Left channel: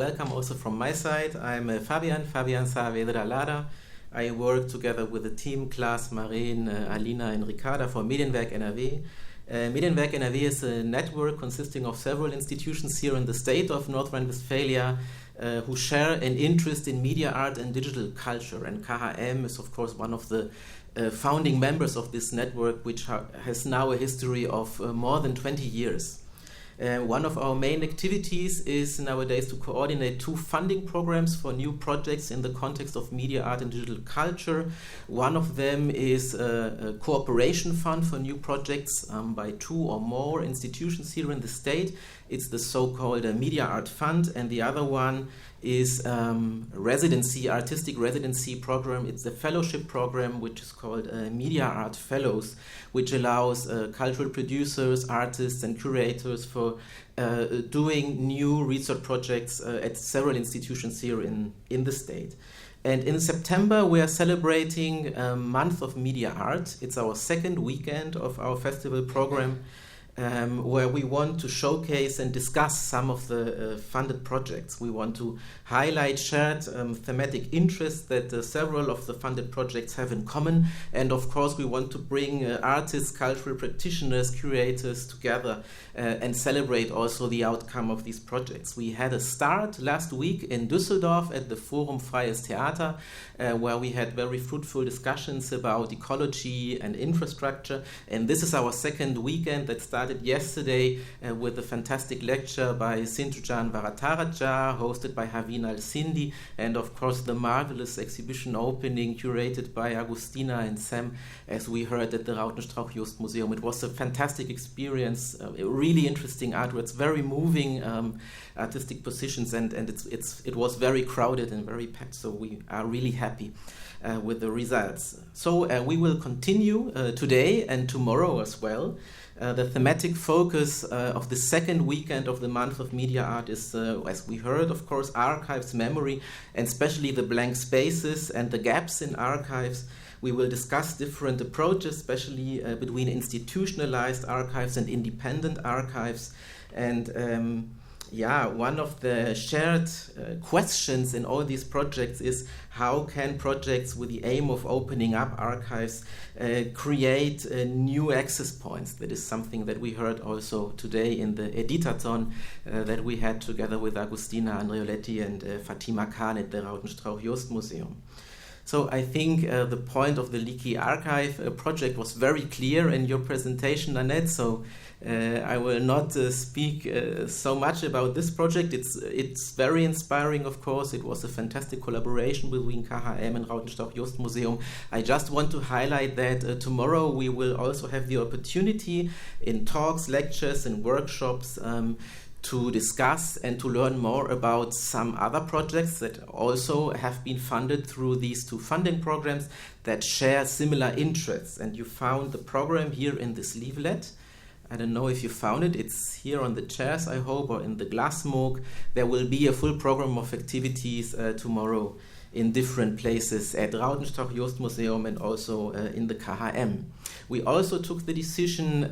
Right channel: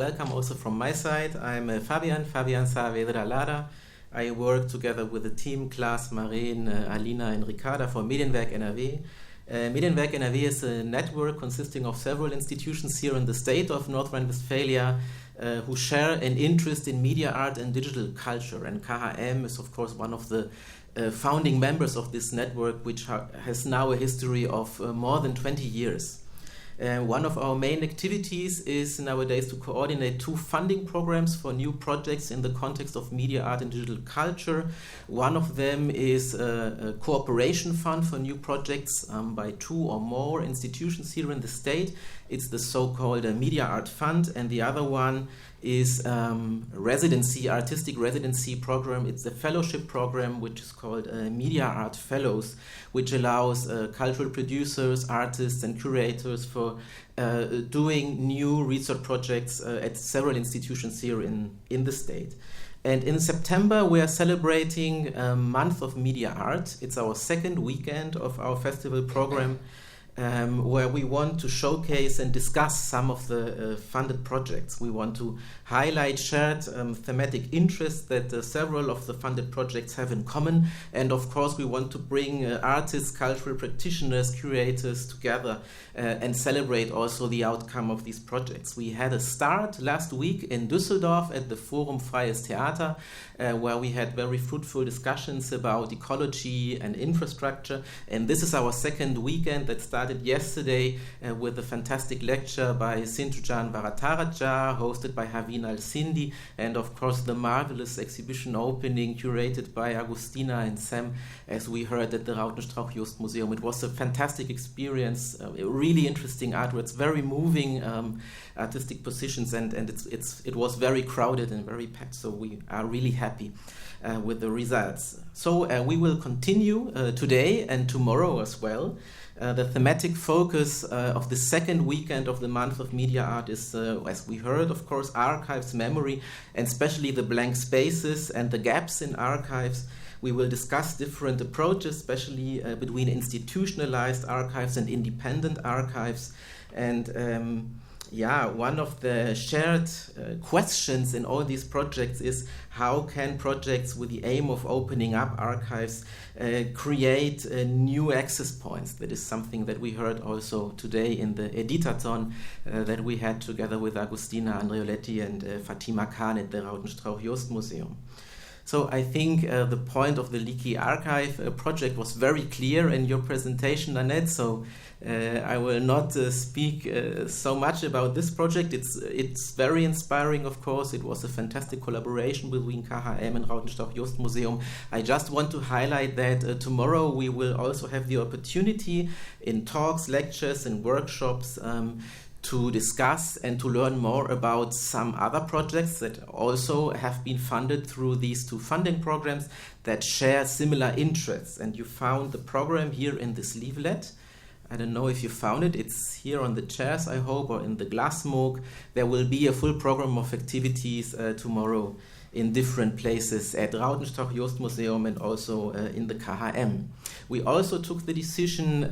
welcome also from my side. I'm Fabian Saavedra Lara. I work together with the team Klaas, Marijn, Alina and Ricarda for Medienwerk NRW. Medienwerk NRW is a network consisting of several institutions here in the state of North Rhine-Westphalia who share an interest in media art and digital culture. And KHM is, of course, one of the founding members of this network, which has now a history of more than 20 years. One of our main activities is nowadays to coordinate 2 funding programs for new projects in the context of media art and digital culture. One of them is a cooperation fund for new projects by 2 or more institutions here in the state. It's the so-called Media Art Fund, and the other one is artistic residency program. It's a fellowship program which is called Media Art Fellows, which allows cultural producers, artists and curators for doing new research projects at several institutions here in the state. And in September we are celebrating a month of media art. It's our second weekend of our festival program, where we want to showcase and discuss some of the funded projects. We want to highlight shared thematic interests that several of the funded projects have in common. And of course, we want to bring artists, cultural practitioners, curators together and celebrate also the outcome of these projects. We had a start last week in Düsseldorf at the Forum Freies Theater, where we had very fruitful discussions about ecology and infrastructure. And this is our second weekend that started yesterday with a fantastic lecture by Sindhujan Varataraja, hosted by Haveen Al-Sindi, and of course the marvelous exhibition opening curated by Agustina and Sam, as we heard at the Rautenstrauch-Jost Museum. It was a fantastic experience, really interesting artworks, very moving artistic positions, and it was very crowded and very packed, so we are really happy with the results. So we will continue today and tomorrow as well. The thematic focus of the second weekend of the month of media art is, as we heard, of course, archives, memory, and especially the blank spaces and the gaps in archives. We will discuss different approaches, especially between institutionalized archives and independent archives. And one of the shared questions in all these projects is how can projects with the aim of opening up archives create new access points? That is something that we heard also today in the Editathon that we had together with Agustina Andreoletti and Fatima Khan at the Rautenstrauch-Jost Museum. So I think the point of the Leaky Archive project was very clear in your presentation, Annette, so I will not speak so much about this project. It's very inspiring, of course. It was a fantastic collaboration between KHM and Rautenstrauch-Jost Museum. I just want to highlight that tomorrow we will also have the opportunity in talks, lectures and workshops to discuss and to learn more about some other projects that also have been funded through these 2 funding programs that share similar interests. And you found the program here in this leaflet. I don't know if you found it. It's here on the chairs, I hope, or in the glassmog. There will be a full program of activities tomorrow in different places at Rautenstrauch-Jost Museum and also in the KHM. We also took the decision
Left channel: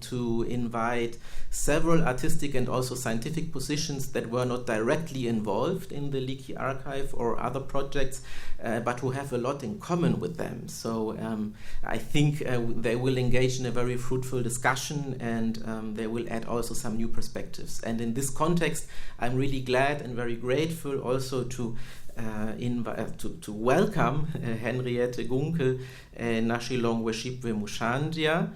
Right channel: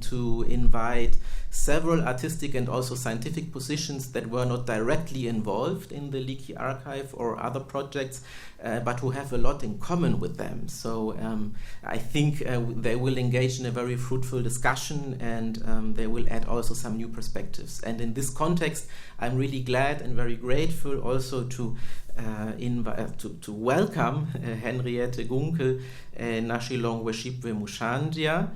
to invite several artistic and also scientific positions that were not directly involved in the Leaky Archive or other projects, but who have a lot in common with them. So I think they will engage in a very fruitful discussion, and they will add also some new perspectives. And in this context, I'm really glad and very grateful also to welcome Henriette Gunkel, Nashilongweshipwe Mushaandja.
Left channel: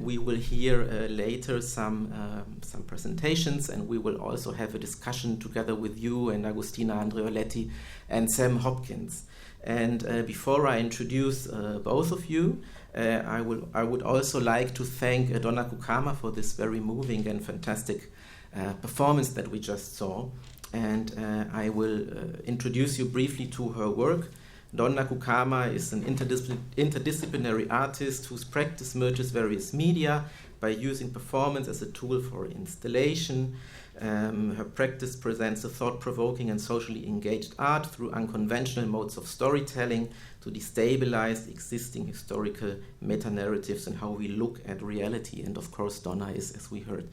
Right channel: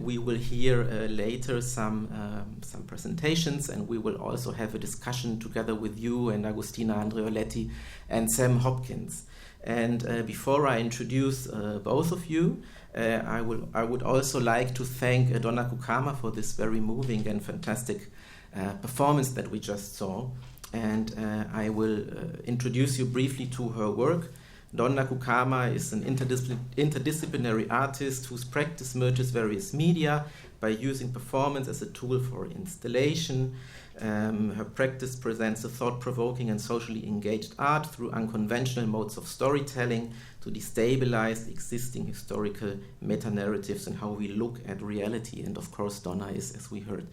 We will hear later some presentations, and we will also have a discussion together with you and Agustina Andreoletti and Sam Hopkins. And before I introduce both of you, I would also like to thank Donna Kukama for this very moving and fantastic performance that we just saw. And I will introduce you briefly to her work. Donna Kukama is an interdisciplinary artist whose practice merges various media by using performance as a tool for installation. Her practice presents a thought-provoking and socially engaged art through unconventional modes of storytelling to destabilize existing historical meta-narratives and how we look at reality. And of course, Donna is, as we heard,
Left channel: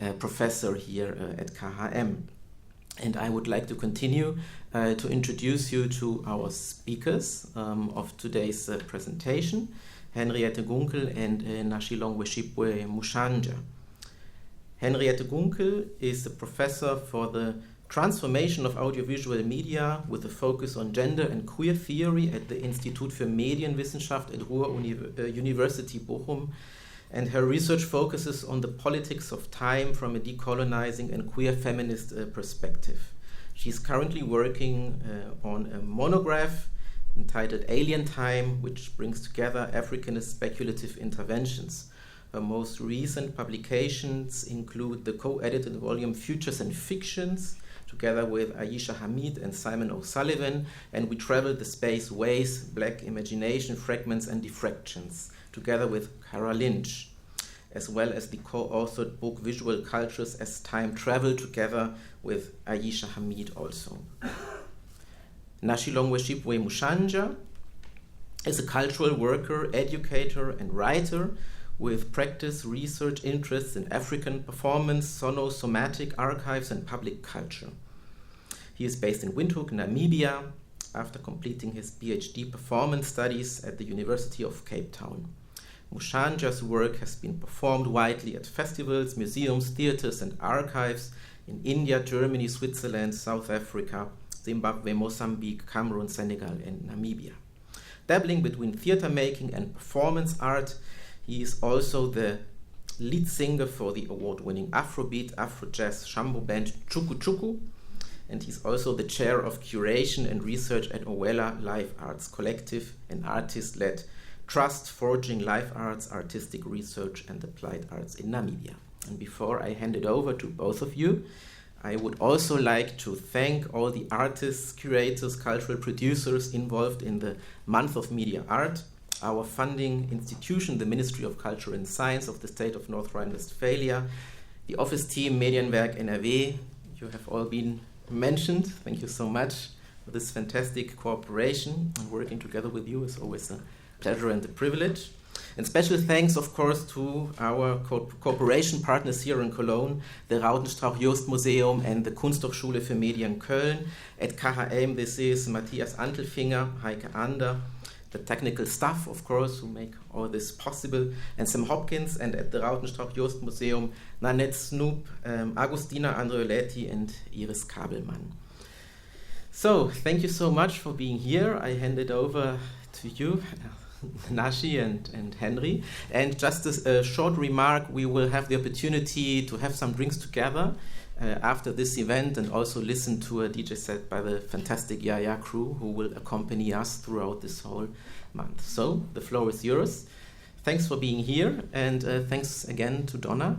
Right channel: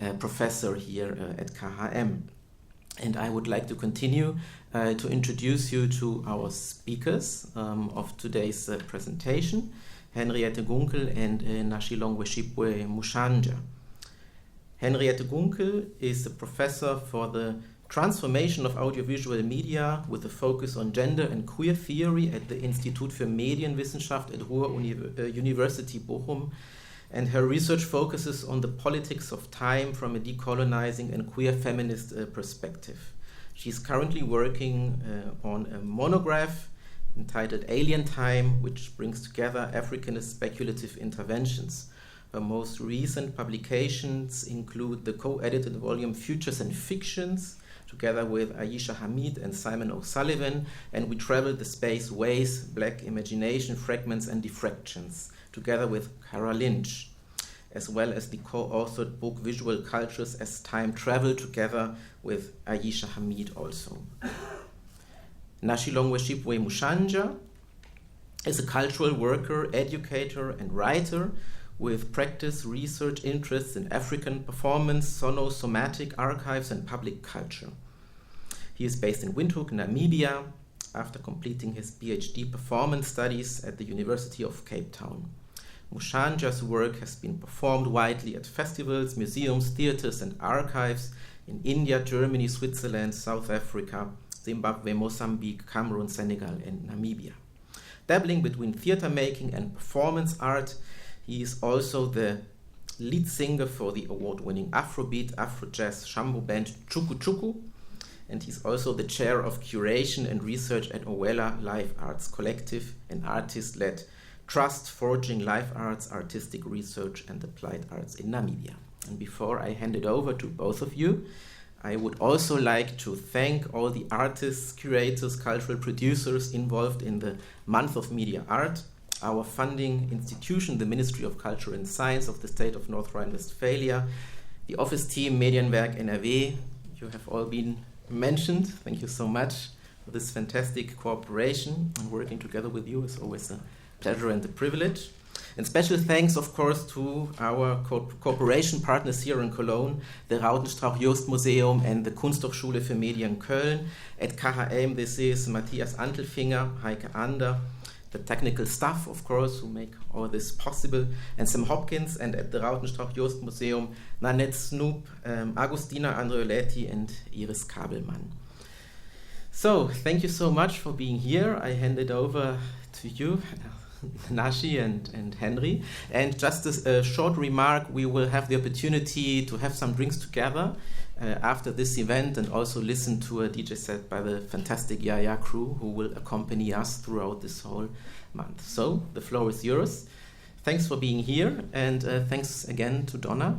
a professor here at KHM. And I would like to continue to introduce you to our speakers of today's presentation, Henriette Gunkel and Nashilongweshipwe Mushaandja. Henriette Gunkel is a professor for the transformation of audiovisual media with a focus on gender and queer theory at the Institut für Medienwissenschaft at Ruhr-University Bochum, and her research focuses on the politics of time from a decolonizing and queer feminist perspective. She's currently working on a monograph entitled Alien Time, which brings together Africanist speculative interventions. Her most recent publications include the co-edited volume Futures and Fictions, together with Aisha Hamid and Simon O'Sullivan, and We Traveled the Space Ways, Black Imagination, Fragments and Diffractions, together with Kara Lynch, as well as the co-authored book Visual Cultures as Time Travel, together with Aisha Hamid also. Nashilongweshipwe Mushaandja is a cultural worker, educator and writer with practice, research interests in African performance, sono-somatic archives and public culture. He is based in Windhoek, Namibia, after completing his PhD performance studies at the University of Cape Town. Mushaandja's work has been performed widely at festivals, museums, theaters and archives in India, Germany, Switzerland, South Africa, Zimbabwe, Mozambique, Cameroon, Senegal and Namibia. Dabbling between theater making and performance art, he is also the lead singer for the award-winning Afrobeat, Afro-Jazz Shambo band Chuku Chuku, and he's also the chair of curation and research at Owela Live Arts Collective, an artist-led trust forging live arts, artistic research and applied arts in Namibia. And before I hand it over to both of you, I would also like to thank all the artists, curators, cultural producers involved in the Month of Media Art, our funding institution, the Ministry of Culture and Science of the State of North Rhine-Westphalia, the office team, Medienwerk NRW. You have all been mentioned. Thank you so much for this fantastic cooperation, and working together with you is always a pleasure and a privilege. And special thanks, of course, to our cooperation partners here in Cologne, the Rautenstrauch-Jost-Museum and the Kunsthochschule für Medien Köln. At KHM, this is Matthias Antelfinger, Heike Ander, the technical staff, of course, who make all this possible, and Sam Hopkins, and at the Rautenstrauch-Jost-Museum, Nanette Snoop, Agustina Andreoletti, and Iris Kabelmann. So, thank you so much for being here. I hand it over to you, Nashi and Henry. And just a short remark, we will have the opportunity to have some drinks together after this event, and also listen to a DJ set by the fantastic Yaya crew, who will accompany us throughout this whole month. So the floor is yours. Thanks for being here, and thanks again to Donna.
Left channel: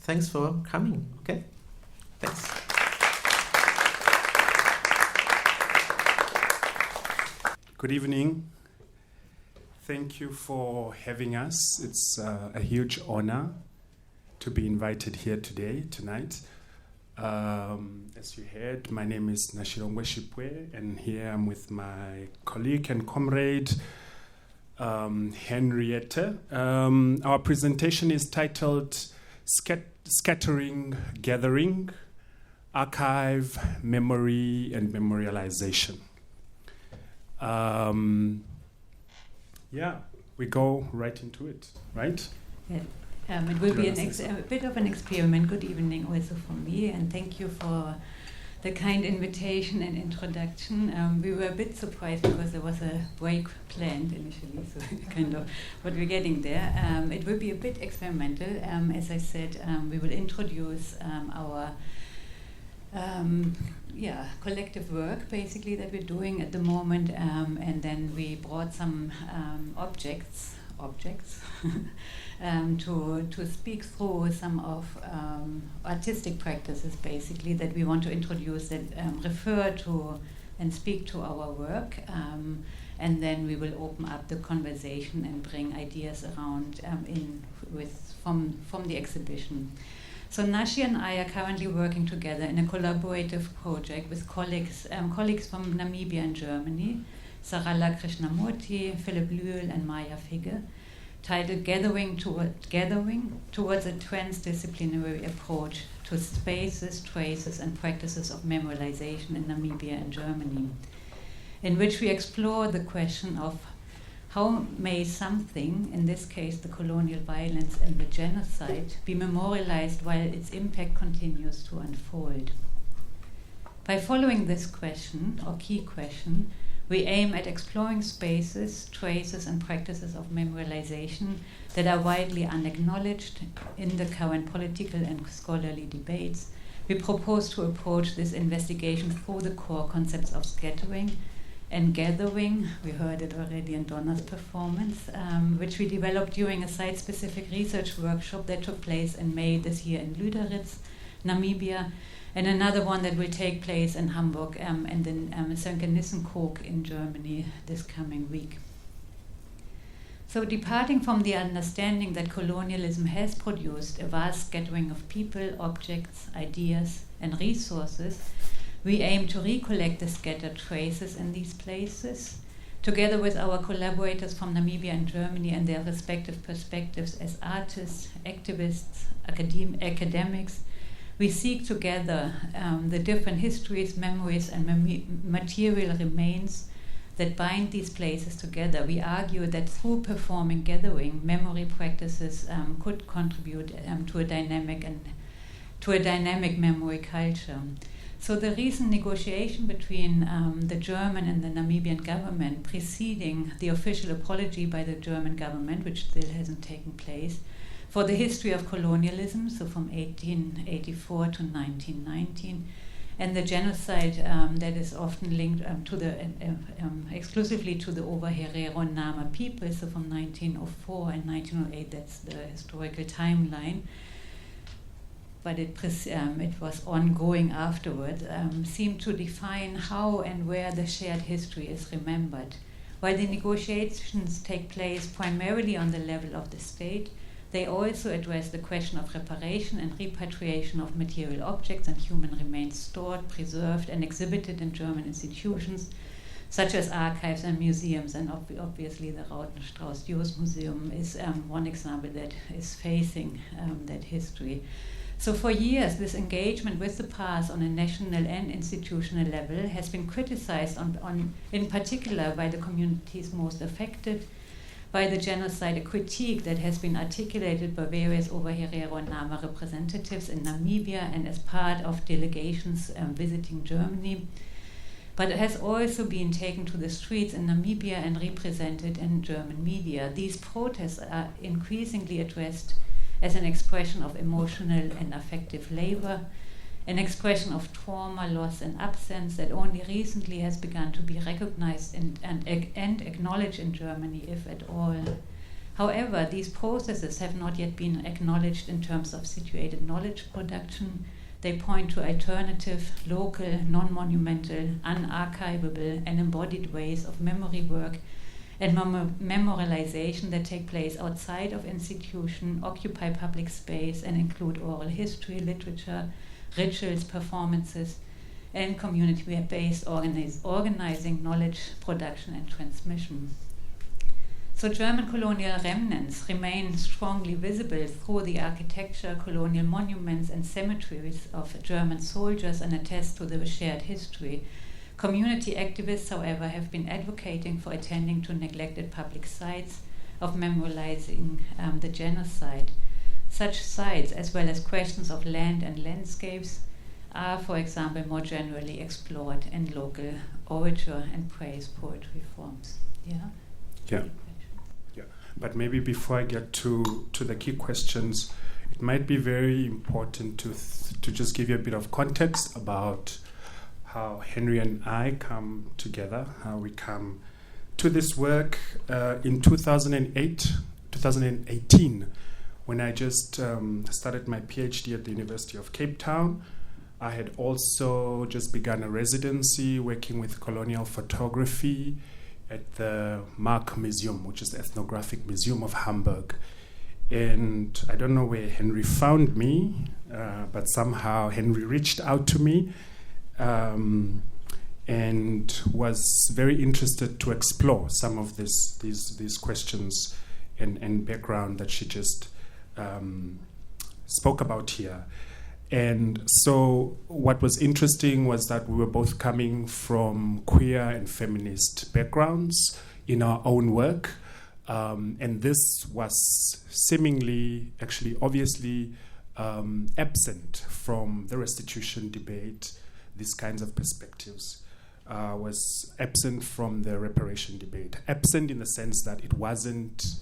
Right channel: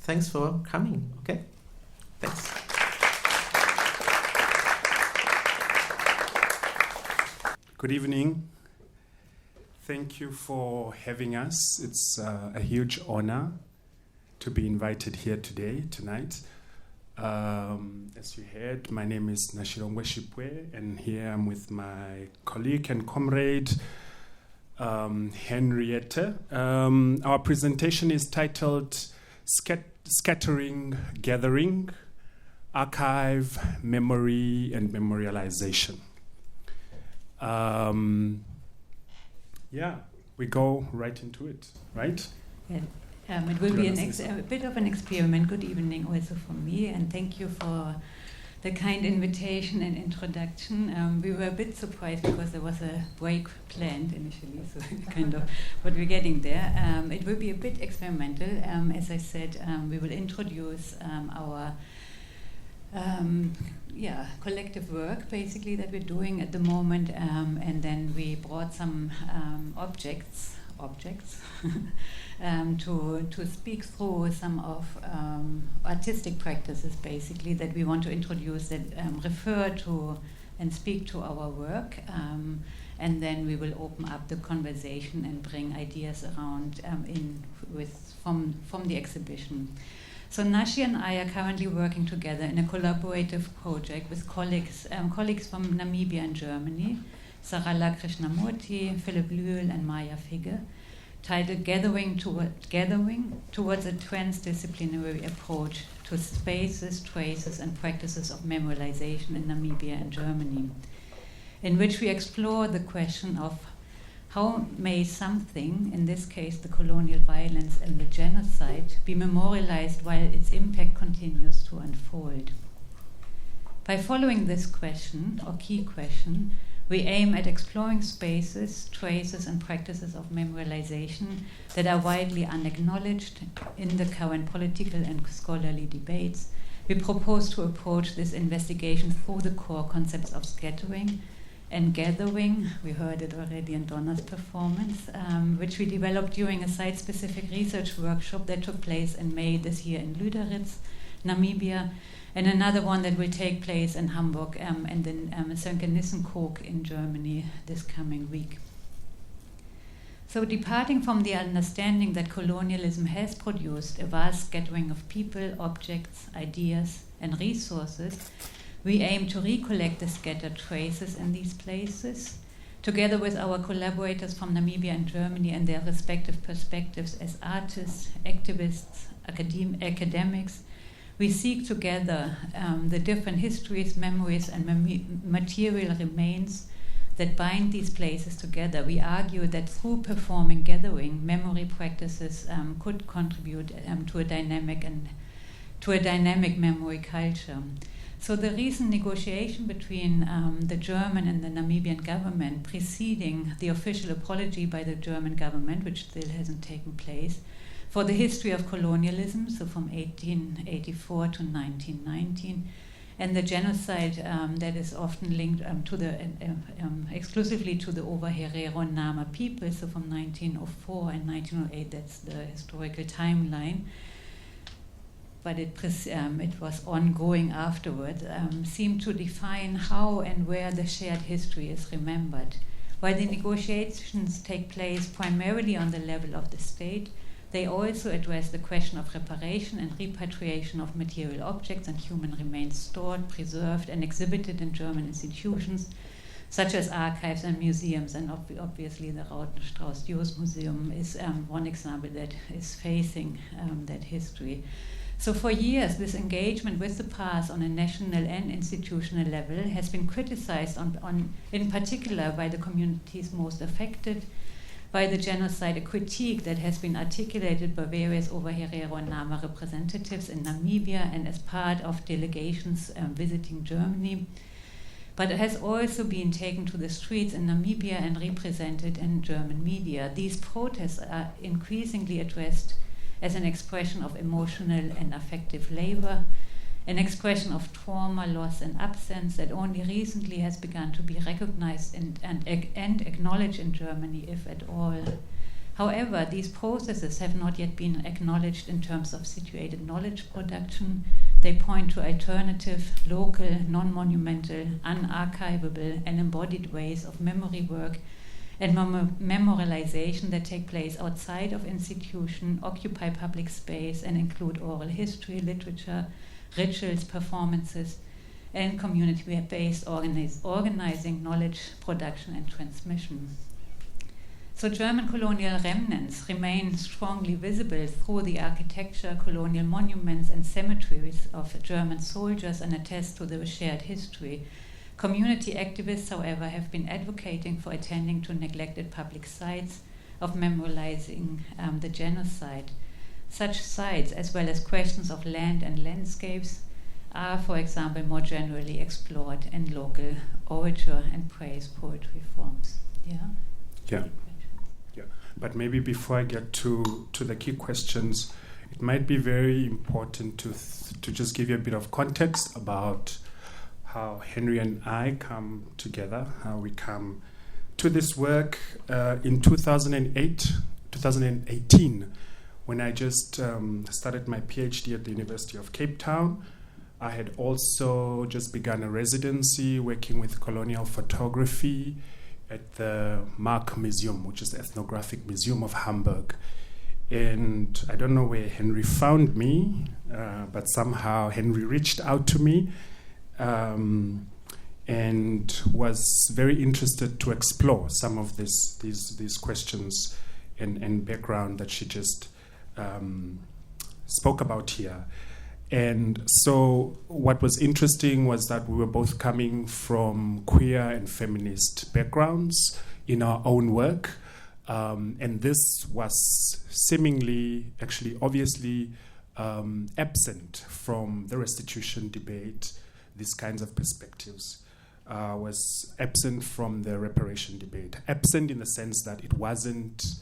Thanks for coming. Okay, thanks. Good evening. Thank you for having us. It's a huge honor to be invited here tonight. As you heard, my name is Nashilongweshipwe, and here I'm with my colleague and comrade, Henriette. Our presentation is titled Scattering, Gathering, Archive, Memory, and Memorialization. We go right into it, right? Yeah. It will be a bit of an experiment. Good evening also from me, and thank you for the kind invitation and introduction. We were a bit surprised because there was a break planned initially, so kind of, but we're getting there. It will be a bit experimental. As I said, we will introduce our collective work basically that we're doing at the moment, and then we brought some objects to speak through some of artistic practices basically that we want to introduce that refer to and speak to our work, and then we will open up the conversation and bring ideas around from the exhibition. So Nashi and I are currently working together in a collaborative project with colleagues from Namibia and Germany, Sarala Krishnamurti, Philip Lühl and Maya Figge, titled Gathering Towards a Transdisciplinary Approach to Spaces, Traces and Practices of Memorialisation in Namibia and Germany, in which we explore the question of how may something, in this case the colonial violence and the genocide, be memorialized while its impact continues to unfold. By following this question, or key question, we aim at exploring spaces, traces and practices of memorialization that are widely unacknowledged in the current political and scholarly debates. We propose to approach this investigation through the core concepts of scattering and gathering. We heard it already in Donna's performance, which we developed during a site-specific research workshop that took place in May this year in Lüderitz, Namibia, and another one that will take place in Hamburg and in Sönke-Nissenkog in Germany this coming week. So departing from the understanding that colonialism has produced a vast scattering of people, objects, ideas, and resources, we aim to recollect the scattered traces in these places, together with our collaborators from Namibia and Germany and their respective perspectives as artists, activists, academics. We seek together the different histories, memories, and material remains that bind these places together. We argue that through performing gathering, memory practices could contribute to a dynamic memory culture. So the recent negotiation between the German and the Namibian government, preceding the official apology by the German government, which still hasn't taken place, for the history of colonialism, so from 1884 to 1919, and the genocide that is often linked to the exclusively to the Ovaherero Nama people, so from 1904 and 1908, that's the historical timeline, but it was ongoing afterward, seemed to define how and where the shared history is remembered. While the negotiations take place primarily on the level of the state, they also address the question of reparation and repatriation of material objects and human remains stored, preserved, and exhibited in German institutions, such as archives and museums. And obviously the Rautenstrauß-Joos Museum is one example that is facing that history. So for years, this engagement with the past on a national and institutional level has been criticized in particular by the communities most affected by the genocide, a critique that has been articulated by various Ovaherero and Nama representatives in Namibia and as part of delegations visiting Germany. But it has also been taken to the streets in Namibia and represented in German media. These protests are increasingly addressed as an expression of emotional and affective labor, an expression of trauma, loss, and absence that only recently has begun to be recognized and acknowledged in Germany, if at all. However, these processes have not yet been acknowledged in terms of situated knowledge production. They point to alternative, local, non-monumental, unarchivable, and embodied ways of memory work and memorialization that take place outside of institution, occupy public space, and include oral history, literature, rituals, performances, and community-based organizing, knowledge production, and transmission. So German colonial remnants remain strongly visible through the architecture, colonial monuments, and cemeteries of German soldiers and attest to the shared history. Community activists, however, have been advocating for attending to neglected public sites of memorializing the genocide. Such sites, as well as questions of land and landscapes, are, for example, more generally explored in local orature and praise poetry forms. Yeah. But maybe before I get to the key questions, it might be very important to just give you a bit of context about how Henry and I come together, how we come to this work in 2018, when I just started my PhD at the University of Cape Town. I had also just begun a residency working with colonial photography at the Mark Museum, which is the ethnographic museum of Hamburg. And I don't know where Henry found me, but somehow Henry reached out to me and was very interested to explore some of these questions and background that she just spoke about here. And so what was interesting was that we were both coming from queer and feminist backgrounds in our own work. And this was seemingly, actually, obviously absent from the restitution debate. These kinds of perspectives was absent from the reparation debate. Absent in the sense that it wasn't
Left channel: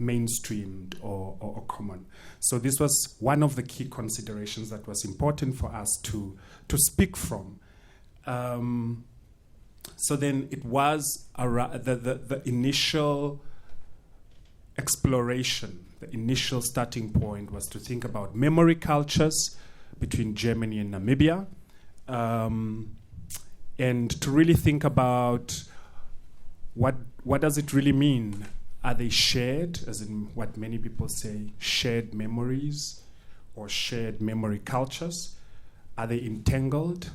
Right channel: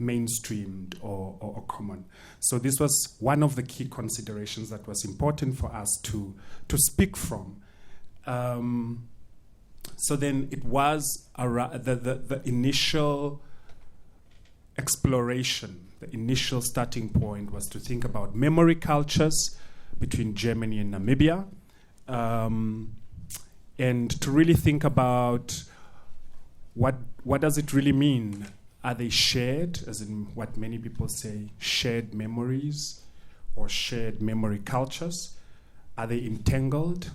mainstreamed or common. So this was one of the key considerations that was important for us to speak from. So then it was the initial exploration, the initial starting point was to think about memory cultures between Germany and Namibia, and to really think about what does it really mean. Are they shared, as in what many people say, shared memories or shared memory cultures? Are they entangled,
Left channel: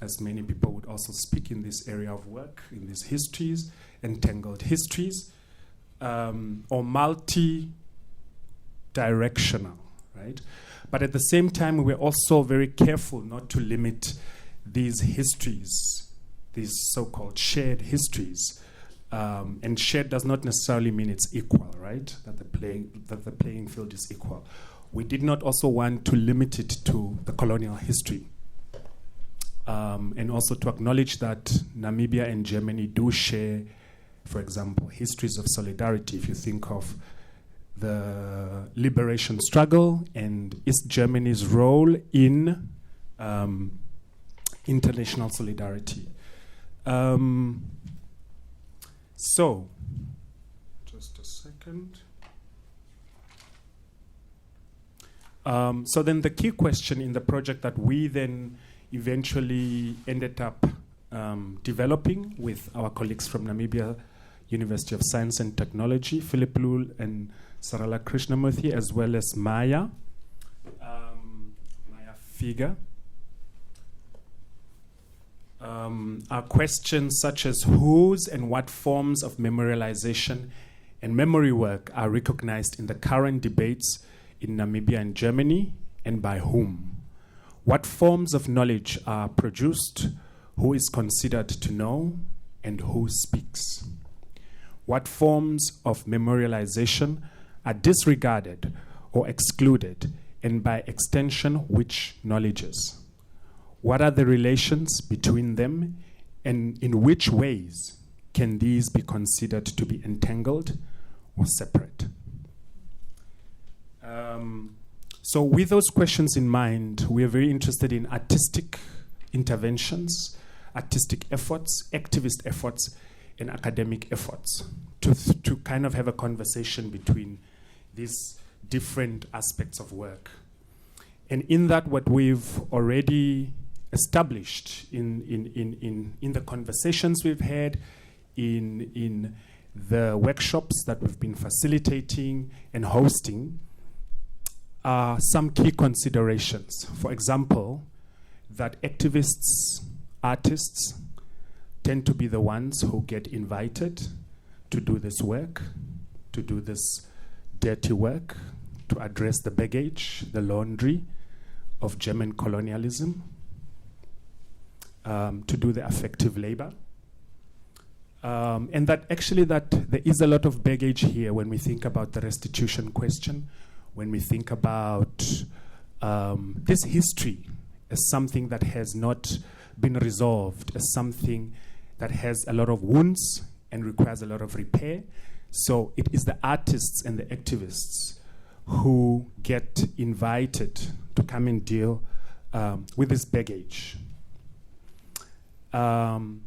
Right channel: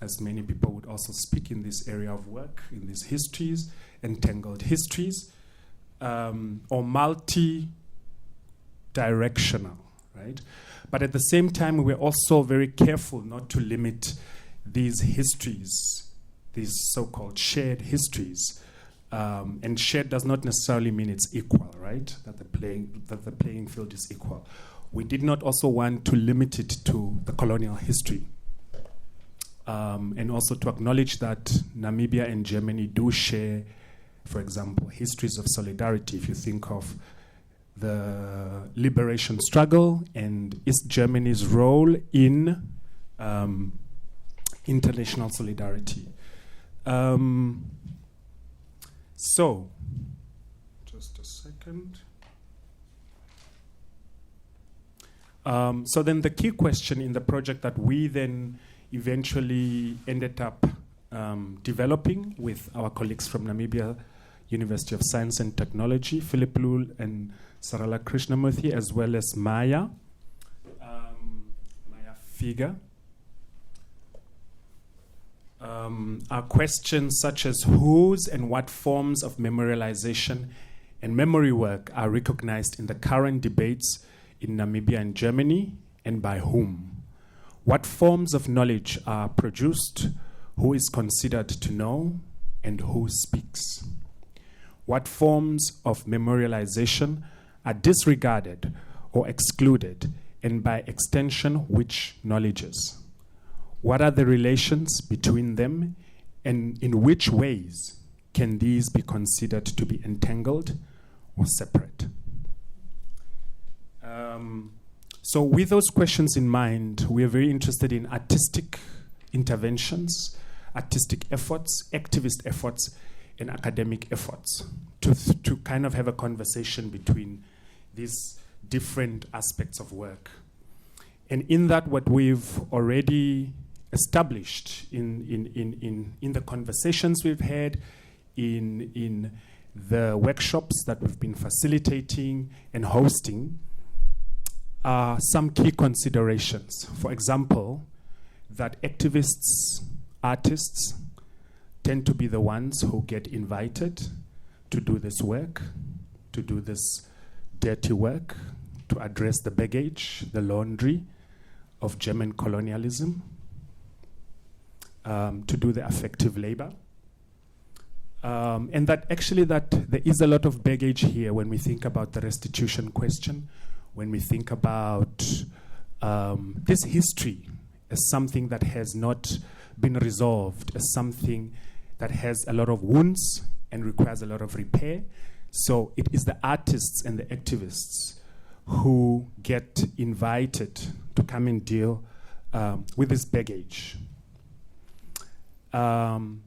as many people would also speak in this area of work, in these histories, entangled histories, or multi-directional, right? But at the same time, we're also very careful not to limit these histories, these so-called shared histories. And shared does not necessarily mean it's equal, right? That the playing field is equal. We did not also want to limit it to the colonial history, and also to acknowledge that Namibia and Germany do share, for example, histories of solidarity. If you think of the liberation struggle and East Germany's role in international solidarity. So, just a second. So then the key question in the project that we then eventually ended up developing with our colleagues from Namibia University of Science and Technology, Philip Lul and Sarala Krishnamurthy, as well as Maya Figa, are questions such as whose and what forms of memorialization and memory work are recognized in the current debates in Namibia and Germany, and by whom? What forms of knowledge are produced? Who is considered to know, and who speaks? What forms of memorialization are disregarded or excluded, and by extension, which knowledges? What are the relations between them, and in which ways can these be considered to be entangled or separate? So with those questions in mind, we are very interested in artistic interventions, artistic efforts, activist efforts, and academic efforts to kind of have a conversation between these different aspects of work. And in that, what we've already established in the conversations we've had, in the workshops that we've been facilitating and hosting, are some key considerations. For example, that activists, artists, tend to be the ones who get invited to do this work, to do this dirty work, to address the baggage, the laundry of German colonialism, to do the affective labor. And that actually that there is a lot of baggage here when we think about the restitution question, when we think about this history as something that has not been resolved, as something that has a lot of wounds and requires a lot of repair. So it is the artists and the activists who get invited to come and deal with this baggage. And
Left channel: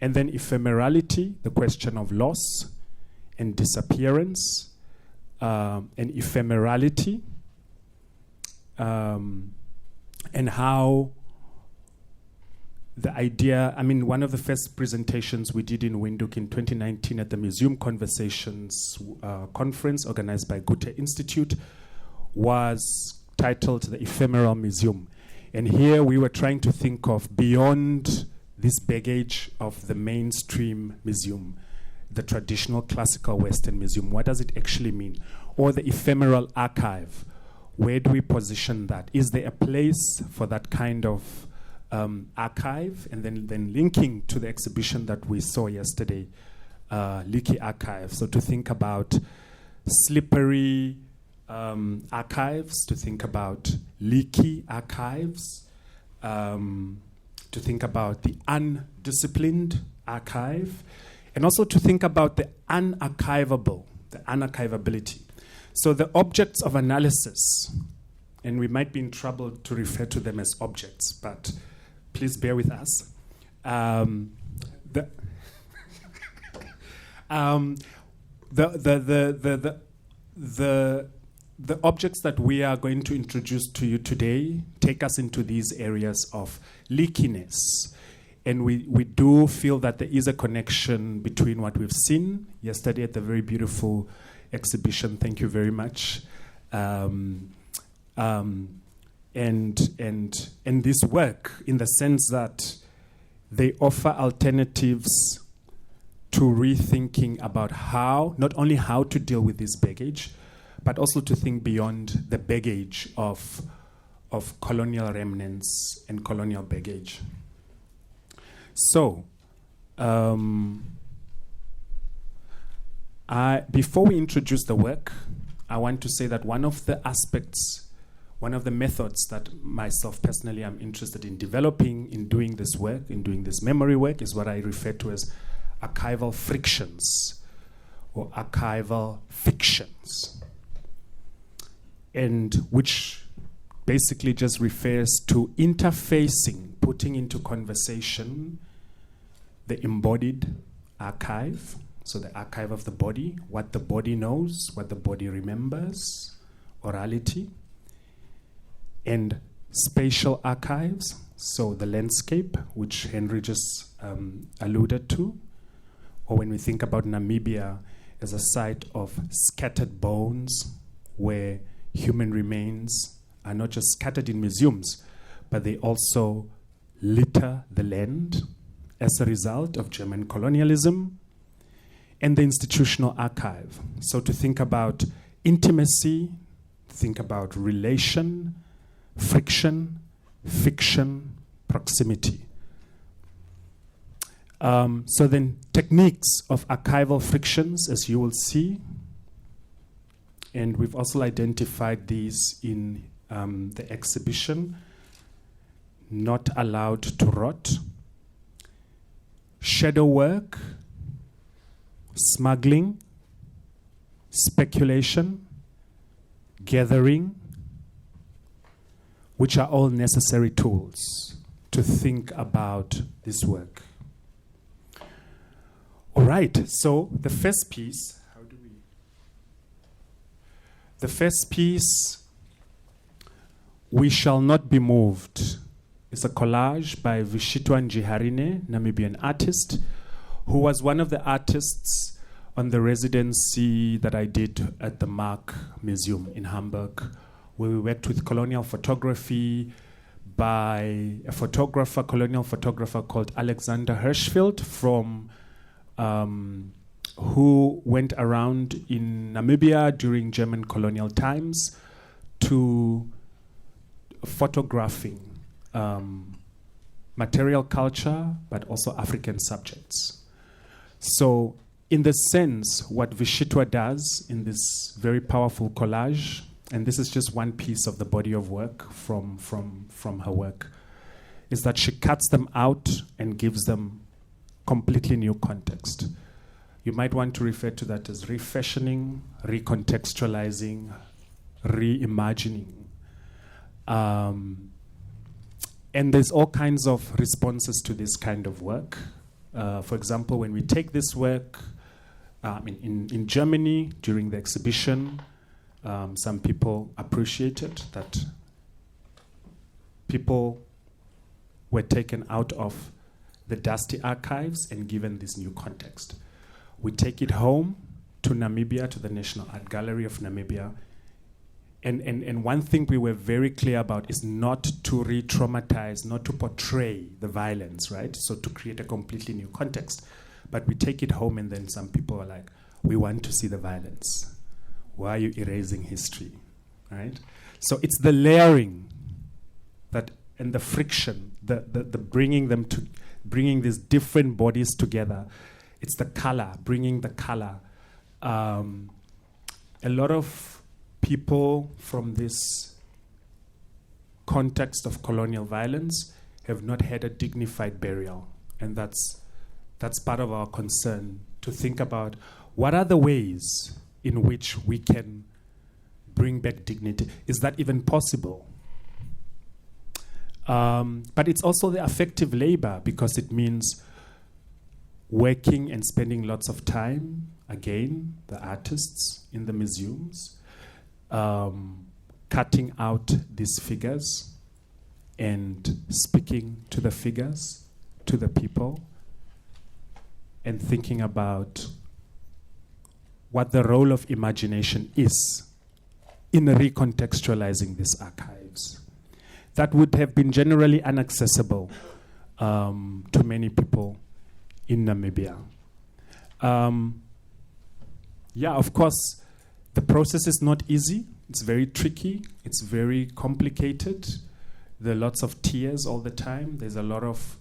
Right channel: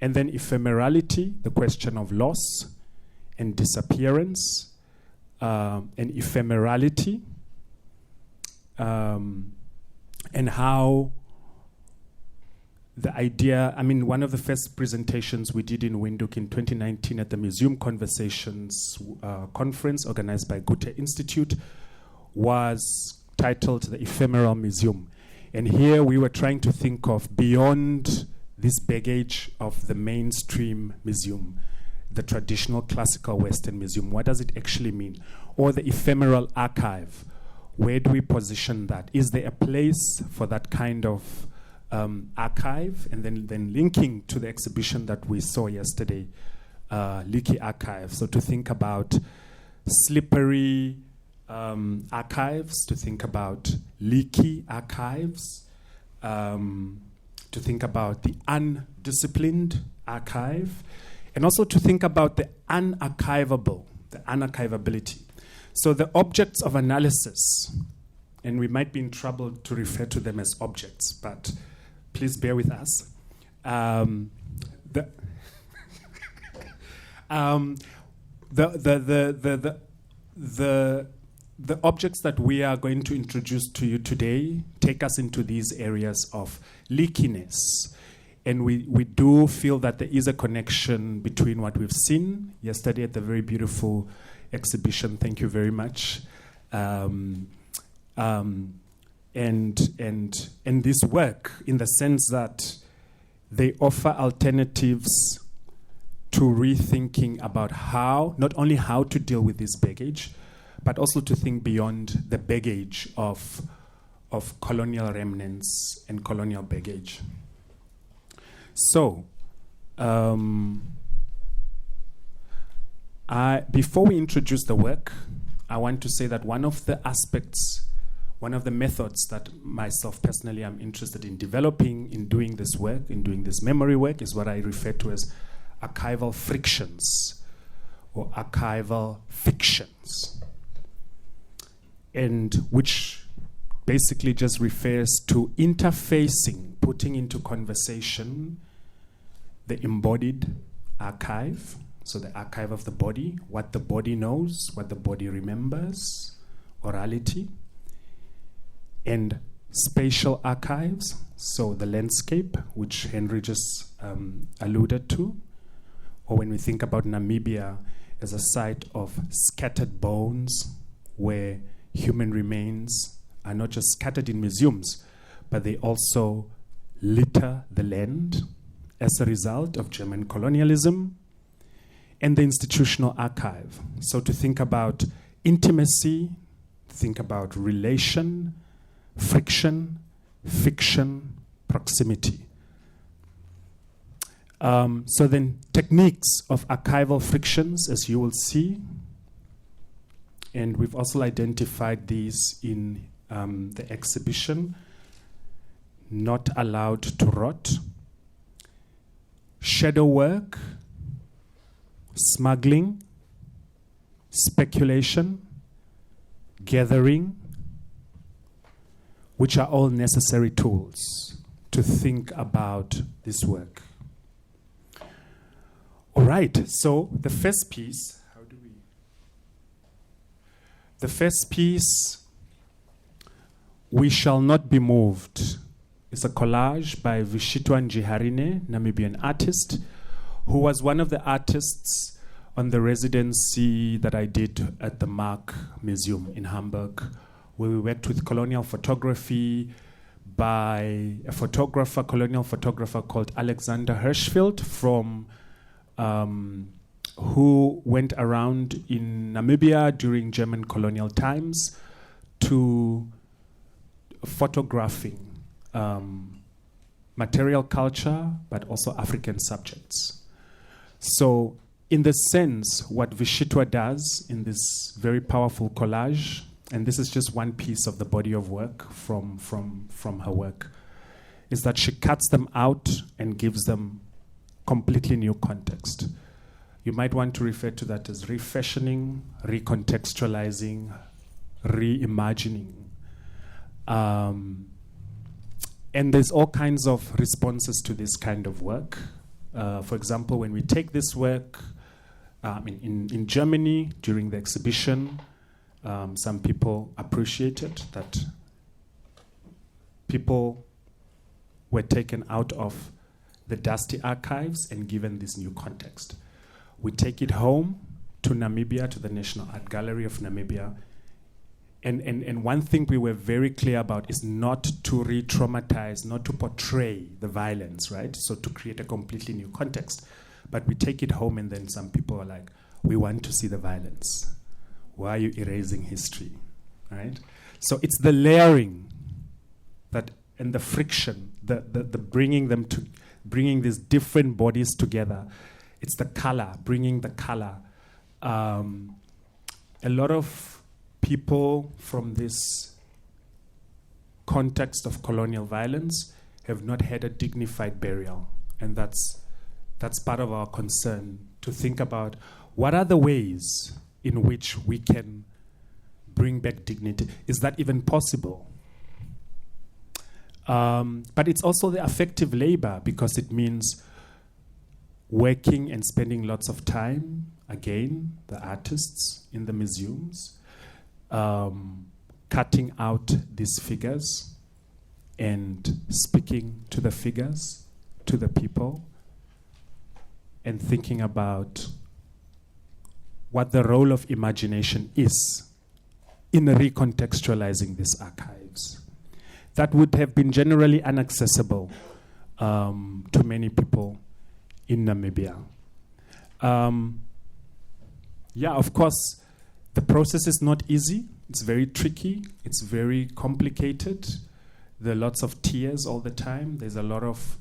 then ephemerality, the question of loss and disappearance, and ephemerality, and how the idea, I mean, one of the first presentations we did in Windhoek in 2019 at the Museum Conversations conference organized by Goethe Institute was titled The Ephemeral Museum. And here we were trying to think of beyond this baggage of the mainstream museum, the traditional classical Western museum. What does it actually mean? Or the ephemeral archive. Where do we position that? Is there a place for that kind of archive? And then linking to the exhibition that we saw yesterday, Leaky Archive. So to think about slippery archives, to think about leaky archives, to think about the undisciplined archive, and also to think about the unarchivable, the unarchivability. So the objects of analysis, and we might be in trouble to refer to them as objects, but please bear with us. The objects that we are going to introduce to you today take us into these areas of leakiness. And we do feel that there is a connection between what we've seen yesterday at the very beautiful exhibition. Thank you very much. And this work, in the sense that they offer alternatives to rethinking about how, not only how to deal with this baggage, but also to think beyond the baggage of colonial remnants and colonial baggage. So, before we introduce the work, I want to say that one of the aspects, one of the methods that myself personally am interested in developing in doing this work, in doing this memory work, is what I refer to as archival frictions or archival fictions, and which basically just refers to interfacing, putting into conversation the embodied archive, so the archive of the body, what the body knows, what the body remembers, orality, and spatial archives, so the landscape, which Henry just alluded to, or when we think about Namibia as a site of scattered bones, where human remains are not just scattered in museums, but they also litter the land as a result of German colonialism, and the institutional archive. So to think about intimacy, think about relation, friction, fiction, proximity. So then techniques of archival frictions, as you will see, and we've also identified these in the exhibition, not allowed to rot, shadow work, smuggling, speculation, gathering, which are all necessary tools to think about this work. All right, so the first piece, the first piece, We Shall Not Be Moved, is a collage by Vishitwa Njiharine, Namibian artist, who was one of the artists on the residency that I did at the Mark Museum in Hamburg, where we worked with colonial photography by a colonial photographer called Alexander Hirschfeld from who went around in Namibia during German colonial times to photographing material culture, but also African subjects. So in the sense, what Vishitwa does in this very powerful collage, and this is just one piece of the body of work from her work, is that she cuts them out and gives them completely new context. You might want to refer to that as refashioning, recontextualizing, reimagining. And there's all kinds of responses to this kind of work. For example, when we take this work in Germany during the exhibition, some people appreciated that people were taken out of the dusty archives and given this new context. We take it home to Namibia, to the National Art Gallery of Namibia. And one thing we were very clear about is not to re-traumatize, not to portray the violence, right? So to create a completely new context. but we take it home and then some people are like, we want to see the violence. Why are you erasing history, right? So it's the layering that and the friction, the bringing these different bodies together. It's the color, bringing the color. A lot of people from this context of colonial violence have not had a dignified burial, and that's part of our concern, to think about what are the ways in which we can bring back dignity. Is that even possible? But it's also the affective labor, because it means working and spending lots of time, again, the artists in the museums, cutting out these figures and speaking to the figures, to the people, and thinking about what the role of imagination is in recontextualizing these archives. That would have been generally inaccessible to many people in Namibia. Of course, the process is not easy. It's very tricky. It's very complicated. There are lots of tears all the time. There's a lot of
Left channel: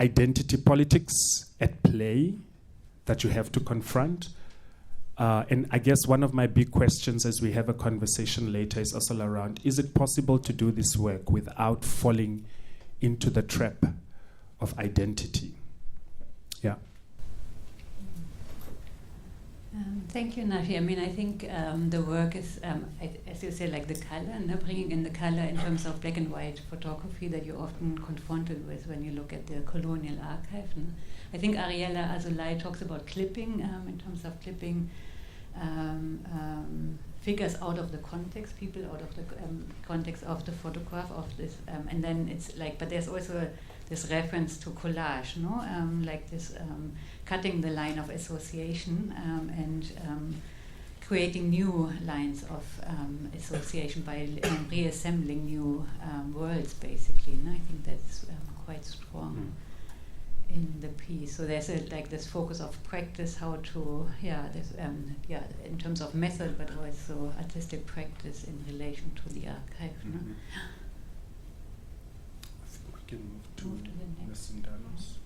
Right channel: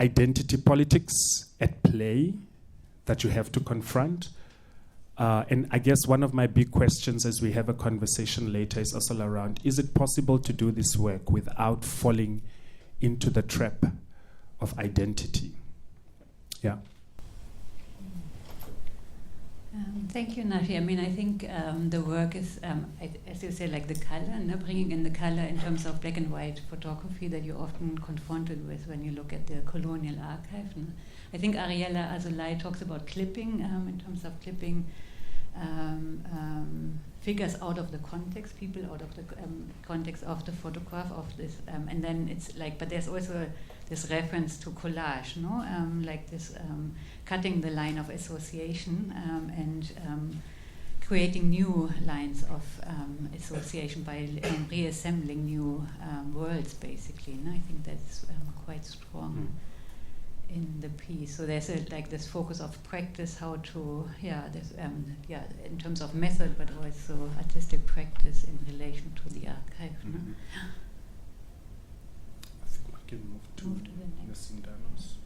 identity politics at play that you have to confront. And I guess one of my big questions as we have a conversation later is also around, is it possible to do this work without falling into the trap of identity? Yeah. Thank you, Nashi. I mean, I think the work is, as you say, like the color, and bringing in the color in terms of black and white photography that you're often confronted with when you look at the colonial archive. And I think Ariella Azulay talks about clipping, in terms of clipping figures out of the context, people out of the context of the photograph of this, and then it's like, but there's also this reference to collage, no? Like this cutting the line of association and creating new lines of association by reassembling new worlds, basically. And I think that's quite strong in the piece. So there's this focus of practice, how to, in terms of method, but also artistic practice in relation to the archive. Mm-hmm. No? I think we can move to the Sindanos.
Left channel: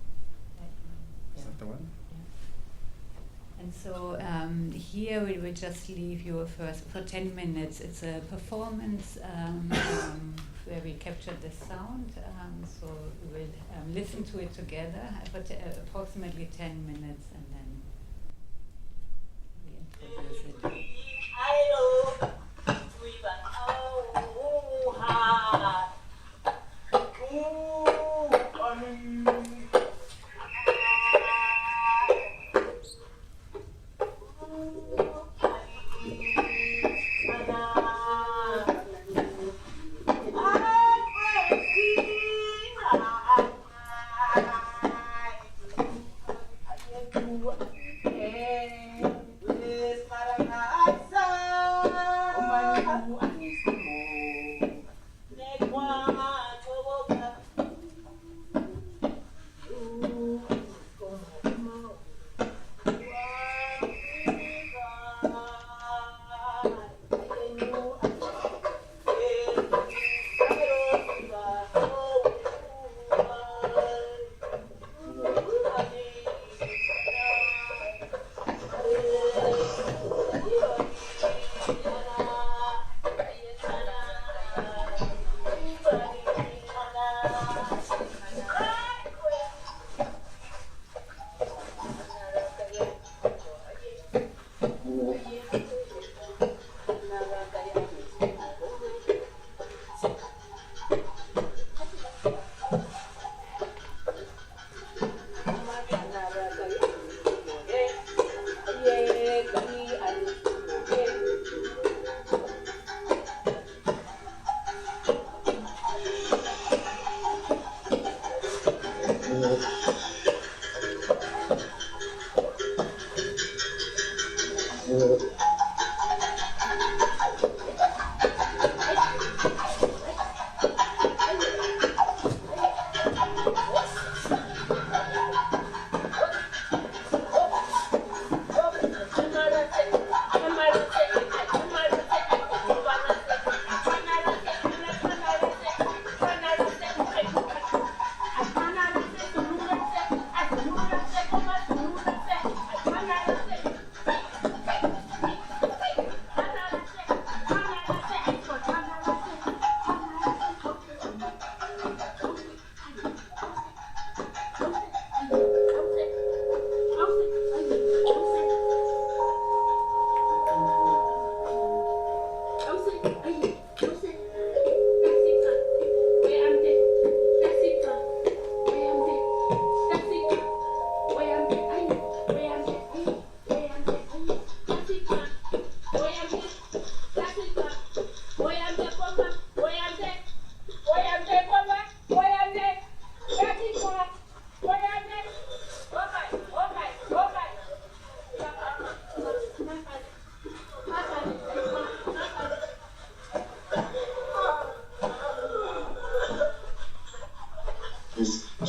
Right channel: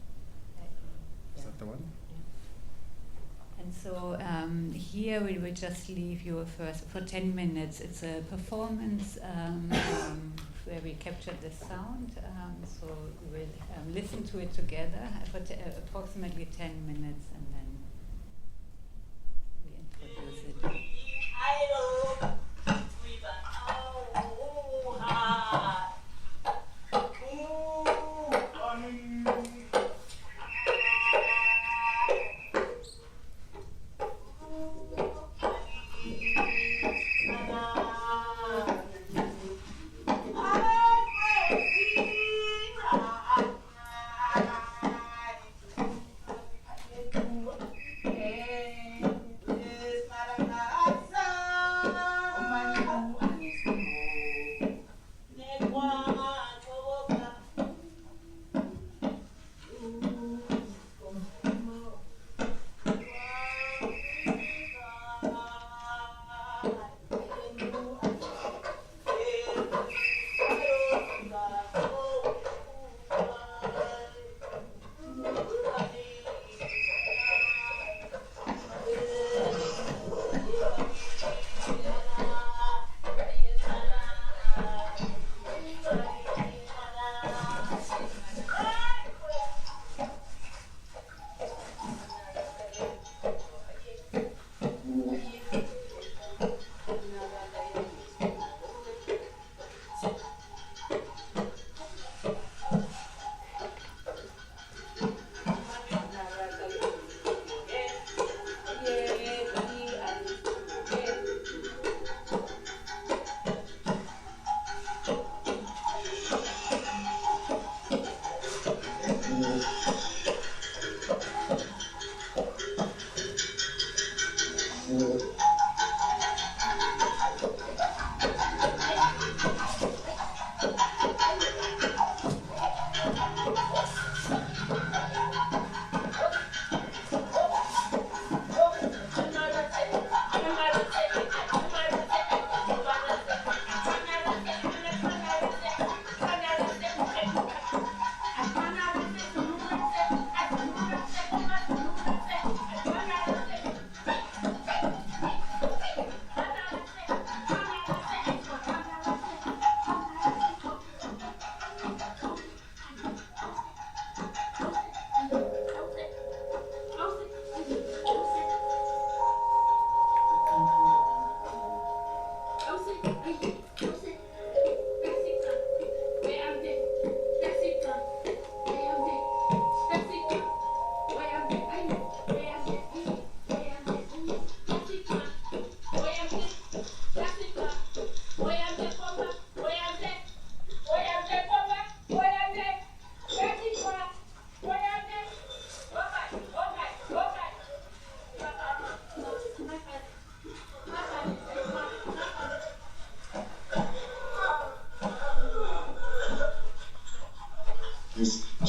Is that the one? Yeah. And so here we will just leave you first for 10 minutes. It's a performance where we captured the sound. So we will listen to it together for approximately 10 minutes, and then we introduce it.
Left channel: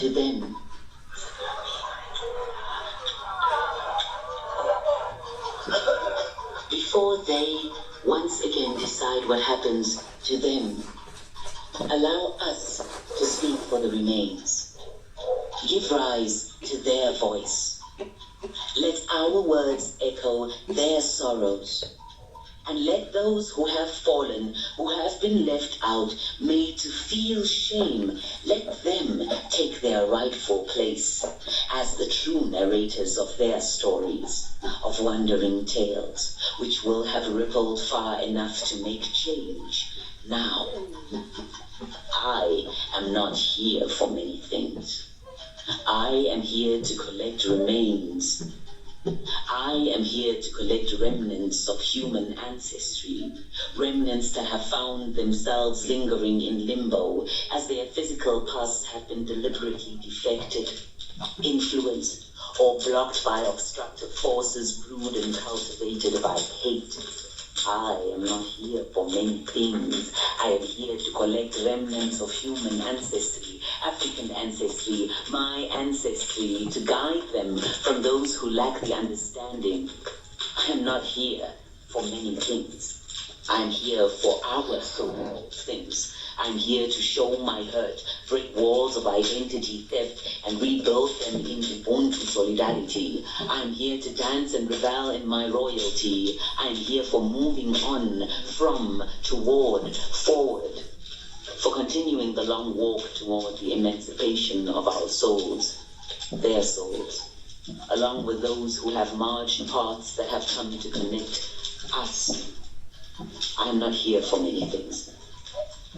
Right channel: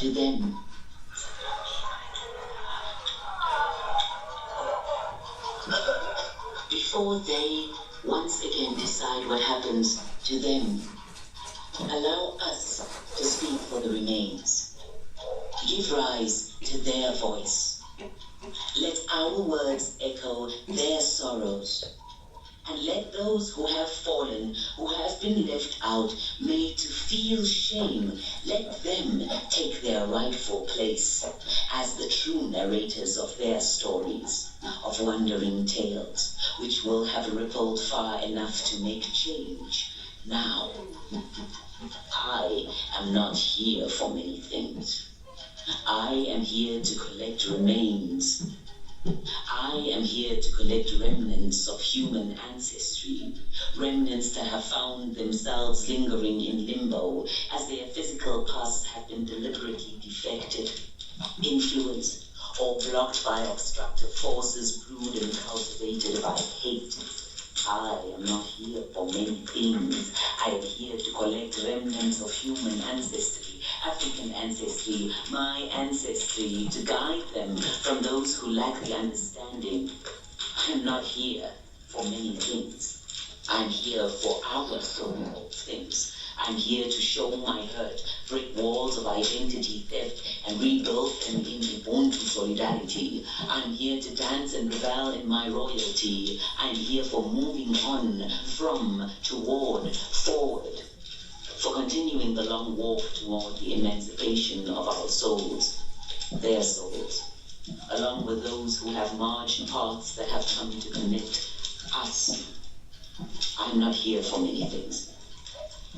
to them. Before they once again decide what happens to them, allow us to speak for the remains, to give rise to their voice. Let our words echo their sorrows, and let those who have fallen, who have been left out, made to feel shame, let them take their rightful place as the true narrators of their stories, of wandering tales, which will have rippled far enough to make change now. I am not here for many things. I am here to collect remains. I am here to collect remnants of human ancestry, remnants that have found themselves lingering in limbo as their physical pasts have been deliberately defected, influenced, or blocked by obstructive forces brewed and cultivated by hate. I am not here for many things. I am here to collect remnants of human ancestry, African ancestry, my ancestry, to guide them from those who lack the understanding. I am not here for many things. I am here for our soul things. I'm here to show my hurt, break walls of identity theft, and rebuild them in Ubuntu solidarity. I'm here to dance and revel in my royalty. I'm here for moving on, from, toward, forward, for continuing the long walk toward the emancipation of our souls, their souls, along with those who have marched paths that have come to connect us. I'm not here for many things.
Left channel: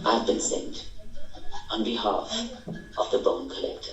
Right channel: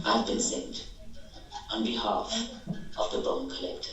I've been sent on behalf of the bone collector.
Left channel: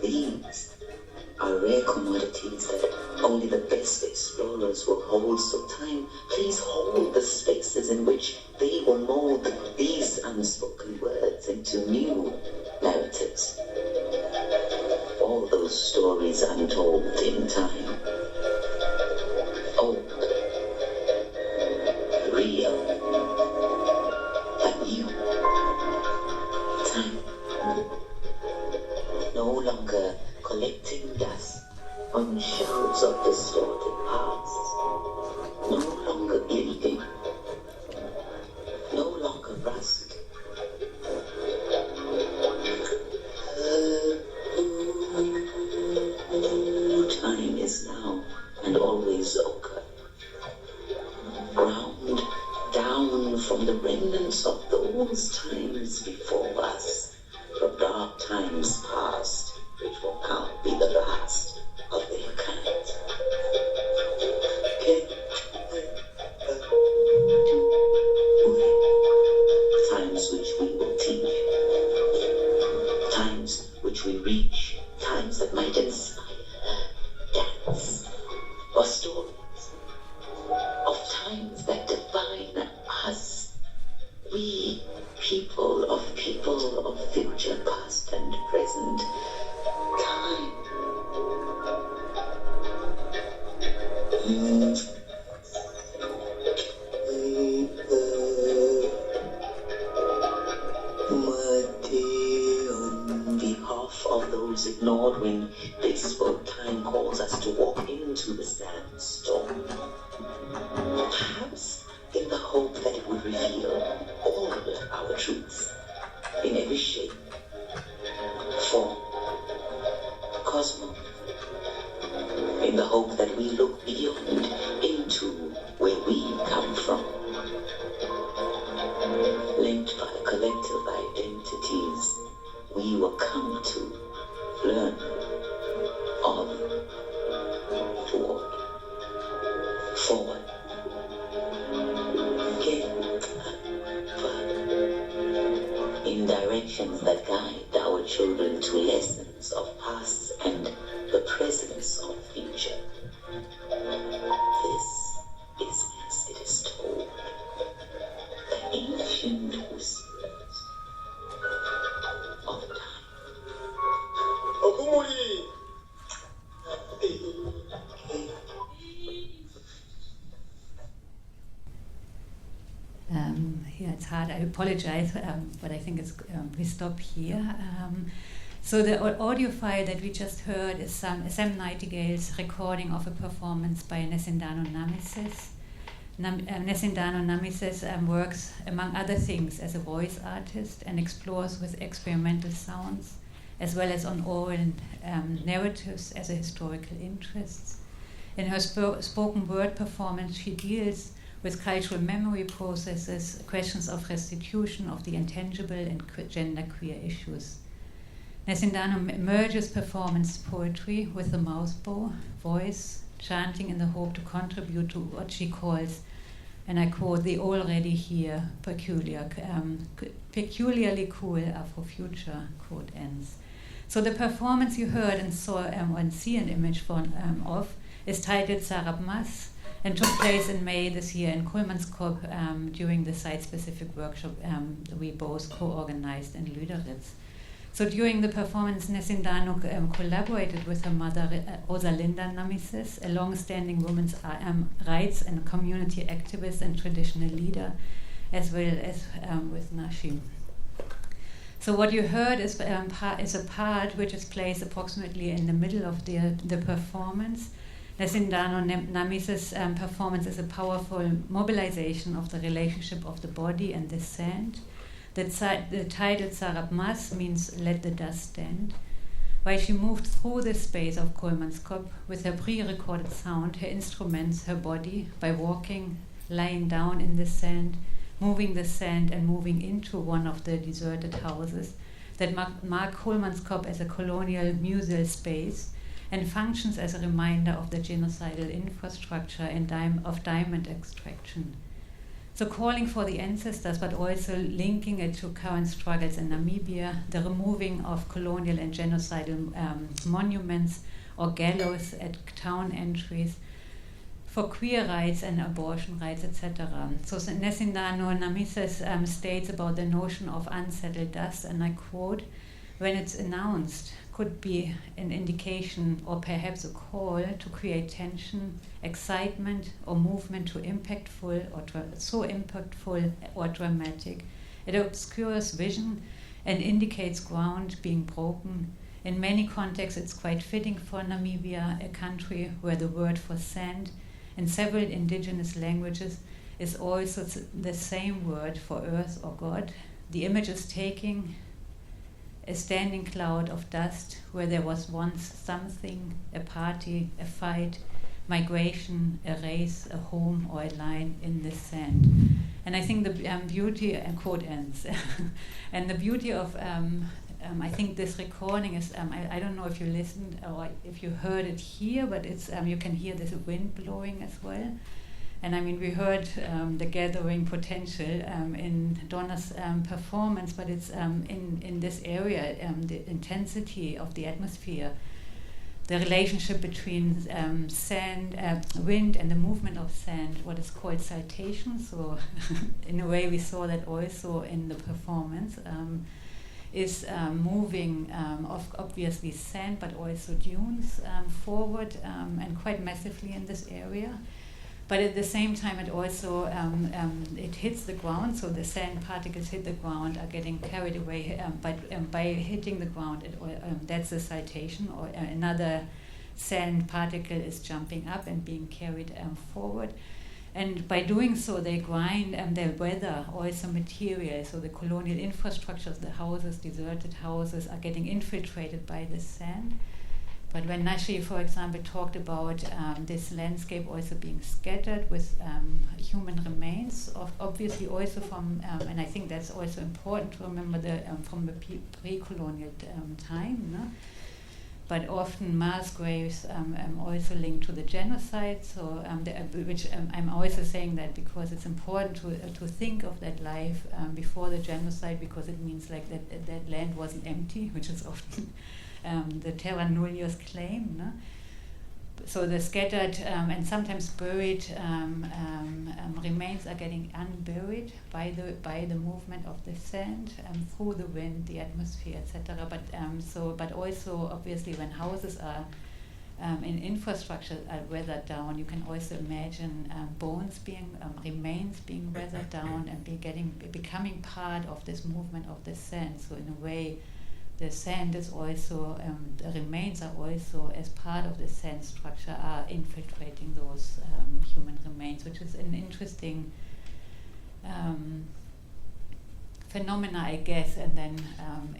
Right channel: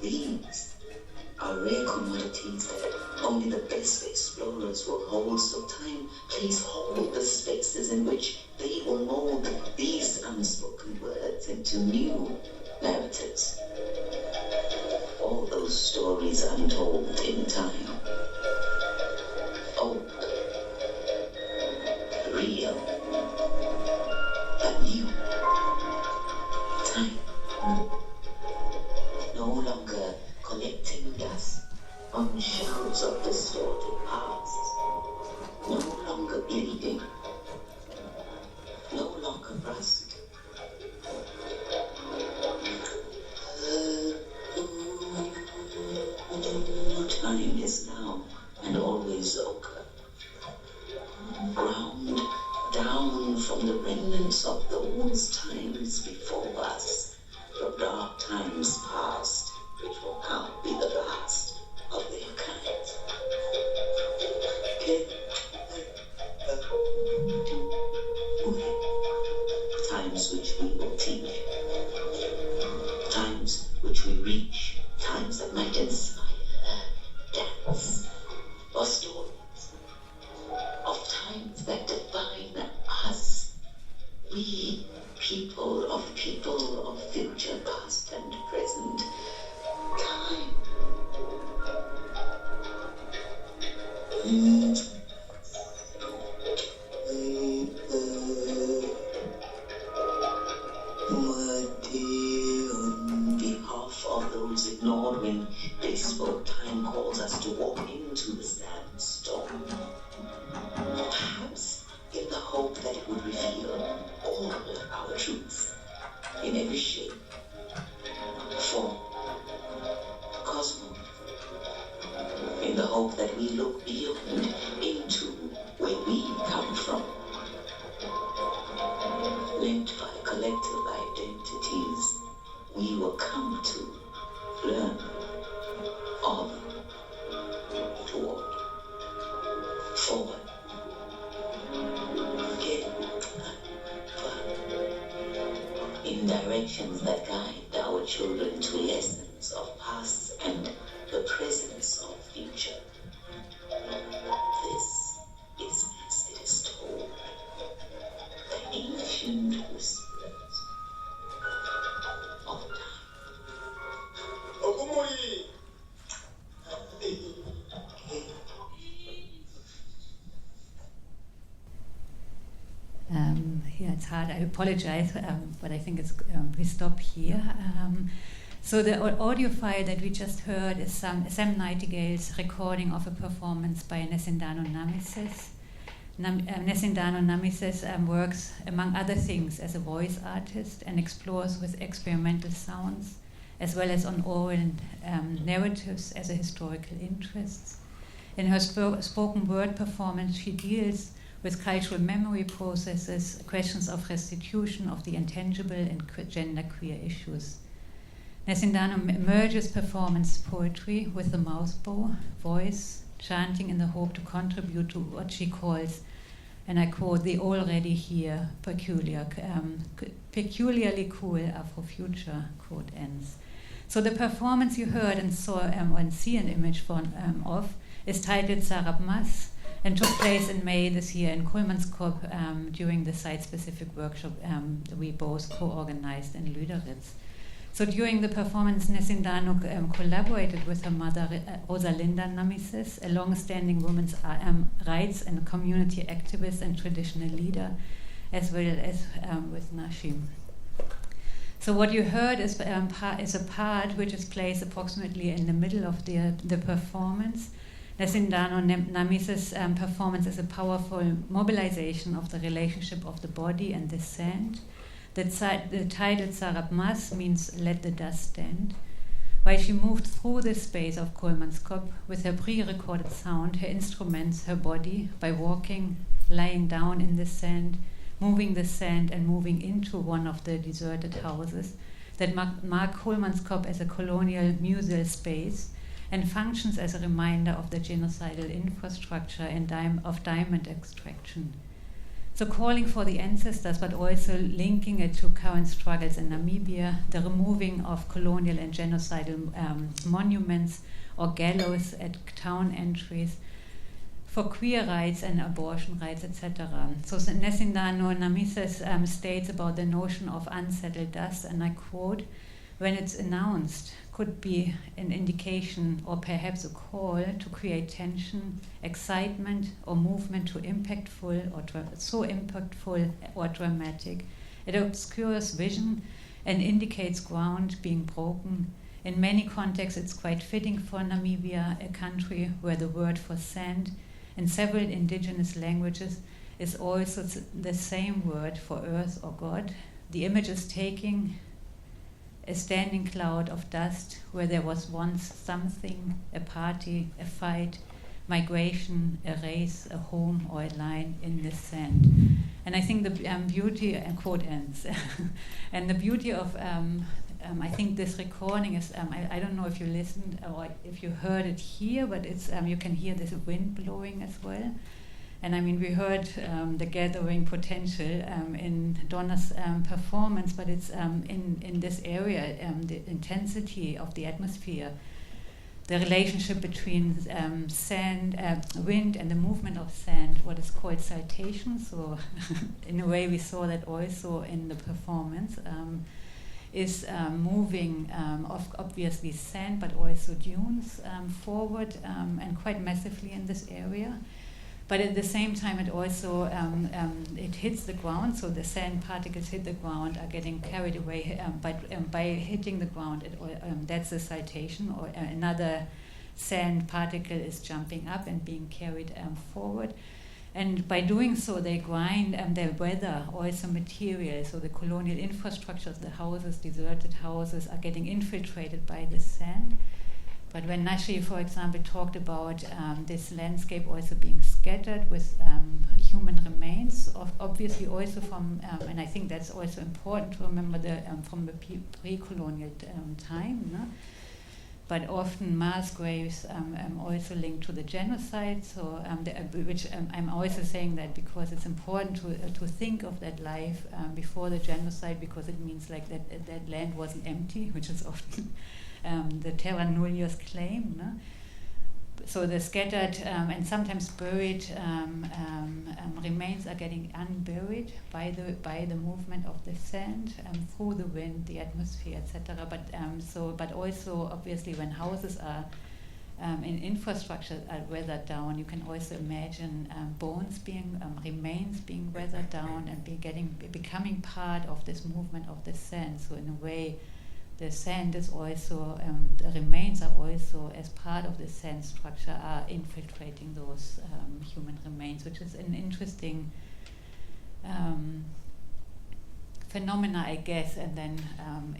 These are rare commodities that only the best explorers will holds of time, please hold the spaces in which they will mold these unspoken words into new narratives. All those stories untold in time. Old, real, but new. Time. No longer collecting dust on shelves of distorted past. No longer gilding. No longer rust. Time is now and always ochre. Ground down from the remnants of those times before us, from dark times past, which will now be the last of their kind. Times which we will teach, times which we reach, times that might inspire dance or stories, of times that define us, we people of future, past and present. Time. On behalf of those ignored when they spoke, time calls us to walk into the sandstorm. Perhaps in the hope that it would reveal all our truths in every shape, form, cosmos, in the hope that we look beyond into where we come from, linked by collective identities we will come to learn on, toward, forward, in directions that guide our children to lessons of past and the presence of future. This is as it is told, the ancient whispers of time. Yeah, it's hard. I apologize, but I think it's we stop here. So the audio file that we just heard is Sam Nightingale's recording of a performance by Nesindano Namises. Nesindano Namises works, among other things, as a voice artist and explores with experimental sounds, as well as on oral narratives as a historical interest. In her spoken word performance, she deals with cultural memory processes, questions of restitution of the intangible, and genderqueer issues. Nesindano merges performance poetry with the mouthbow, voice, chanting in the hope to contribute to what she calls, and I quote, the already here, peculiarly cool Afrofuture, quote ends. So the performance you heard and saw and see an image of is titled Sarab Mas, and took place in May this year in Köln during the site-specific workshop we both co-organized in Lüderitz. So during the performance, Nesindano collaborated with her mother, Rosalinda Namises, a long-standing women's rights and community activist and traditional leader, as well as with Nashim. So what you heard is a part which is placed approximately in the middle of the performance. Nesindano Namises' performance is a powerful mobilization of the relationship of the body and the sand. The title Sarab Mas means let the dust stand. While she moved through the space of Kolmanskop with her pre-recorded sound, her instruments, her body, by walking, lying down in the sand, moving the sand and moving into one of the deserted houses that mark Kolmanskop as a colonial museal space and functions as a reminder of the genocidal infrastructure and of diamond extraction. So calling for the ancestors, but also linking it to current struggles in Namibia, the removing of colonial and genocidal monuments or gallows at town entries, for queer rights and abortion rights, etc. So Nesindano Namises states about the notion of unsettled dust, and I quote, "When it's announced, could be an indication or perhaps a call to create tension, excitement, or movement so impactful or dramatic. It obscures vision and indicates ground being broken. In many contexts, it's quite fitting for Namibia, a country where the word for sand in several indigenous languages is also the same word for earth or God. The image is taking a standing cloud of dust where there was once something, a party, a fight, migration, a race, a home, or a line in the sand." And I think the beauty, quote ends, and the beauty of, I think this recording is, I don't know if you listened or if you heard it here, but it's you can hear this wind blowing as well. And I mean, we heard the gathering potential in Donna's performance, but it's in this area, the intensity of the atmosphere, the relationship between sand, wind, and the movement of sand, what is called saltation. So in a way, we saw that also in the performance, is moving of obviously sand, but also dunes forward and quite massively in this area. But at the same time, it also it hits the ground, so the sand particles hit the ground, are getting carried away. But by hitting the ground, that's a citation, or another sand particle is jumping up and being carried forward. And by doing so, they grind their weather, also material. So the colonial infrastructures, the houses, deserted houses, are getting infiltrated by the sand. But when Nashi, for example, talked about this landscape also being scattered with human remains, obviously also from, and I think that's also important to remember from the pre-colonial time, no? But often mass graves also linked to the genocide. So, which I'm also saying that because it's important to think of that life before the genocide, because it means like that land wasn't empty, which is often the terra nullius claim. No? So the scattered and sometimes buried remains are getting unburied by the movement of the sand through the wind, the atmosphere, etc. But also obviously when houses are in infrastructure are weathered down, you can also imagine bones being remains being weathered down and becoming part of this movement of the sand. So in a way, the sand is also, the remains are also, as part of the sand structure, are infiltrating those human remains, which is an interesting phenomena, I guess, and then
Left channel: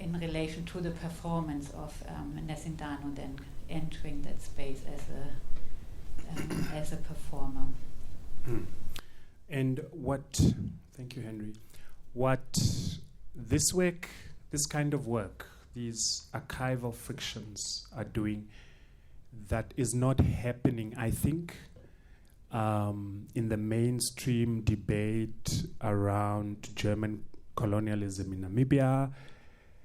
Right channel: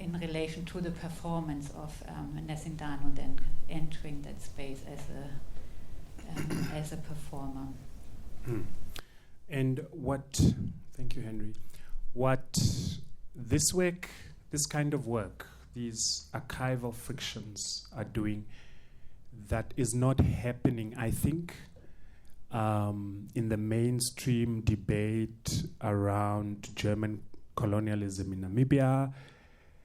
in relation to the performance of Nesindano then entering that space as a performer. And thank you, Henry, what this work, this kind of work, these archival frictions are doing that is not happening, I think, in the mainstream debate around German colonialism in Namibia,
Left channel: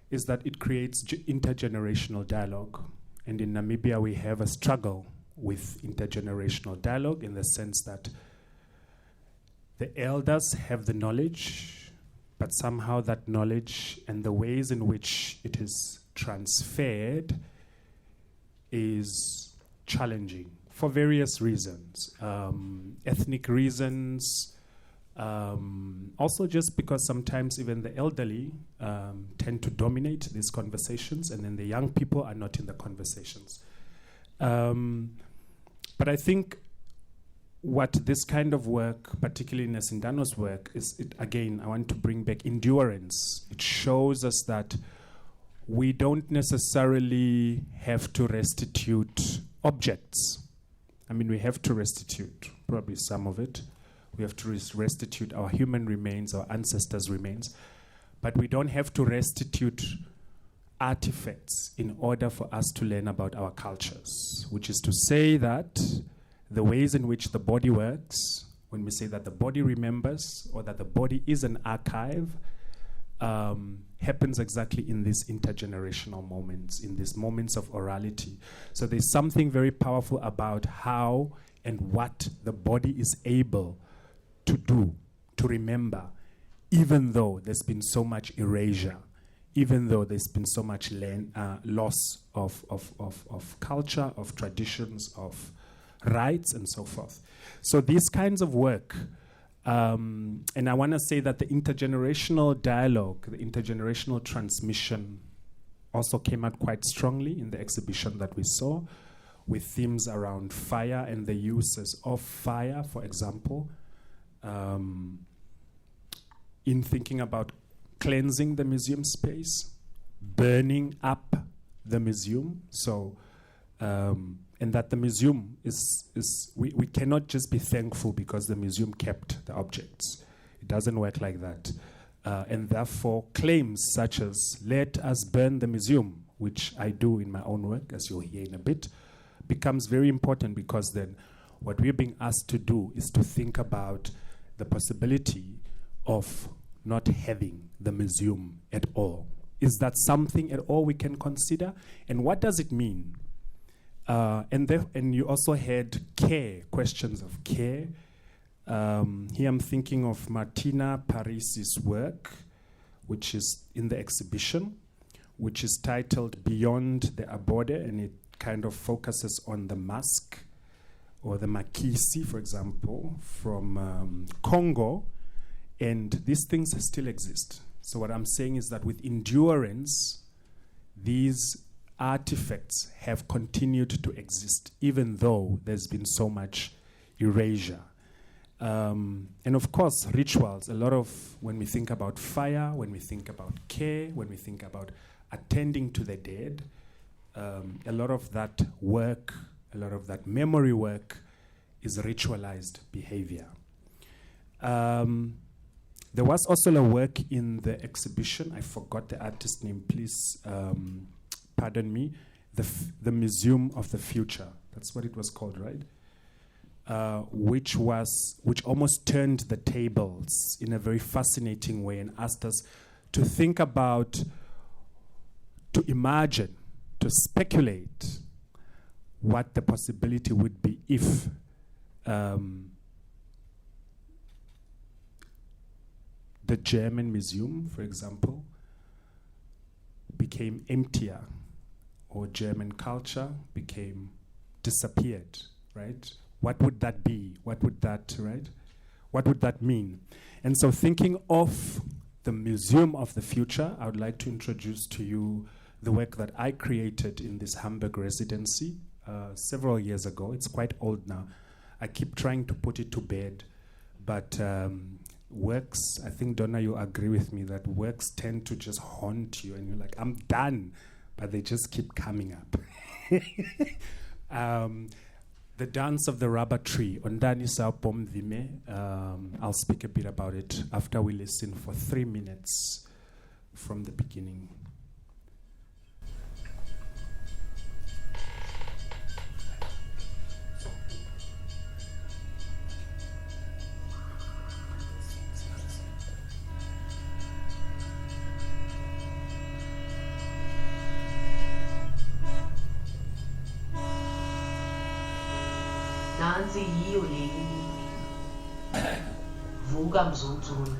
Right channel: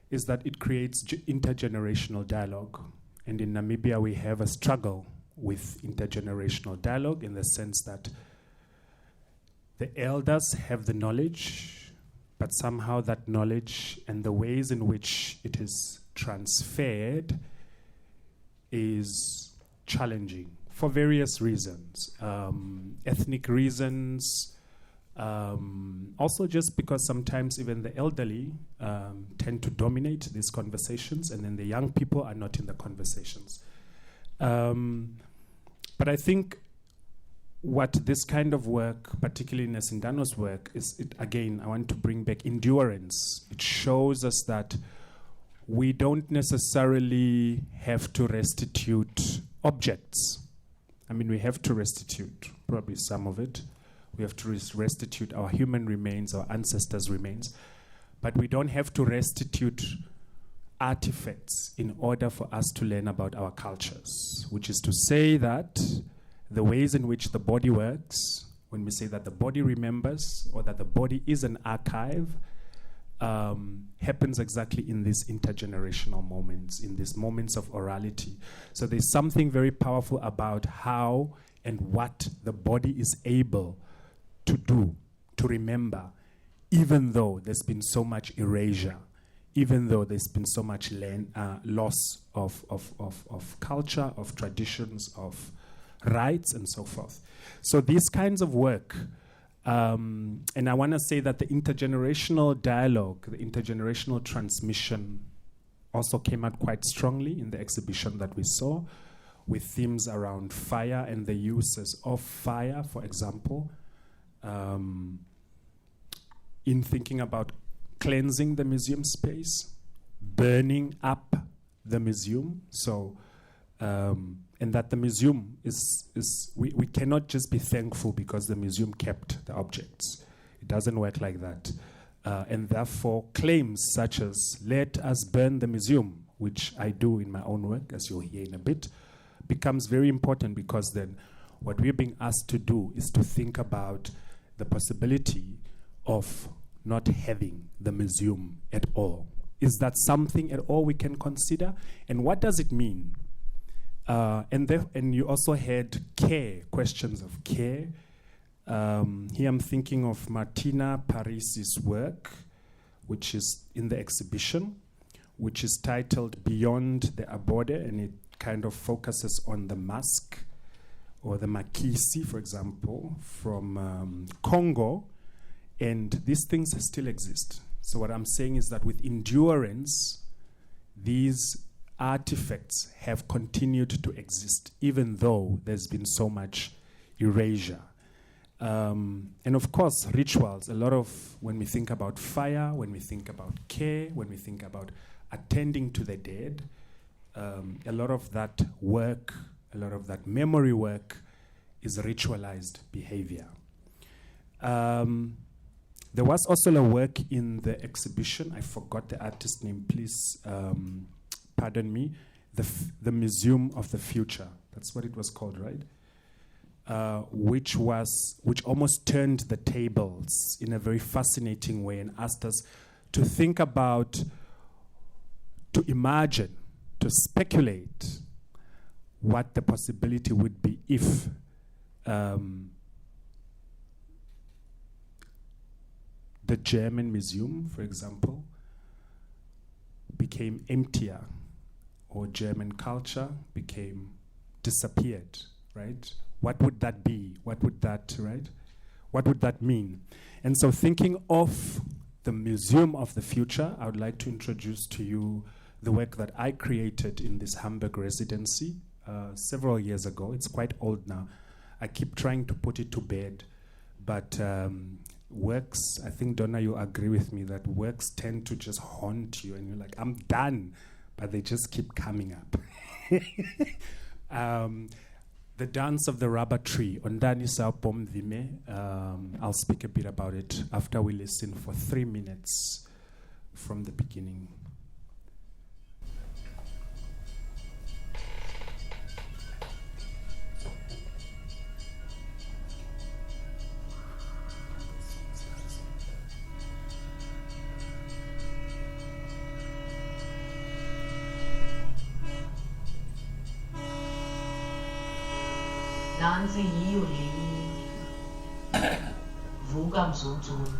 is that it creates intergenerational dialogue. And in Namibia, we have a struggle with intergenerational dialogue in the sense that the elders have the knowledge, but somehow that knowledge and the ways in which it is transferred is challenging for various reasons. Ethnic reasons, also just because sometimes even the elderly tend to dominate these conversations, and then the young people are not in the conversations. But I think what this kind of work, particularly Nesindano's work, is, again, I want to bring back endurance. It shows us that we don't necessarily have to restitute objects. I mean, we have to restitute probably some of it. We have to restitute our human remains, our ancestors' remains. But we don't have to restitute artifacts in order for us to learn about our cultures, which is to say that the ways in which the body works, when we say that the body remembers or that the body is an archive, happens exactly in these intergenerational moments, in these moments of orality. So there's something very powerful about how and what the body is able to do, to remember, even though there's been so much erasure, even though there's been so much loss of culture, of traditions, of rights, and so forth. So these kinds of work, and I want to say that the intergenerational dialogue, the intergenerational transmission also came out quite strongly in the exhibition that we saw, with themes around fire and the uses of fire, for example, in thinking about cleansing the museum space, burning up the museum. So, and that the museum we cannot just be thankful because the museum kept the objects. It doesn't work like that. And therefore, claims such as, let us burn the museum, which I do in my own work, as you'll hear in a bit, becomes very important, because then what we're being asked to do is to think about the possibility of not having the museum at all. Is that something at all we can consider? And what does it mean? And you also had care, questions of care. Here I'm thinking of Martina Paris's work, which is in the exhibition, which is titled Beyond the Abode, and it kind of focuses on the mask, or the makisi, for example, from Congo, and these things still exist. So what I'm saying is that with endurance, these artifacts have continued to exist, even though there's been so much erasure. And of course, rituals. A lot of, when we think about fire, when we think about care, when we think about attending to the dead, a lot of that work, a lot of that memory work is ritualized behavior. There was also a work in the exhibition, I forgot the artist name, please pardon me, the Museum of the Future. That's what it was called, right? Which almost turned the tables in a very fascinating way and asked us to think about, to imagine, to speculate what the possibility would be if the German museum, for example, became emptier, or German culture disappeared, right? What would that be? What would that, right? What would that mean? And so, thinking of the Museum of the Future, I would like to introduce to you the work that I created in this Hamburg residency several years ago. It's quite old now. I keep trying to put it to bed, but works, I think, Donna, you agree with me that works tend to just haunt you, and you're like, I'm done, but they just keep coming up. The Dance of the Rubber Tree. I'll speak a bit about it after we listen for 3 minutes from the beginning. Nansi yiyo le vuka mzonzulu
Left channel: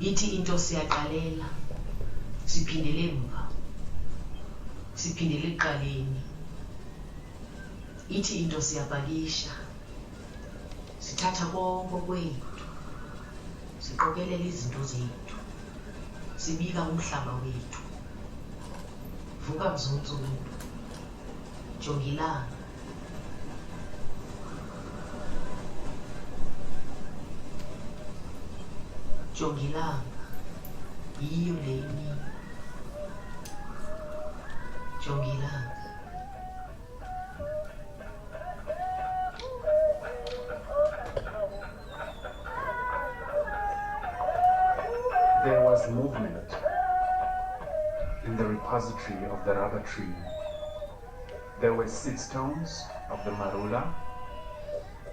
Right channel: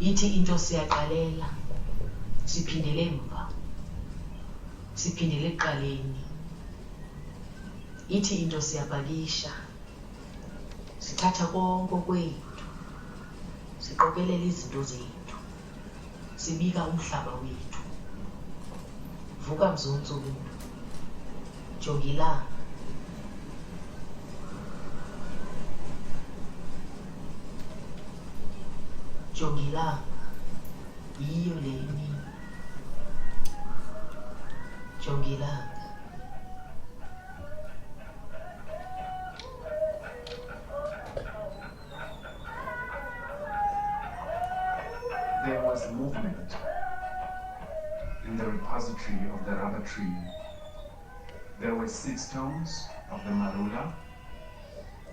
ithi into siyaqalela siphindele emva siphindele ekuqaleni ithi into siyabhalisha sithatha konke kwethu siqokelela izinto zethu sibika umhlaba wethu vuka mzonzulu jongilanga jongilanga yiyo le imini jongilanga There was movement in the repository of the rubber tree. There were 6 tones of the marula.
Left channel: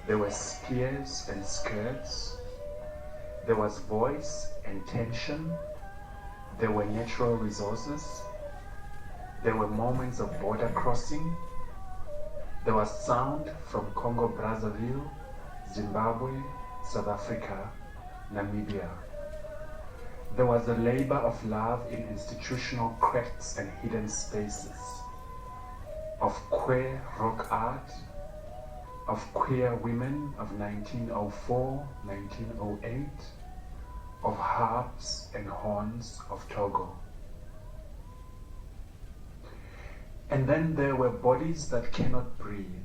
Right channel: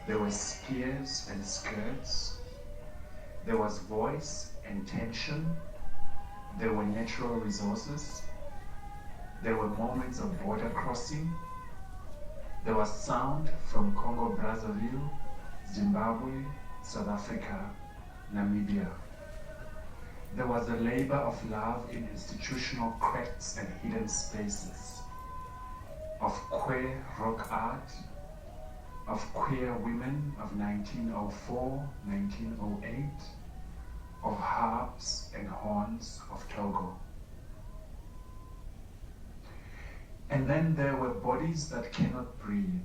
There were spears and skirts. There was voice and tension. There were natural resources. There were moments of border crossing. There was sound from Congo Brazzaville, Zimbabwe, South Africa, Namibia. There was a labor of love in institutional cracks and hidden spaces, of queer rock art, of queer women of 1904, 1908, of harps and horns of Togo. And then there were bodies that cannot breathe.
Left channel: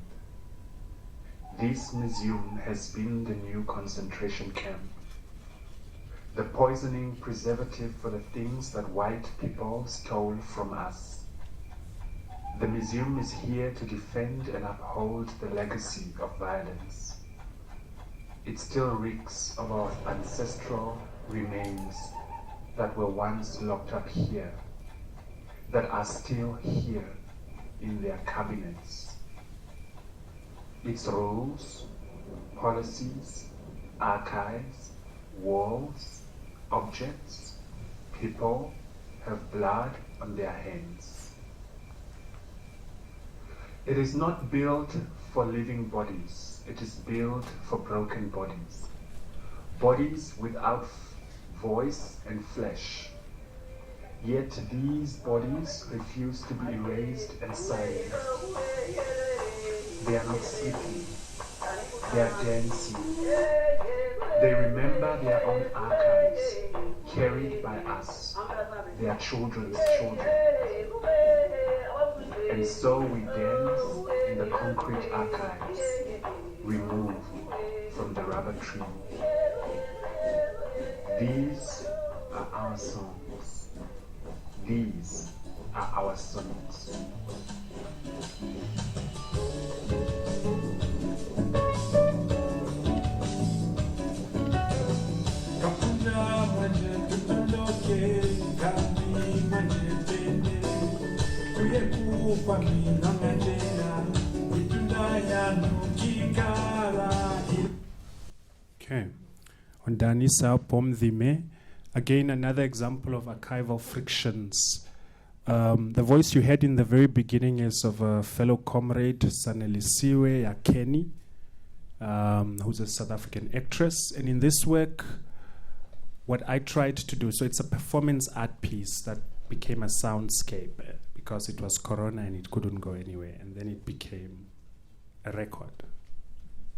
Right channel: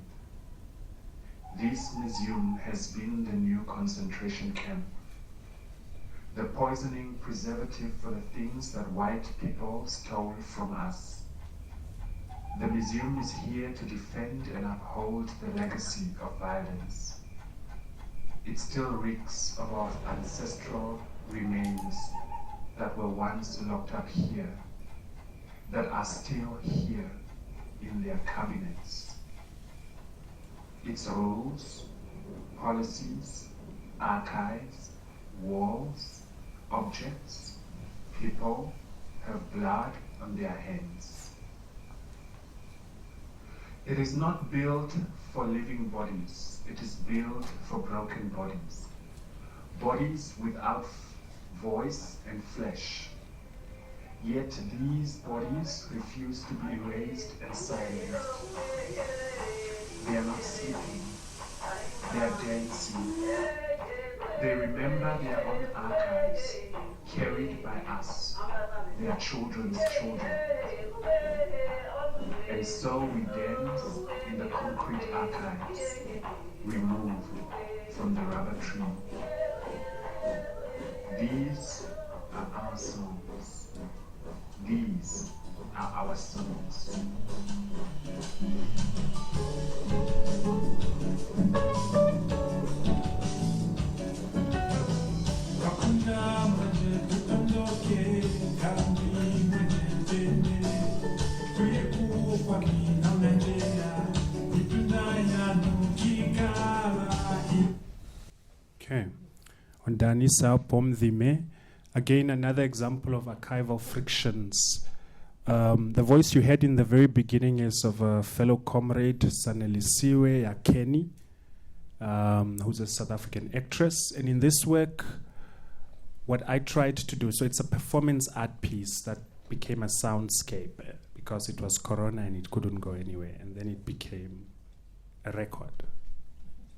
This museum has been the new concentration camp, the poisoning preservative for the things that white people stole from us. The museum is here to defend and uphold the legacy of violence. It still reeks of our ancestral remains that were once locked up here, that are still here in their cabinets. Its rules, policies, archives, walls, objects, people have blood on their hands. It is not built for living bodies, it is built for broken bodies. Bodies without voice and flesh. Yet these bodies refuse to be erased and silenced. They are not sleeping, they are dancing. They remember their own archives, carried by us, their children's children. And so we dance in the concrete archives, removed from the rubber tree. These are our songs. These are our songs. Okay. On Danisa Pomdhime, again another example of archival frictions. The voice you heard in the very beginning is of a fellow comrade, Sanelisiwe Yakeni, who's a South African actress. And in this work, what I tried to do, so it's a performance art piece that became a soundscape because it was Corona and it couldn't go anywhere. And then it became a record.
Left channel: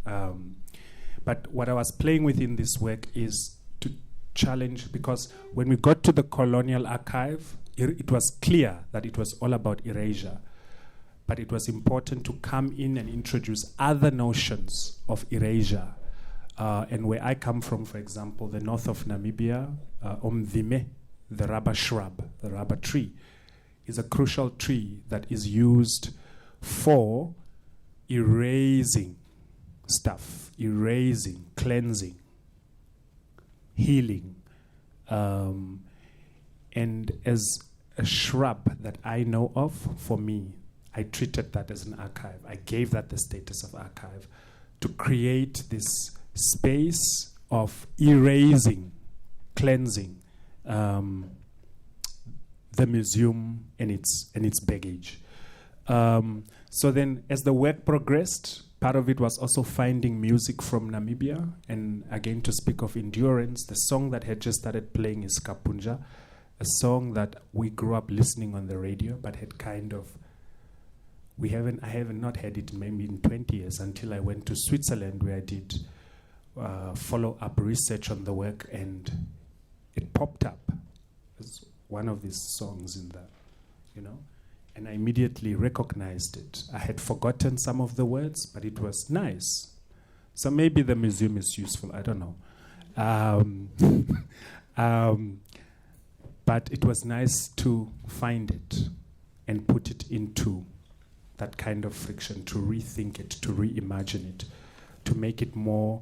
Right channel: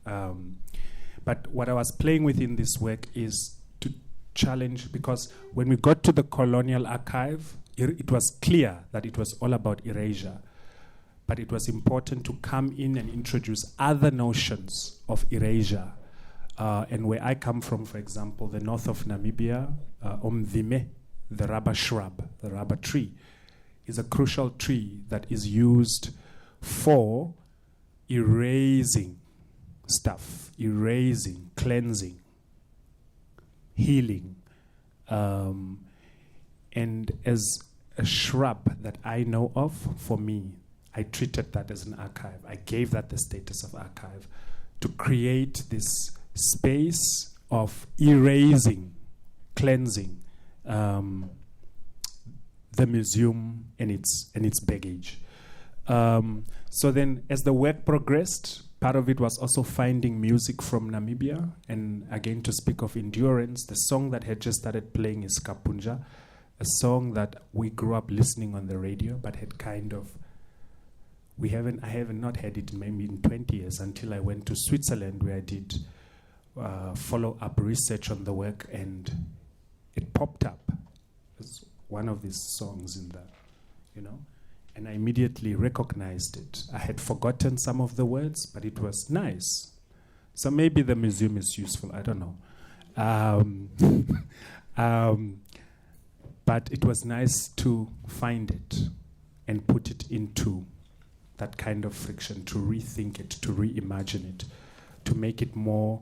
But what I was playing with in this work is to challenge, because when we got to the colonial archive, it was clear that it was all about erasure. But it was important to come in and introduce other notions of erasure. And where I come from, for example, the north of Namibia, Omdhime, the rubber shrub, the rubber tree, is a crucial tree that is used for erasing stuff, erasing, cleansing, healing. And as a shrub that I know of, for me, I treated that as an archive. I gave that the status of archive to create this space of erasing, cleansing the museum and its baggage. So then, as the work progressed, part of it was also finding music from Namibia. And again, to speak of endurance, the song that had just started playing is Kapunja, a song that we grew up listening on the radio, but had kind of, I haven't not heard it maybe in 20 years until I went to Switzerland, where I did follow-up research on the work, and it popped up as one of these songs in that, and I immediately recognized it. I had forgotten some of the words, but it was nice. So maybe the museum is useful, I don't know. But it was nice to find it and put it into that kind of friction, to rethink it, to reimagine it, to make it more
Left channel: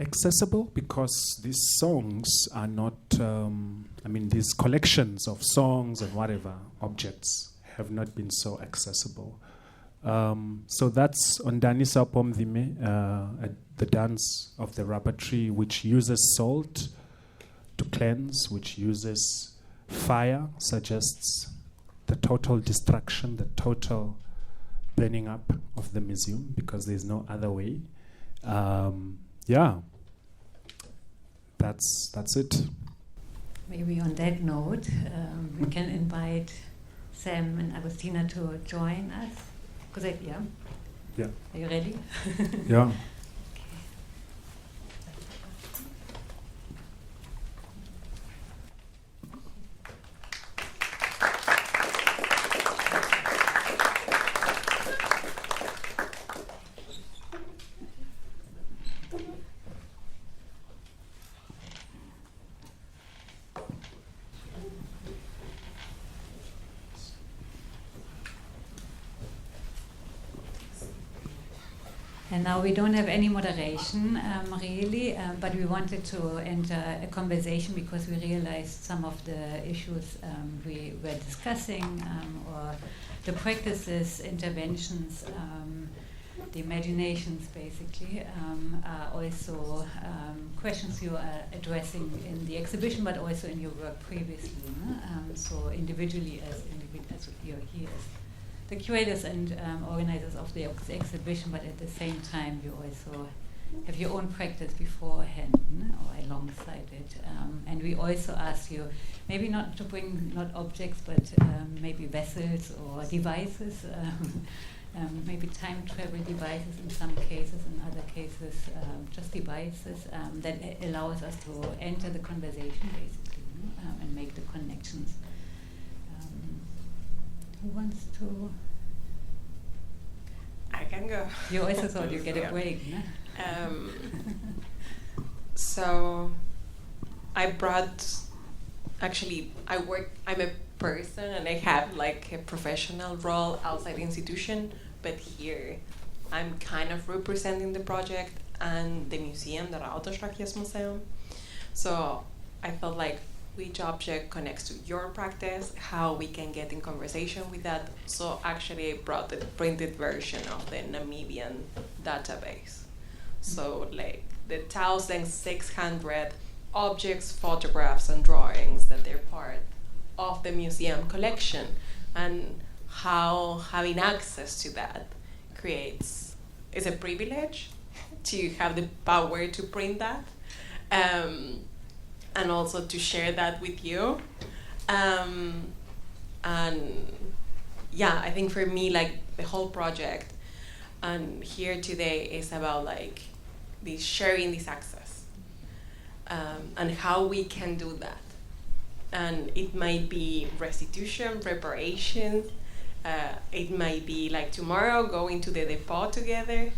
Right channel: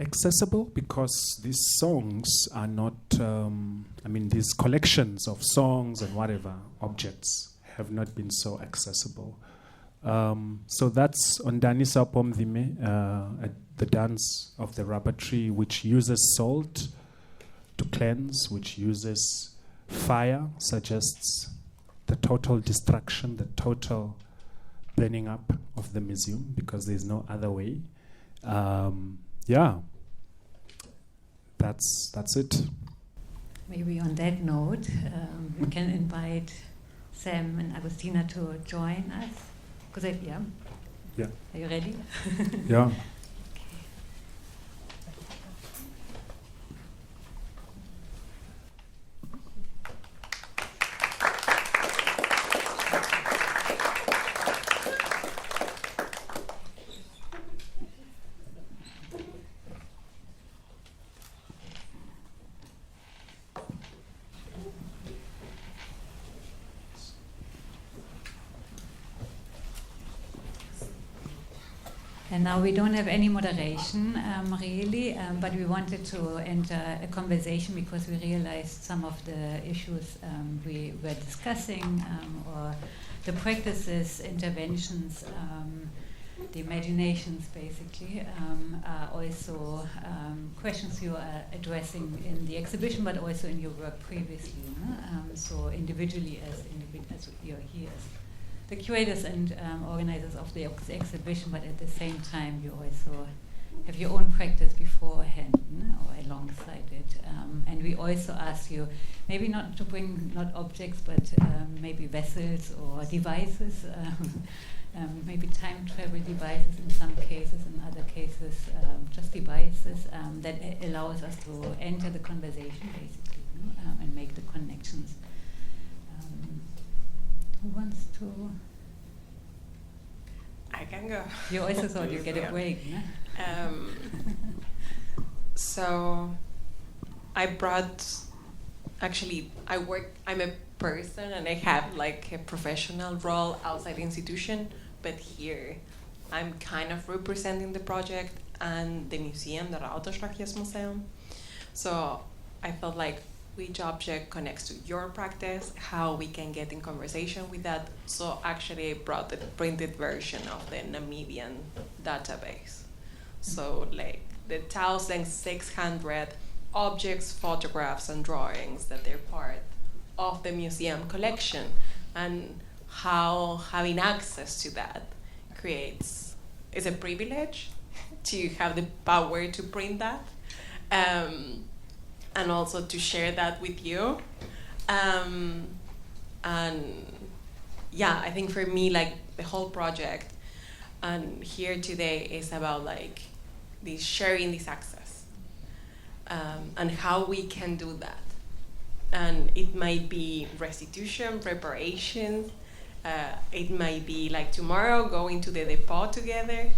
accessible, because these songs are not, these collections of songs and whatever objects have not been so accessible. So that's on Danisa Pomdhime, the dance of the rubber tree, which uses salt to cleanse, which uses fire, suggests the total destruction, the total burning up of the museum, because there's no other way. That's it. Maybe on that note, we can invite Sam and Agustina to join us. Yeah. Are you ready? Yeah. And now we don't have any moderation, really, but we wanted to enter a conversation because we realized some of the issues we were discussing, or the practices, interventions, the imaginations, basically, are also questions you are addressing in the exhibition, but also in your work previously. No? So individually, as you're here as the curators and organizers of the exhibition, but at the same time you also have your own practice beforehand, or alongside it. And we also ask you maybe not to bring not objects, but maybe vessels or devices, maybe time travel devices in some cases, in other cases just devices that allows us to enter the conversation basically, and make the connections. Who wants to? I can go. You also thought you'd get a break, no? So I brought, actually, I'm a person and I have like a professional role outside the institution, but here I'm kind of representing the project and the museum, the Museum. So I felt like which object connects to your practice, how we can get in conversation with that. So actually I brought the printed version of the Namibian database. So like the 1,600 objects, photographs, and drawings that they're part of the museum collection, and how having access to that is a privilege to have the power to print that. And also to share that with you. And yeah, I think for me, like the whole project and here today is about like sharing this access and how we can do that. And it might be restitution, reparations. It might be like tomorrow going to the depot together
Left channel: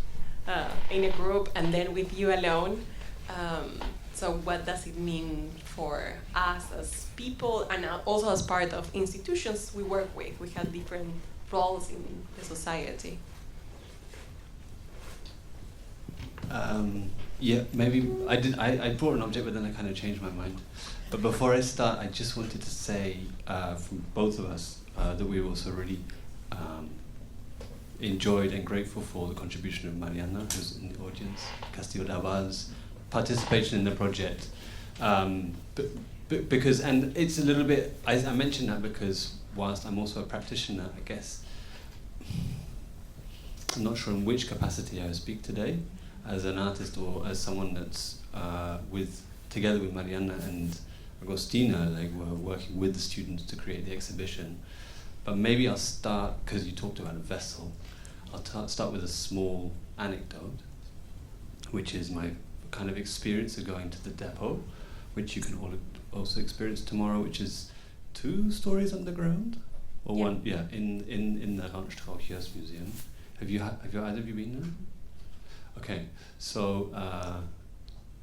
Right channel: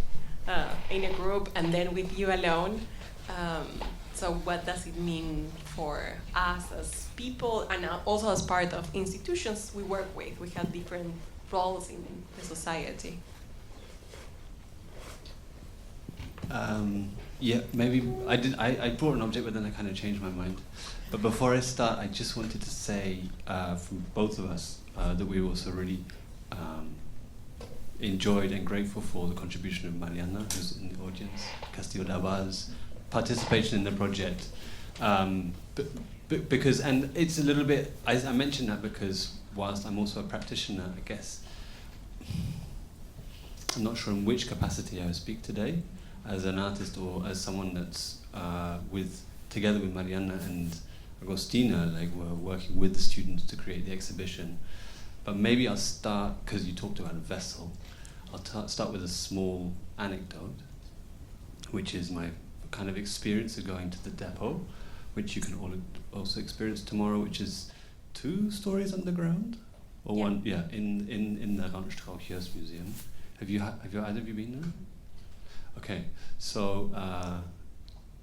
in a group and then with you alone. So what does it mean for us as people and also as part of institutions we work with? We have different roles in the society. Yeah, maybe I brought an object, but then I kind of changed my mind. But before I start, I just wanted to say from both of us that we also really enjoyed and grateful for the contribution of Mariana, who's in the audience, Castillo Daval's participation in the project, because, and it's a little bit, I mentioned that because whilst I'm also a practitioner, I guess I'm not sure in which capacity I will speak today, as an artist or as someone that's together with Mariana and Agustina, like we're working with the students to create the exhibition. But maybe I'll start, because you talked about a vessel, I'll start with a small anecdote, which is my kind of experience of going to the depot, which you can all also experience tomorrow, which is 2 stories underground, or one, in the Randstrauchers Museum. Have either of you been there? Okay, so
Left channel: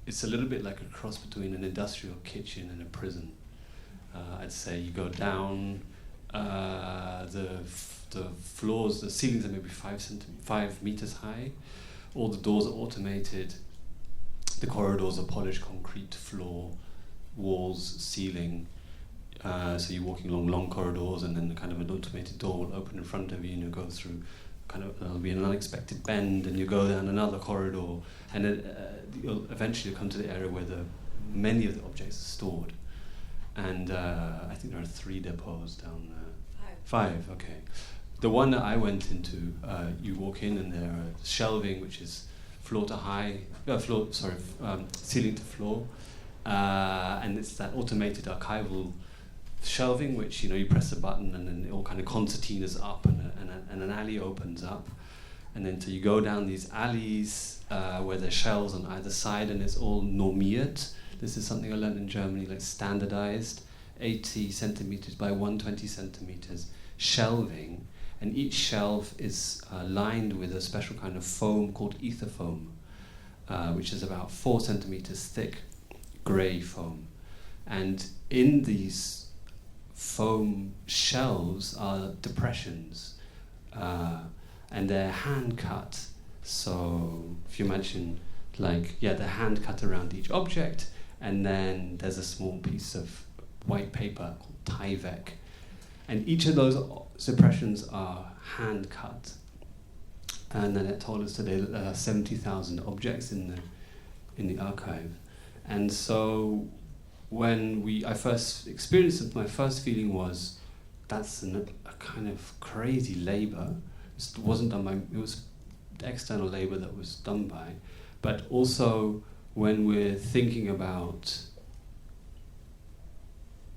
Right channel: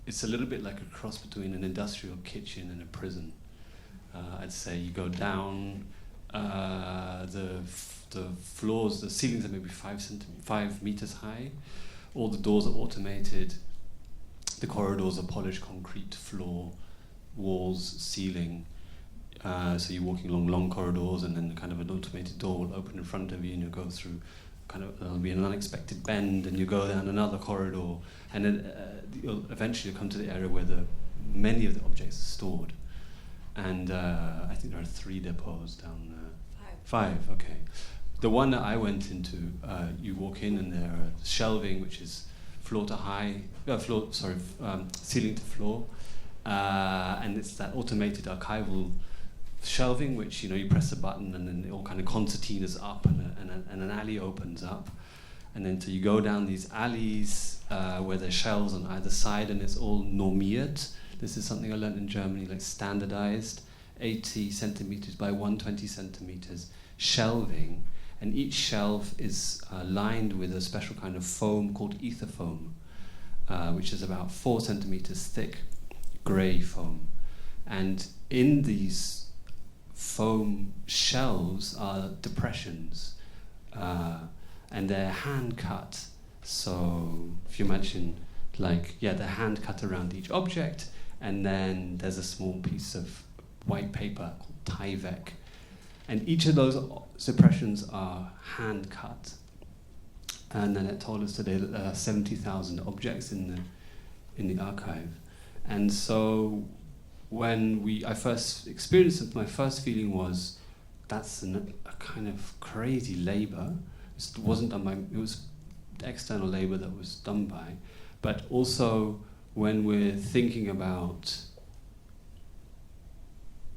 it's a little bit like a cross between an industrial kitchen and a prison. I'd say you go down, the floors, the ceilings are maybe 5 meters high. All the doors are automated. The corridors are polished concrete floor, walls, ceiling. So you're walking along long corridors, and then kind of an automated door will open in front of you, and you go through. There'll be an unexpected bend, and you go down another corridor, and then you'll eventually come to the area where many of the objects are stored. And I think there are 3 depots down there. 5, okay. The one that I went into, you walk in and there are shelving, which is ceiling to floor, and it's that automated archival shelving, which you press a button and then it all kind of concertinas up and an alley opens up, and then so you go down these alleys where there's shelves on either side, and it's all normiert. This is something I learned in Germany, like standardized, 80 centimeters by 120 centimeters shelving, and each shelf is lined with a special kind of foam called ether foam, which is about 4 centimeters thick, grey foam. And in these foam shelves are depressions, and they're hand cut. So if you imagine, they're hand cut around each object, and then there's a small piece of white paper called Tyvek, and each of those depressions are hand cut. And then it told us today that there are 70,000 objects in the archive, and so when I first experienced it, my first feeling was that's a kind of crazy labor. It wasn't done by, it was external labor that was done by, but also when we're thinking about,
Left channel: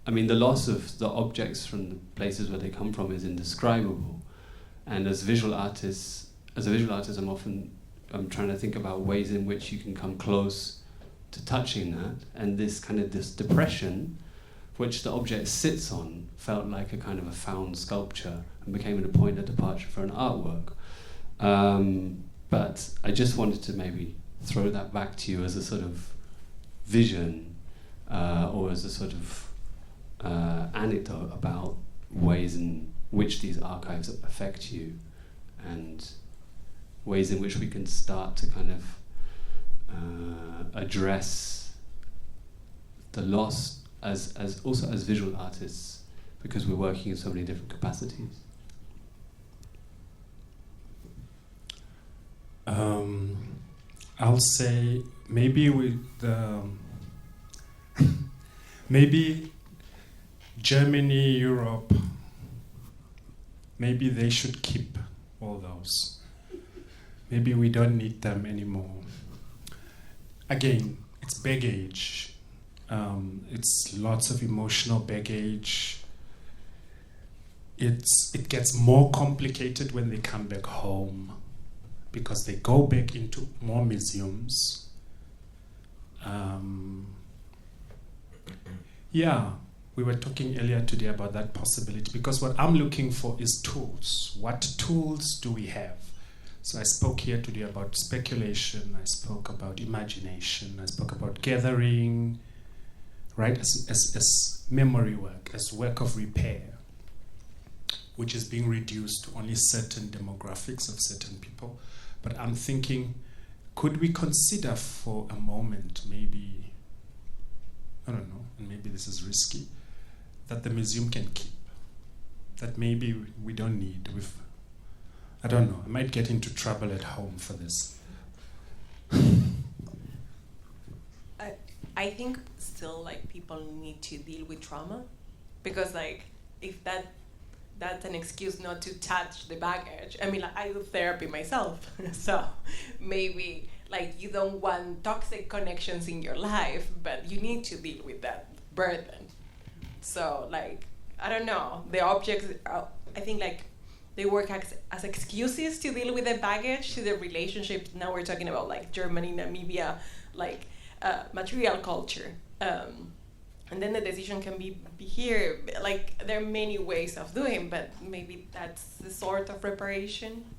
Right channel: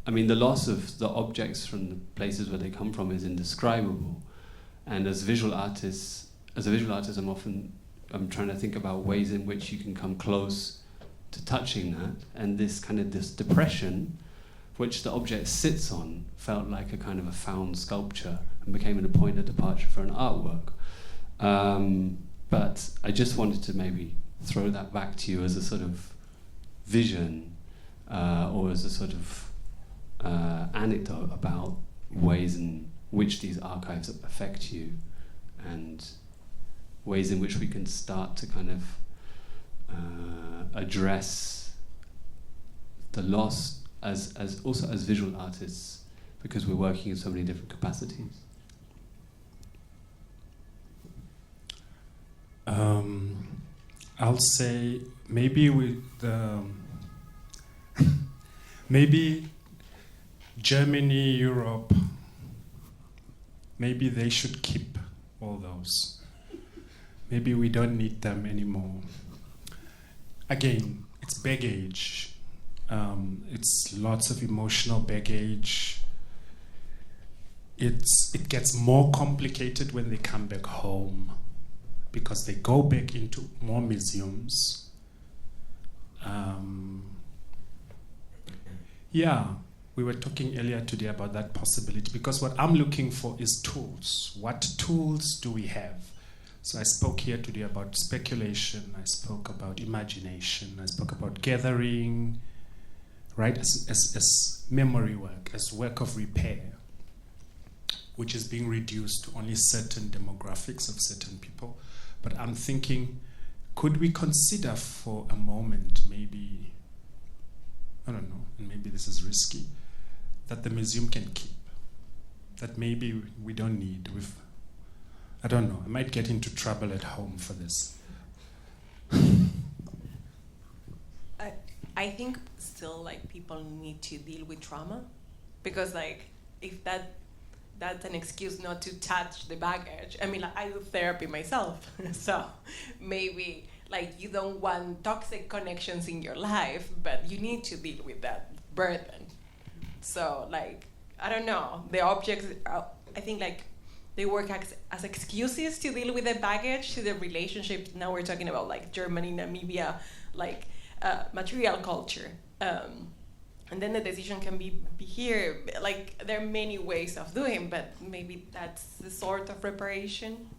the loss of the objects from the places where they come from is indescribable. And as a visual artist, I'm trying to think about ways in which you can come close to touching that, and this depression which the object sits on felt like a kind of a found sculpture and became a point of departure for an artwork. But I just wanted to maybe throw that back to you as a sort of vision, or as a sort of anecdote about ways in which these archives affect you, and ways in which we can start to kind of address the loss as also as visual artists, because we're working in so many different capacities. I'll say maybe maybe Germany, Europe, maybe they should keep all those. Maybe we don't need them anymore. Again, it's baggage. It's lots of emotional baggage. It gets more complicated when they come back home, because they go back into more museums. We were talking earlier today about that possibility, because what I'm looking for is tools. What tools do we have? So I spoke here today about speculation, I spoke about imagination, I spoke about gathering, right, as memory work, as work of repair, which is being reduced to only certain demographics of certain people. But I'm thinking, could we consider for a moment, maybe, I don't know, and maybe this is risky, that the museum can keep, that maybe we don't need. I don't know, I might get into trouble at home for this. I think still people need to deal with trauma, because if that's an excuse not to touch the baggage. I do therapy myself, so maybe you don't want toxic connections in your life, but you need to deal with that burden. So I don't know, the objects, I think they work as excuses to deal with the baggage, to the relationship. Now we're talking about Germany, Namibia, material culture. And then the decision can be here. There are many ways of doing, but maybe that's the sort of reparation.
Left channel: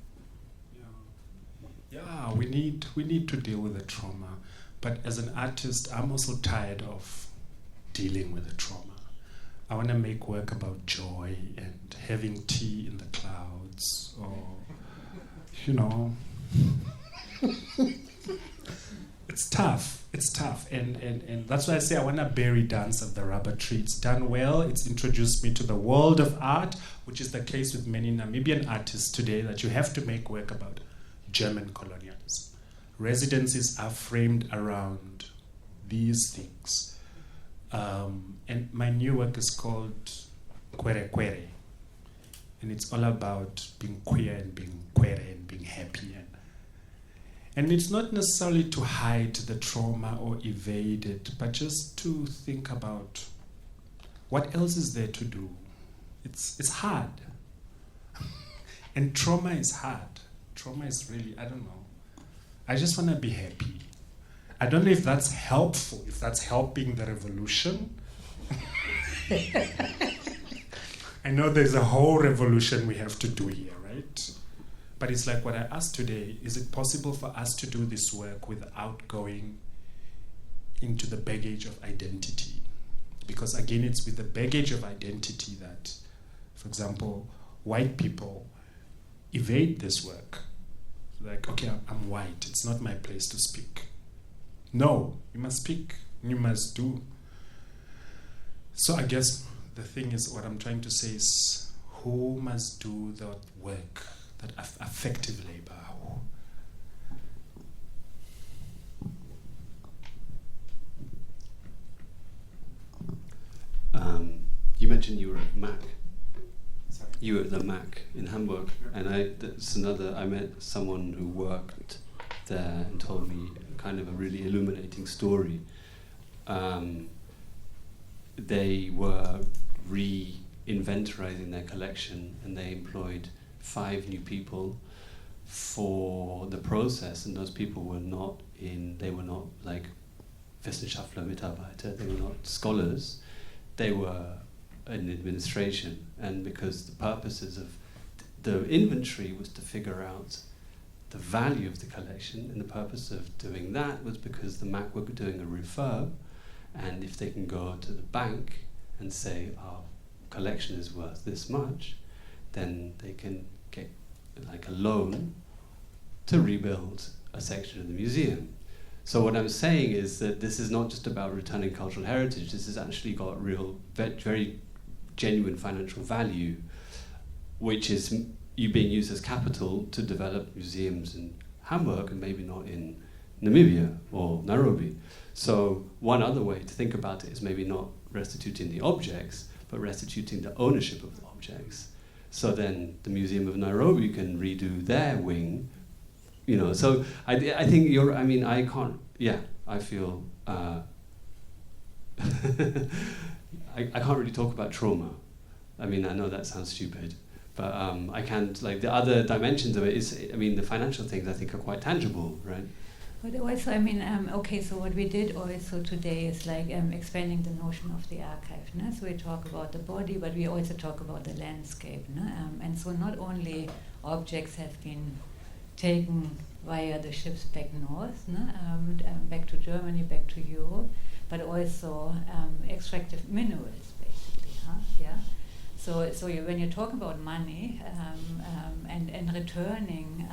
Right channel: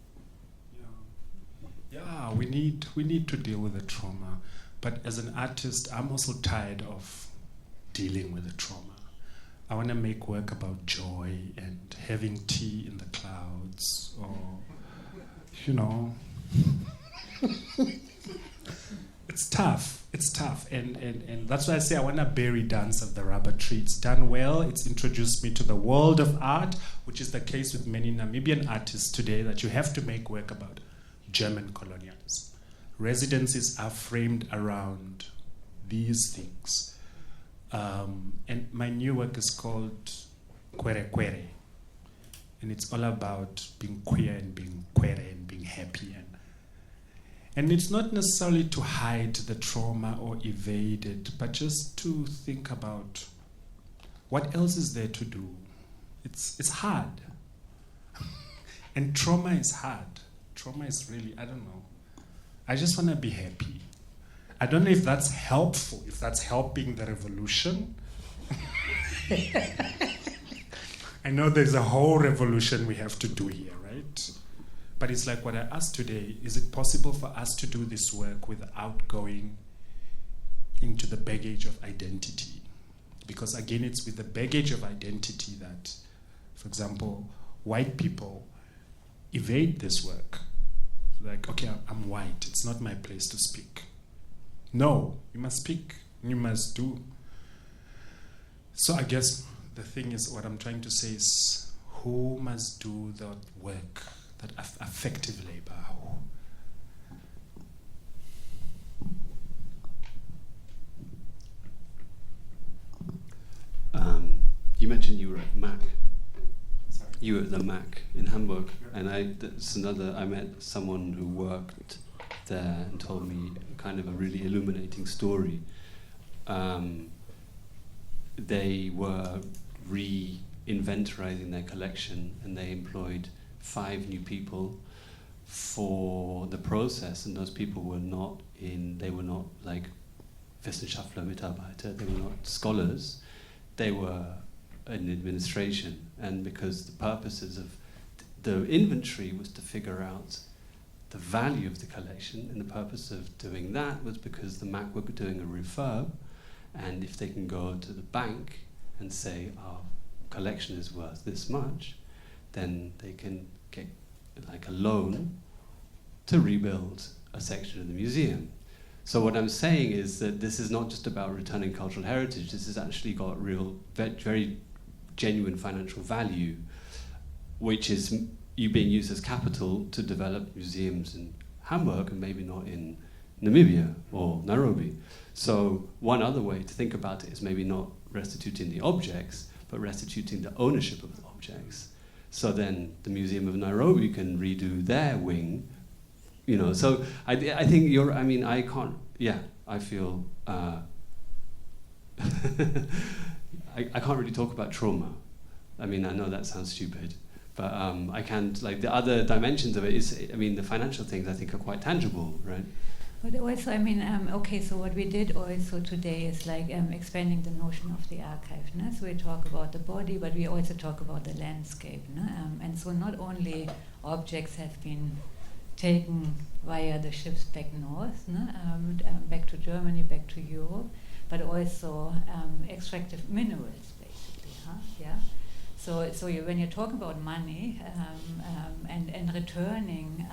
Yeah, we need to deal with the trauma. But as an artist, I'm also tired of dealing with the trauma. I want to make work about joy and having tea in the clouds, or, It's tough, and that's why I say I want to bury Dance of the Rubber Tree. It's done well. It's introduced me to the world of art, which is the case with many Namibian artists today, that you have to make work about German colonialism. Residencies are framed around these things. And my new work is called Kwere Kwere. And it's all about being queer and being queer and being happy. And it's not necessarily to hide the trauma or evade it, but just to think about what else is there to do. It's hard. And trauma is hard. Trauma is really, I don't know. I just want to be happy. I don't know if that's helpful, if that's helping the revolution. I know there's a whole revolution we have to do here, right? But it's like what I asked today, is it possible for us to do this work without going into the baggage of identity? Because again, it's with the baggage of identity that, for example, white people evade this work. Like, okay, I'm white, it's not my place to speak. No, you must speak, you must do. So I guess the thing is, what I'm trying to say is, who must do that work, that affective labor? You mentioned you were at MAC. Sorry? You were at the MAC in Hamburg, and I met someone who worked there and told me kind of a really illuminating story. They were re-inventorizing their collection, and they employed 5 new people for the process, and those people were not like Wissenschaftler, Mitarbeiter, they were not scholars, they were in administration. And because the purposes of the inventory was to figure out the value of the collection, and the purpose of doing that was because the MAC were doing a refurb, and if they can go to the bank and say our collection is worth this much, then they can get like a loan to rebuild a section of the museum. So what I'm saying is that this is not just about returning cultural heritage, this has actually got real, very genuine financial value, which is you being used as capital to develop museums in Hamburg and maybe not in Namibia or Nairobi. So one other way to think about it is maybe not restituting the objects, but restituting the ownership of the objects. So then the Museum of Nairobi can redo their wing, you know. So I think I feel I can't really talk about trauma. I mean, I know that sounds stupid, but I can, like, the other dimensions of it is, I mean, the financial things I think are quite tangible, right? But also, I mean, okay, so what we did also today is like expanding the notion of the archive. No? So we talk about the body, but we also talk about the landscape. No? And so not only objects have been taken via the ships back north, no? Back to Germany, back to Europe, but also extractive minerals, basically. Huh? Yeah. So when you talk about money and returning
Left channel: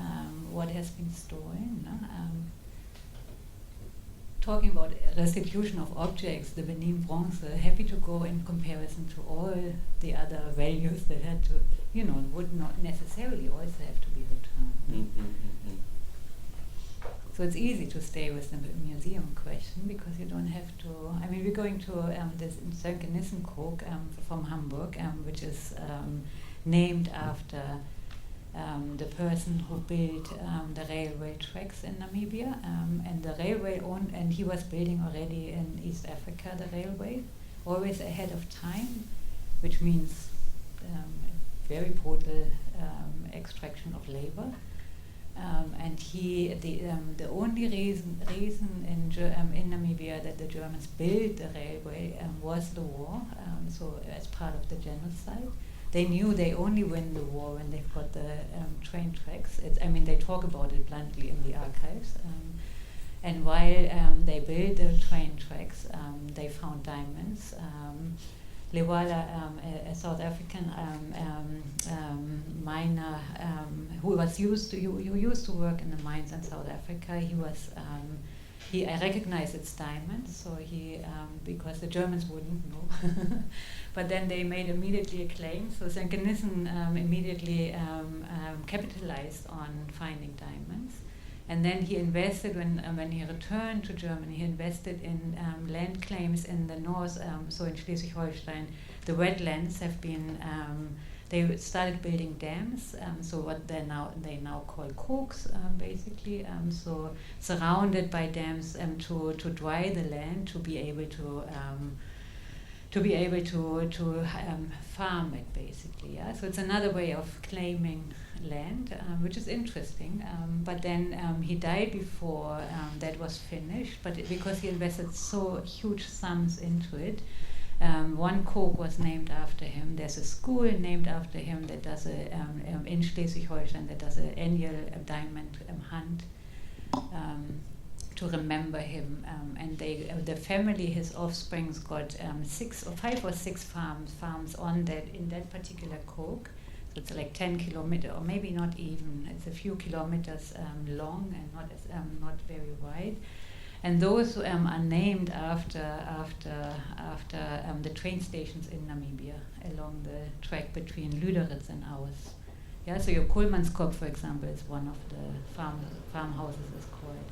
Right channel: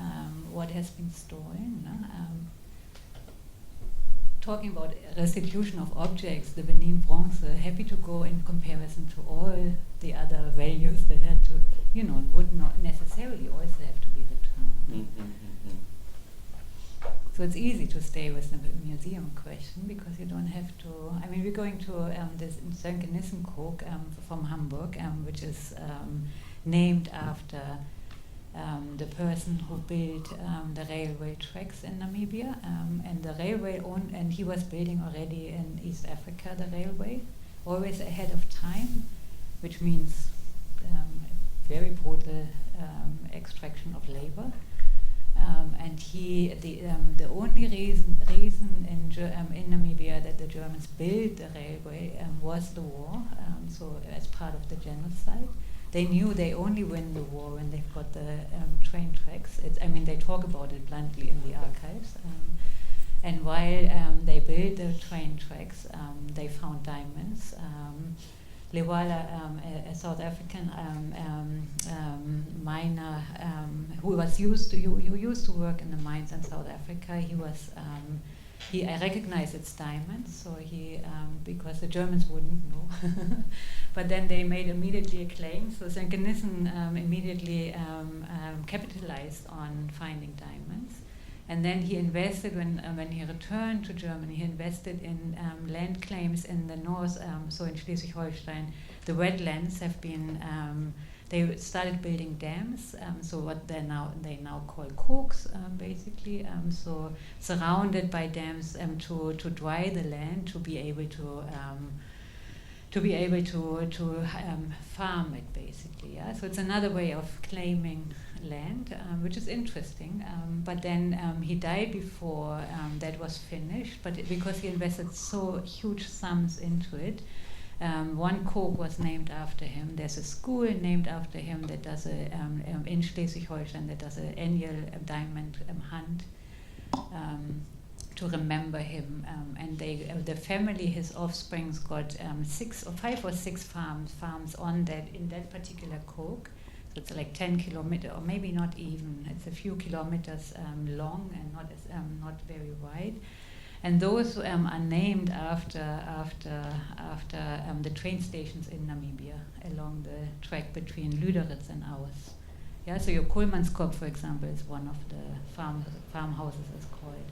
what has been stolen, no? Talking about restitution of objects, the Benin bronze, happy to go in comparison to all the other values that had to, would not necessarily also have to be returned. So it's easy to stay with the museum question because you don't have to. I mean, we're going to this Medienkun from Hamburg, which is named after the person who built the railway tracks in Namibia, and the railway and he was building already in East Africa the railway, always ahead of time, which means very brutal extraction of labor. And the only reason in Namibia that the Germans built the railway was the war. So as part of the genocide, they knew they only win the war when they've got the train tracks. They talk about it bluntly in the archives. And while they built the train tracks, they found diamonds. Lewala, a South African miner who used to work in the mines in South Africa, I recognized its diamonds, so because the Germans wouldn't know. But then they made immediately a claim, so Medienkun immediately capitalized on finding diamonds. And then he invested, when he returned to Germany, he invested in land claims in the north, so in Schleswig-Holstein. The wetlands have been they started building dams, so what they now call kooks, basically. So surrounded by dams to dry the land, to be able to farm it, basically. Yeah? So it's another way of claiming land, which is interesting. But then he died before that was finished, but because he invested so huge sums into it, one kook was named after him. There's a school named after him that does in Schleswig-Holstein that does an annual diamond hunt to remember him. And the family, his offsprings, got 5 or 6 farms in that particular kook. So it's like 10 kilometers, or maybe not even. It's a few kilometers long and not very wide. And those are named after the train stations in Namibia along the track between Lüderitz and Aus. Yeah, so your Koolmanskop, for example, is one of the farmhouses is called.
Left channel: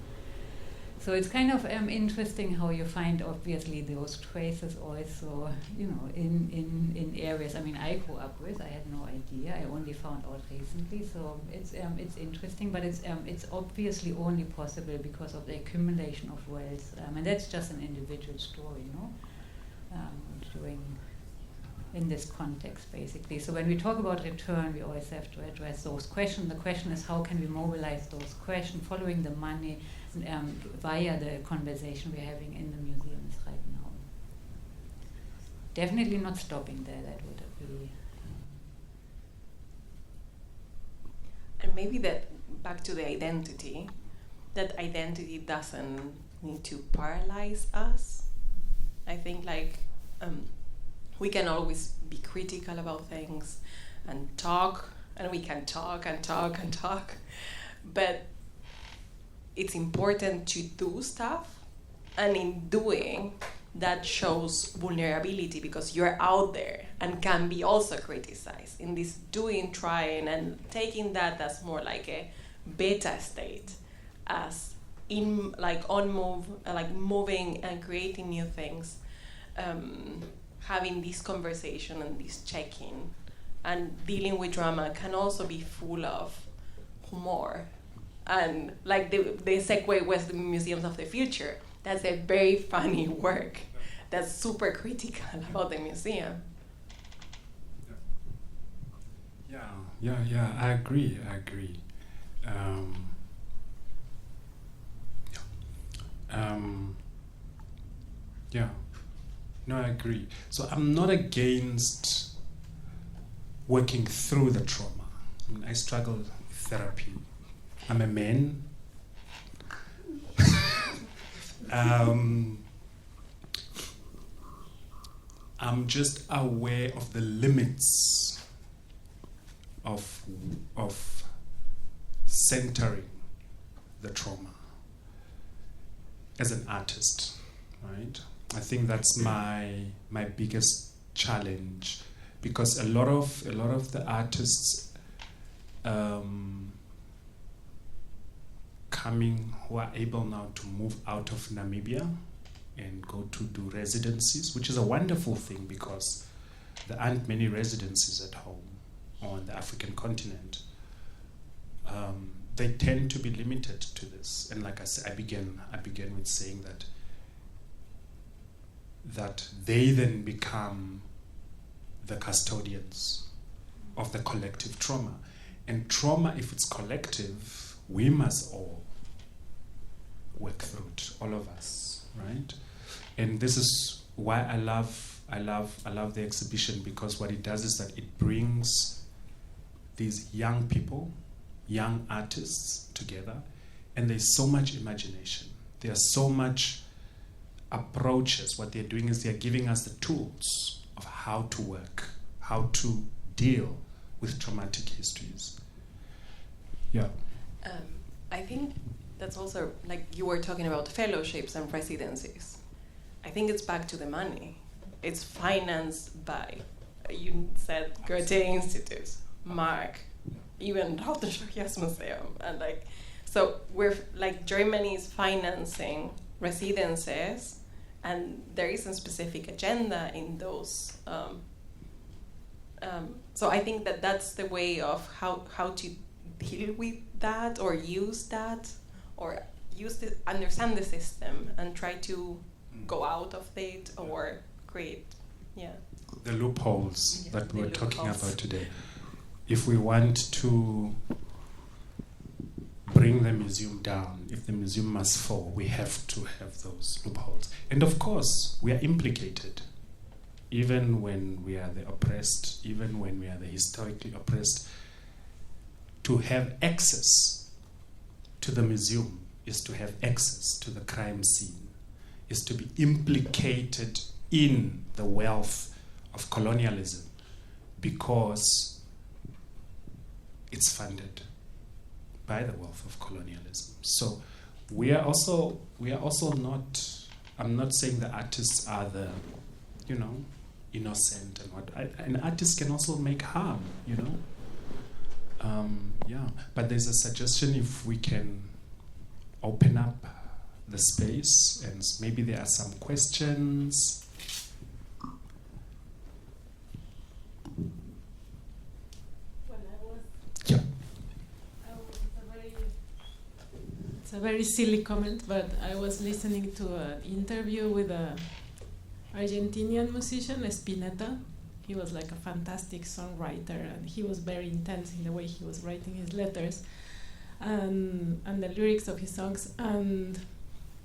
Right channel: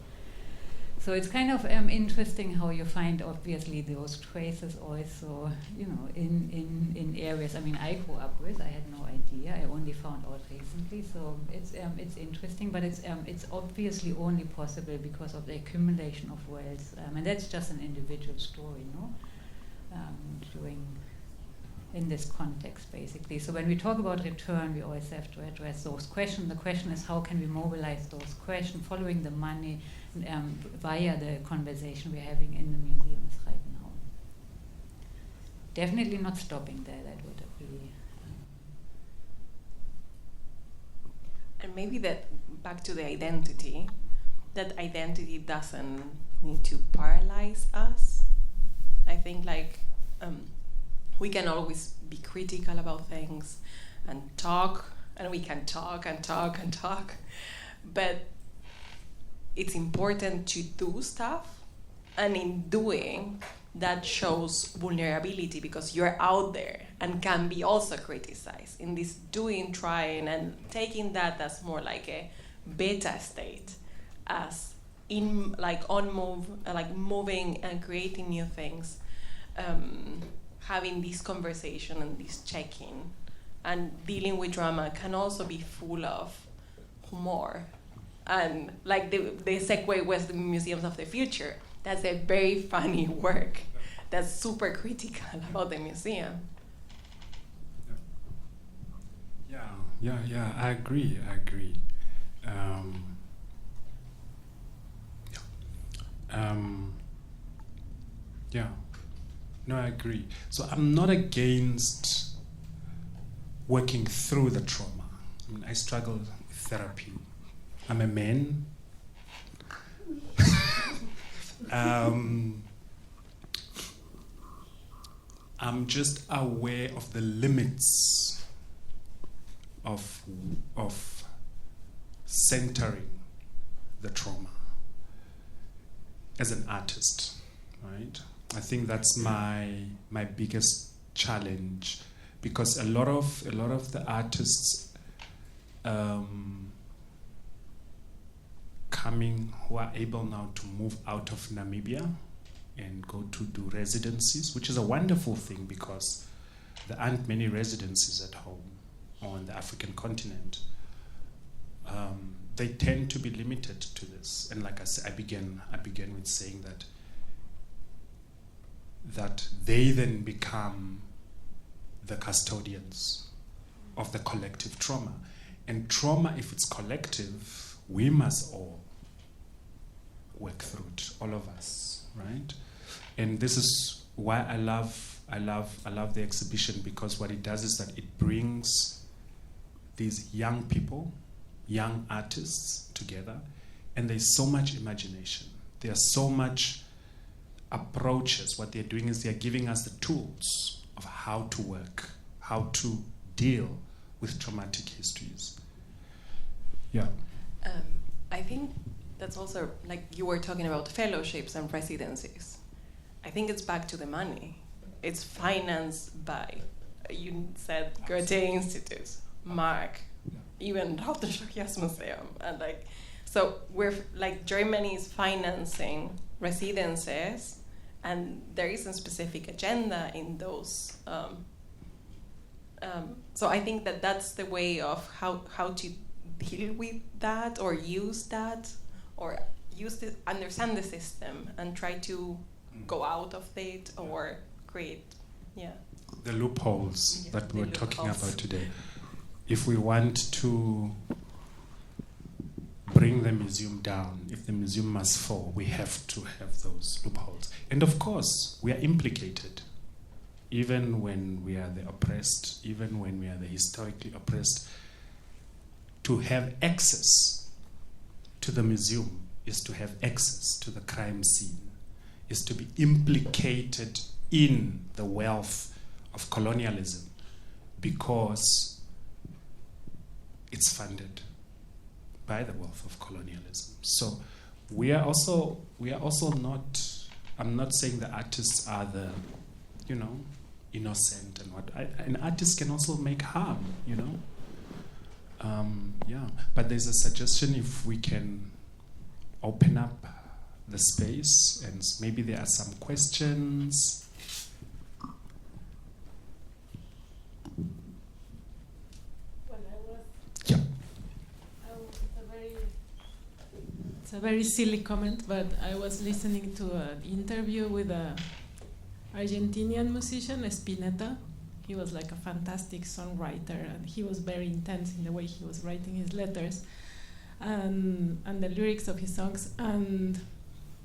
So it's kind of interesting how you find obviously those traces also, in areas. I mean, I grew up with. I had no idea. I only found out recently. So it's interesting, but it's obviously only possible because of the accumulation of wealth, and that's just an individual story, in this context, basically. So when we talk about return, we always have to address those questions. The question is, how can we mobilize those questions, following the money via the conversation we're having in the museums right now? Definitely not stopping there. That would be... And maybe that, back to the identity, that identity doesn't need to paralyze us. I think we can always be critical about things and talk, and we can talk and talk and talk, but it's important to do stuff, and in doing, that shows vulnerability because you're out there and can be also criticized. In this doing, trying, and taking that as more like a beta state, as in moving and creating new things, having this conversation and this check-in and dealing with drama can also be full of humor. And like the segue was the Museums of the Future. That's a very funny work that's super critical about the museum. Yeah, I agree. No, I agree. So I'm not against working through the trauma. I mean, I struggle with therapy. I'm a man. I'm just aware of the limits of centering the trauma as an artist, right? I think that's my biggest challenge, because a lot of the artists who are able now to move out of Namibia and go to do residencies, which is a wonderful thing because there aren't many residencies at home or on the African continent. They tend to be limited to this, and like I said, I began with saying that they then become the custodians of the collective trauma. And trauma, if it's collective, we must all work through it, all of us, right? And this is why I love the exhibition, because what it does is that it brings these young people, young artists together, and there's so much imagination. There's so much approaches. What they're doing is they're giving us the tools of how to work, how to deal with traumatic histories. Yeah. I think that's also, like you were talking about fellowships and residencies. I think it's back to the money. It's financed by, you said, Goethe Institute, Mark, even Hauptstadt Museum, and so we're Germany is financing residences, and there is a specific agenda in those So I think that that's the way of how to deal with that, or use that, or understand the system and try to go out of it, or create, the loopholes that we're talking about today. If we want to bring the museum down, if the museum must fall, we have to have those loopholes. And of course, we are implicated. Even when we are the oppressed, even when we are the historically oppressed, to have access to the museum is to have access to the crime scene, is to be implicated in the wealth of colonialism, because it's funded by the wealth of colonialism. So we are also not, I'm not saying the artists are the, innocent and what. An artist can also make harm, But there's a suggestion, if we can open up the space, and maybe there are some questions. It's a very silly comment, but I was listening to an interview with an Argentinian musician, Spinetta. He was like a fantastic songwriter, and he was very intense in the way he was writing his letters and the lyrics of his songs. And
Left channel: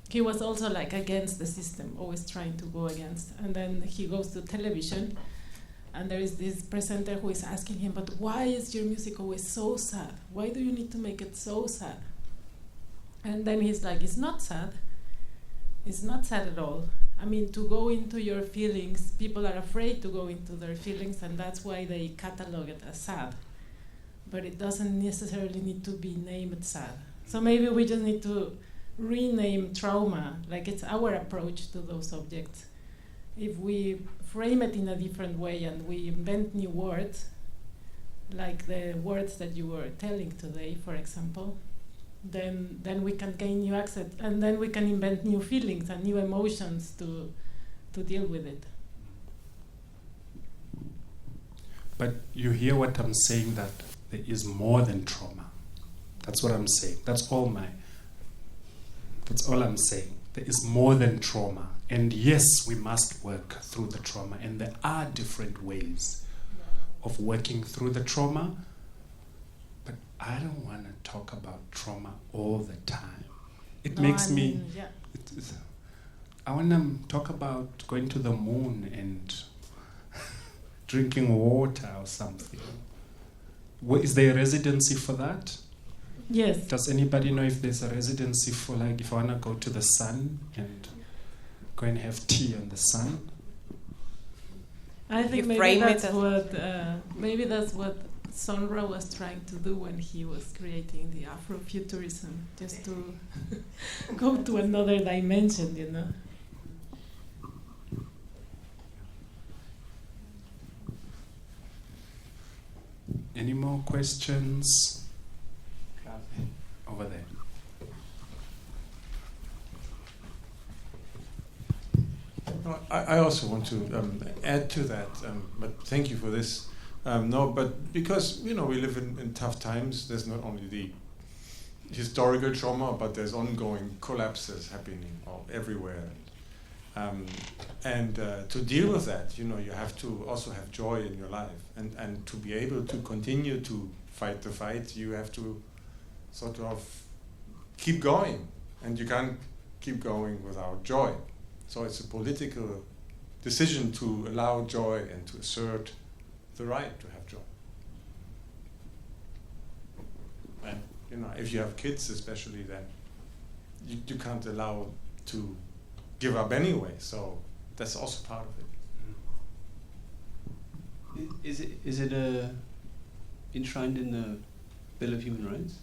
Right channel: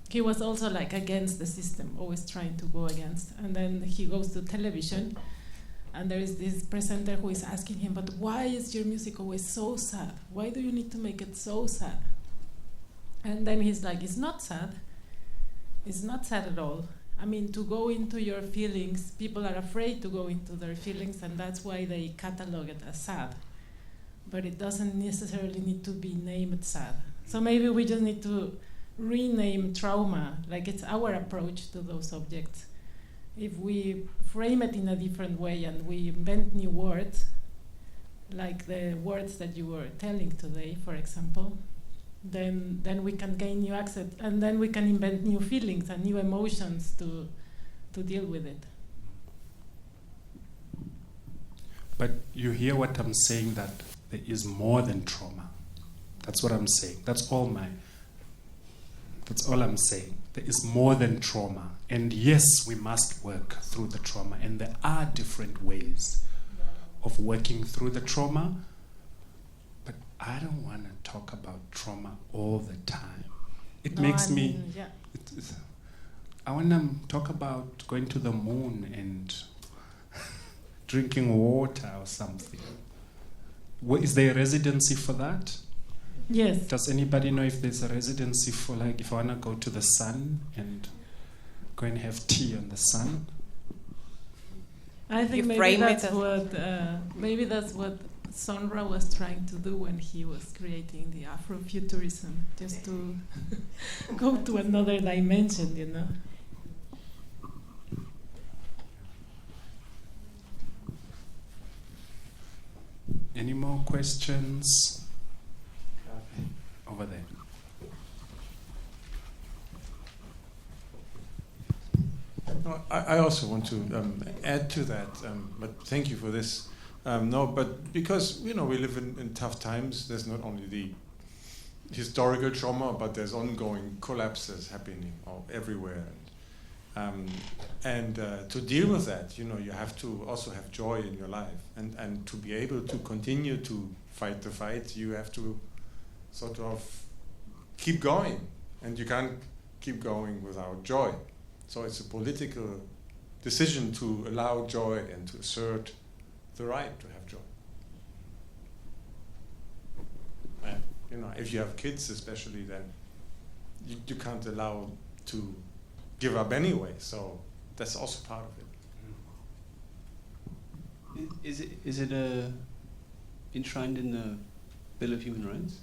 he was also like against the system, always trying to go against. And then he goes to television, and there is this presenter who is asking him, but why is your music always so sad? Why do you need to make it so sad? And then he's like, it's not sad. It's not sad at all. I mean, to go into your feelings, people are afraid to go into their feelings, and that's why they catalog it as sad. But it doesn't necessarily need to be named sad. So maybe we just need to rename trauma, like it's our approach to those objects. If we frame it in a different way and we invent new words, like the words that you were telling today, for example, then we can gain new access, and then we can invent new feelings and new emotions to deal with it. But you hear what I'm saying, that there is more than trauma. That's what I'm saying. That's all I'm saying. There is more than trauma. And yes, we must work through the trauma. And there are different ways of working through the trauma. But I don't want to talk about trauma all the time. I want to talk about going to the moon and drinking water or something. Is there a residency for that? Yes. Does anybody know if there's a residency for, like, if I want to go to the sun and go and have tea on the sun? I think maybe that's what Sonra was trying to do when he was creating the Afrofuturism, just to go to another dimension, Any more questions? Over there. No, I also want to add to that, but thank you for this. But because, we live in tough times, there's not only the historical trauma, but there's ongoing collapses happening everywhere. And to deal with that, you have to also have joy in your life. And to be able to continue to fight the fight, you have to sort of keep going. And you can't keep going without joy. So it's a political decision to allow joy and to assert the right to have joy. And, if you have kids especially, then you can't allow to give up anyway. So that's also part of it. Is it enshrined in the Bill of Human Rights?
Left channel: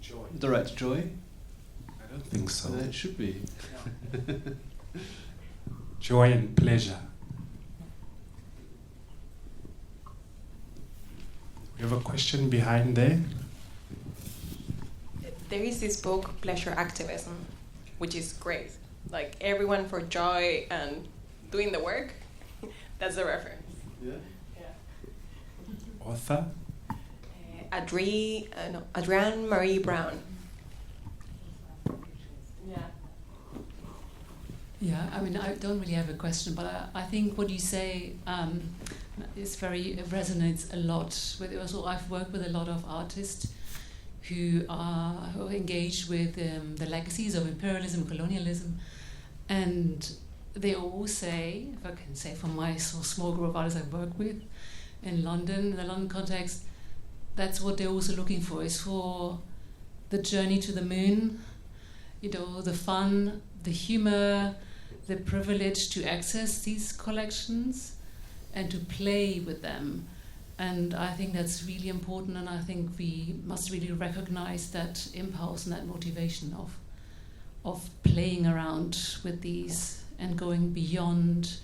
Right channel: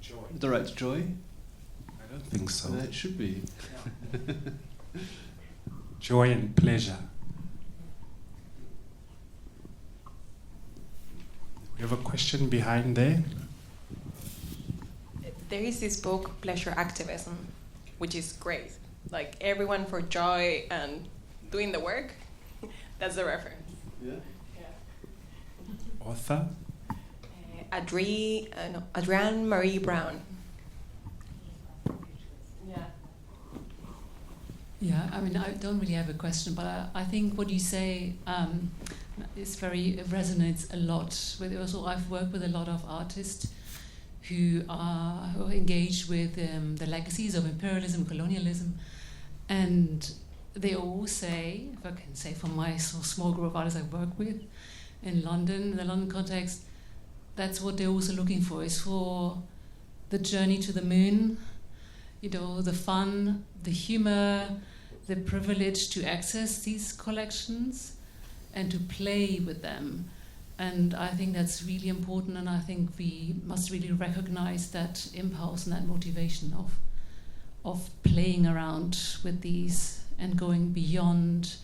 Joy. The right to joy? I don't think so. It should be. Yeah. Joy and pleasure. We have a question behind there. There is this book, Pleasure Activism, which is great. Like, everyone for joy and doing the work. That's the reference. Yeah. author? Adrienne Marie Brown. Yeah, I mean, I don't really have a question, but I think what you say resonates a lot with it. Also, I've worked with a lot of artists who are engaged with the legacies of imperialism, colonialism, and they all say, if I can say from my small group of artists I work with in London, in the London context, that's what they're also looking for, is for the journey to the moon, the fun, the humor, the privilege to access these collections and to play with them. And I think that's really important, and I think we must really recognize that impulse and that motivation of playing around with these and going beyond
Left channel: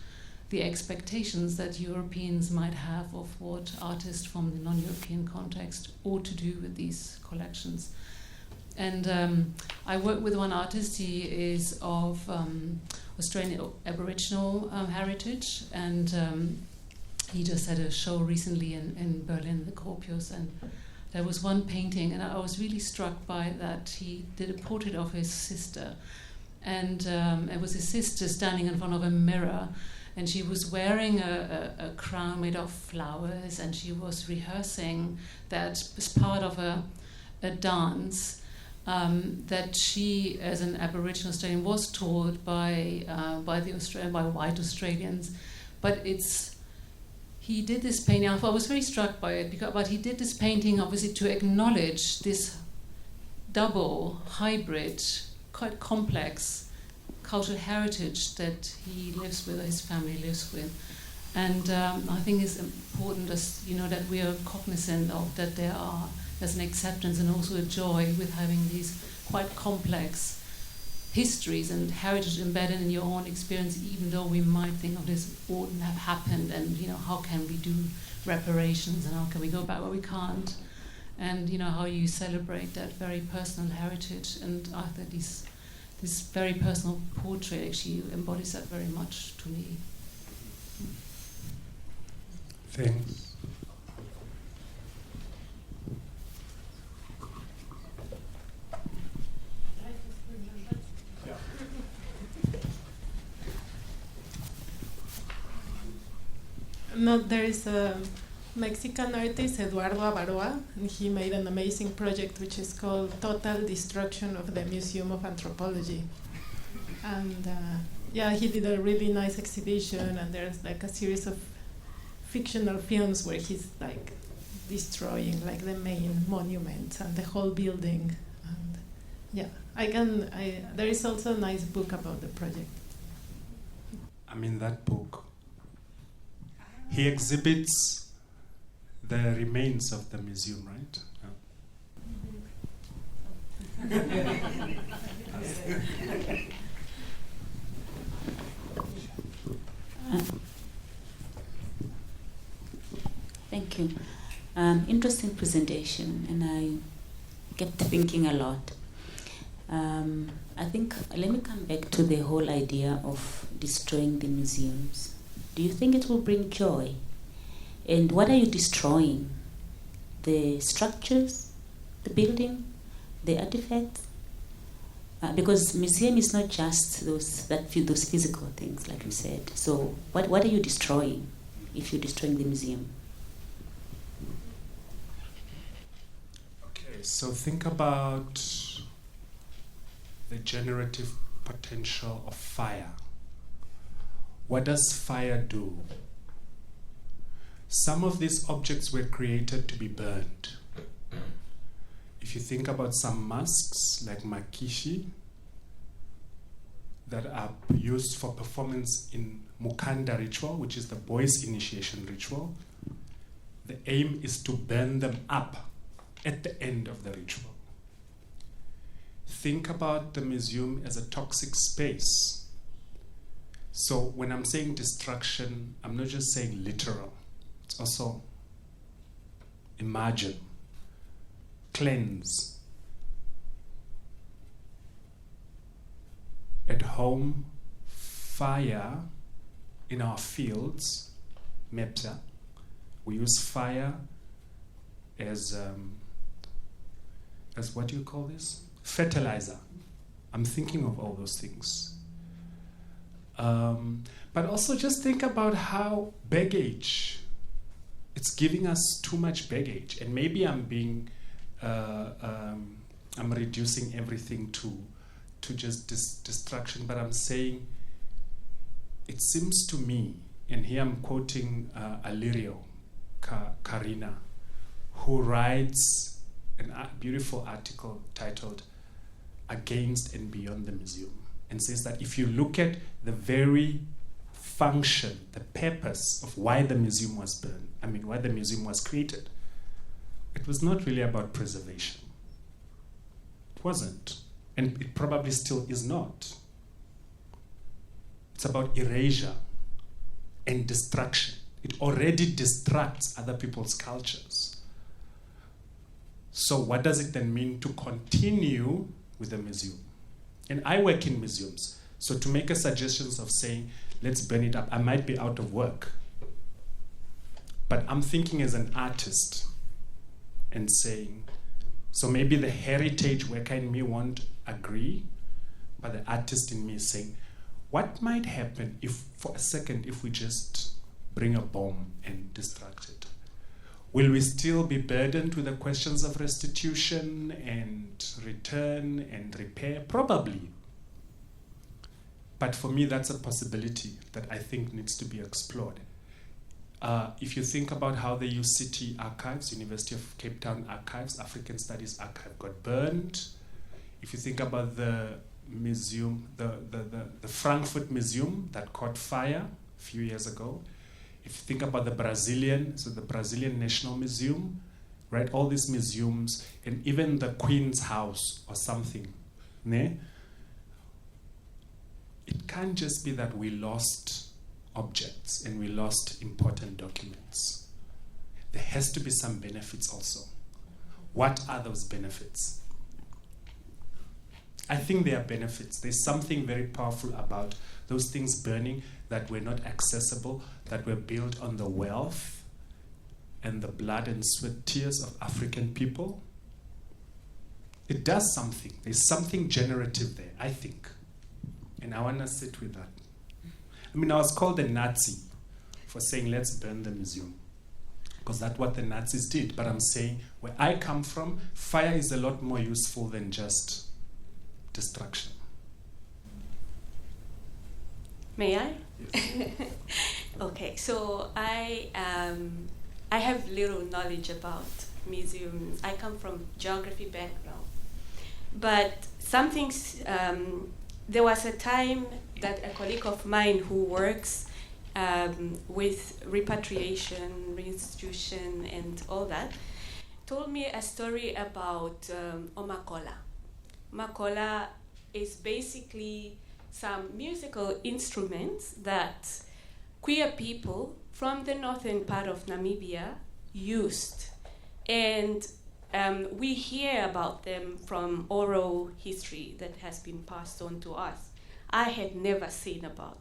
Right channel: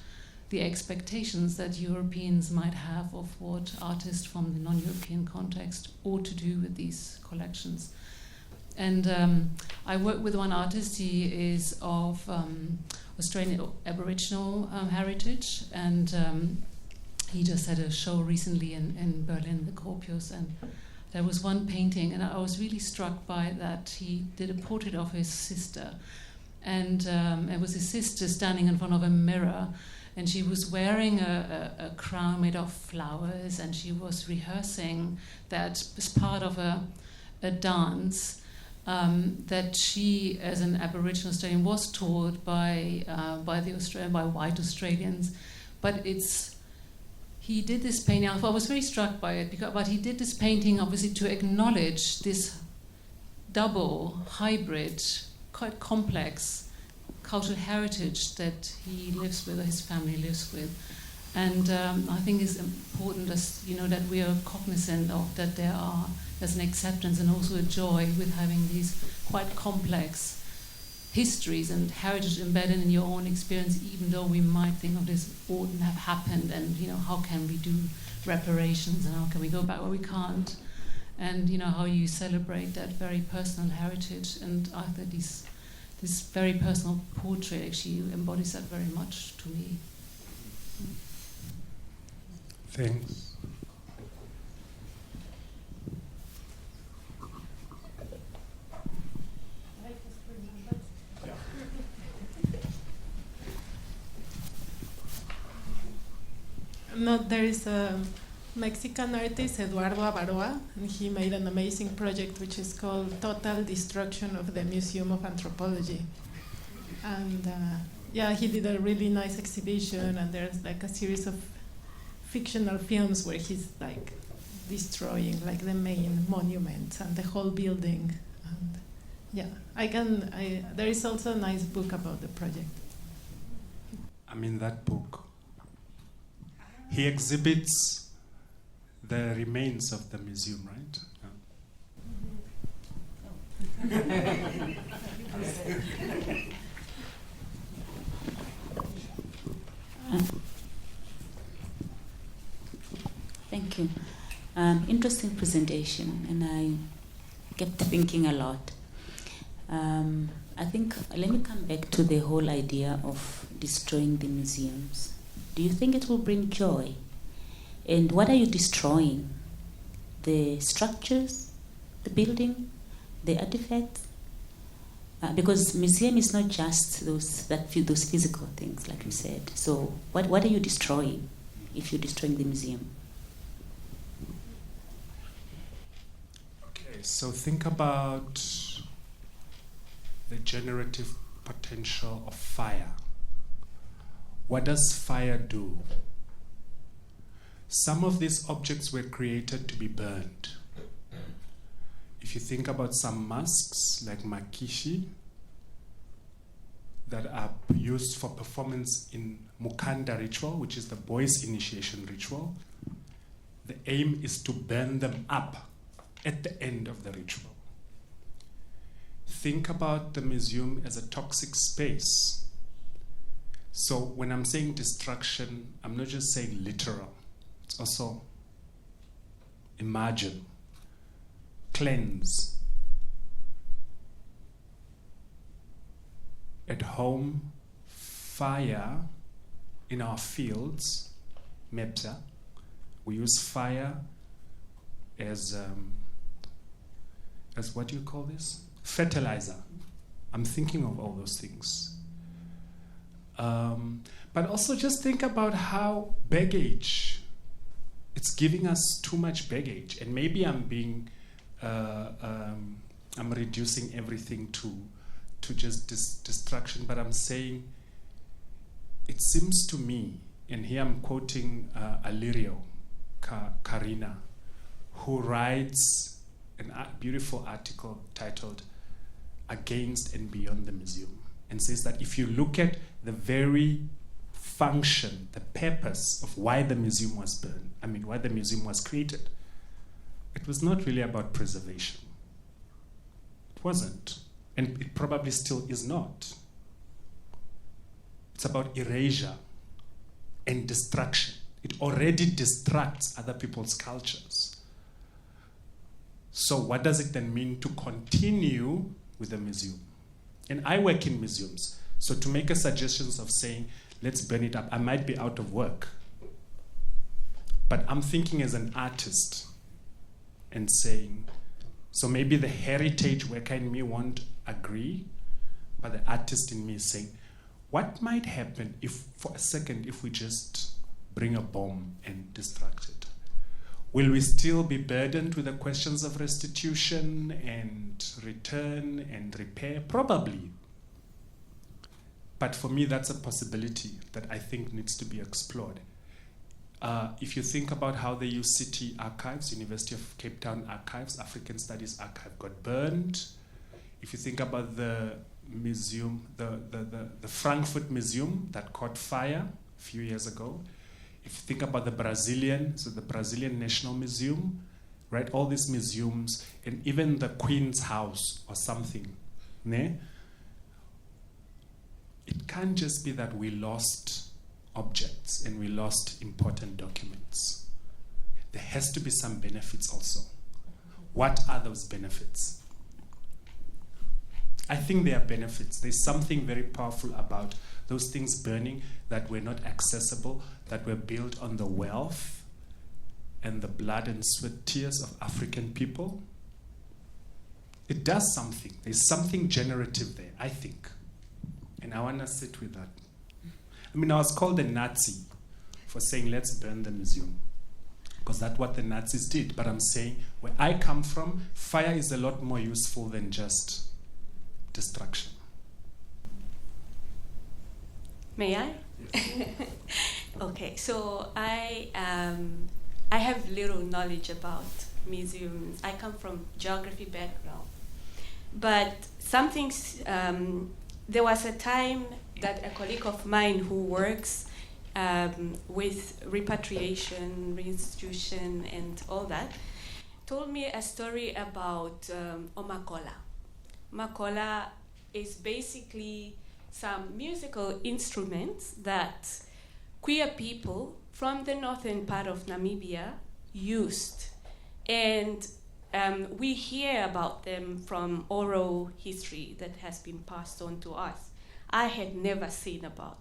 the expectations that Europeans might have of what artists from the non-European context ought to do with these collections. And I work with one artist. He is of Australian Aboriginal heritage, and he just had a show recently in Berlin, the Corpus, and there was one painting, and I was really struck by that. He did a portrait of his sister, and it was his sister standing in front of a mirror, and she was wearing a crown made of flowers, and she was rehearsing that as part of a dance that she, as an Aboriginal Australian, was taught by white Australians. But he did this painting. I was very struck by it, but he did this painting obviously to acknowledge this double, hybrid, quite complex cultural heritage that he lives with, or his family lives with. And I think it's important, that we are cognizant of that there's an acceptance and also a joy with having these quite complex histories and heritage embedded in your own experience, even though we might think of this wouldn't have happened, and how can we do reparations and how can we go back? Well, we can't. And how you celebrate that very personal heritage, and I think this very personal portrait actually embodies that very much to me. Thanks. No, there is a Mexican artist, Eduardo Avaroa, and he made an amazing project which is called Total Destruction of the Museum of Anthropology. And he did a really nice exhibition, and there's like a series of fictional films where he's like destroying like the main monuments and the whole building. And there is also a nice book about the project. That book. He exhibits the remains of the museum, right? Thank you. Interesting presentation, and I kept thinking a lot. I think, let me come back to the whole idea of destroying the museums. Do you think it will bring joy? And what are you destroying? The structures, the building, the artifacts? Because museum is not just those physical things, like you said. So what are you destroying if you're destroying the museum? Okay, so think about the generative potential of fire. What does fire do? Some of these objects were created to be burned. If you think about some masks like makishi that are used for performance in Mushaandja ritual, which is the boys' initiation ritual, the aim is to burn them up at the end of the ritual. Think about the museum as a toxic space. So when I'm saying destruction, I'm not just saying literal. It's also imagine, cleanse. At home, fire in our fields, MEPSA, we use fire as what do you call this? Fertilizer. I'm thinking of all those things. But also just think about how baggage, it's giving us too much baggage. And maybe I'm being, I'm reducing everything to just distraction, but I'm saying, it seems to me, and here I'm quoting Alirio Karina, who writes a beautiful article titled Against and Beyond the Museum, and says that if you look at the very function, the purpose of why the museum was why the museum was created, it was not really about preservation. It wasn't. And it probably still is not. It's about erasure and destruction. It already distracts other people's cultures. So what does it then mean to continue with the museum? And I work in museums. So to make a suggestion of saying, let's burn it up, I might be out of work. But I'm thinking as an artist and saying, so maybe the heritage worker in me won't agree, but the artist in me is saying, what might happen if, for a second, if we just bring a bomb and destruct it? Will we still be burdened with the questions of restitution and return and repair? Probably. But for me, that's a possibility that I think needs to be explored. If you think about how the UCT archives, University of Cape Town archives, African Studies archive got burned. If you think about the museum, the Frankfurt Museum that caught fire a few years ago. If you think about the Brazilian National Museum, right? All these museums, and even the Queen's House or something, ne? It can't just be that we lost objects and we lost important documents. There has to be some benefits also. What are those benefits? I think there are benefits. There's something very powerful about those things burning that were not accessible, that were built on the wealth and the blood and sweat tears of African people. It does something. There's something generative there, I think. And I want to sit with that. I mean, I was called a Nazi for saying, let's burn the museum, because that's what the Nazis did. But I'm saying, where I come from, fire is a lot more useful than just destruction. May I? Okay, so I have little knowledge about museums. I come from geography background, but there was a time that a colleague of mine who works with repatriation, restitution, and all that, told me a story about Omakola. Makola is basically some musical instruments that queer people from the northern part of Namibia used. And we hear about them from oral history that has been passed on to us. I had never seen about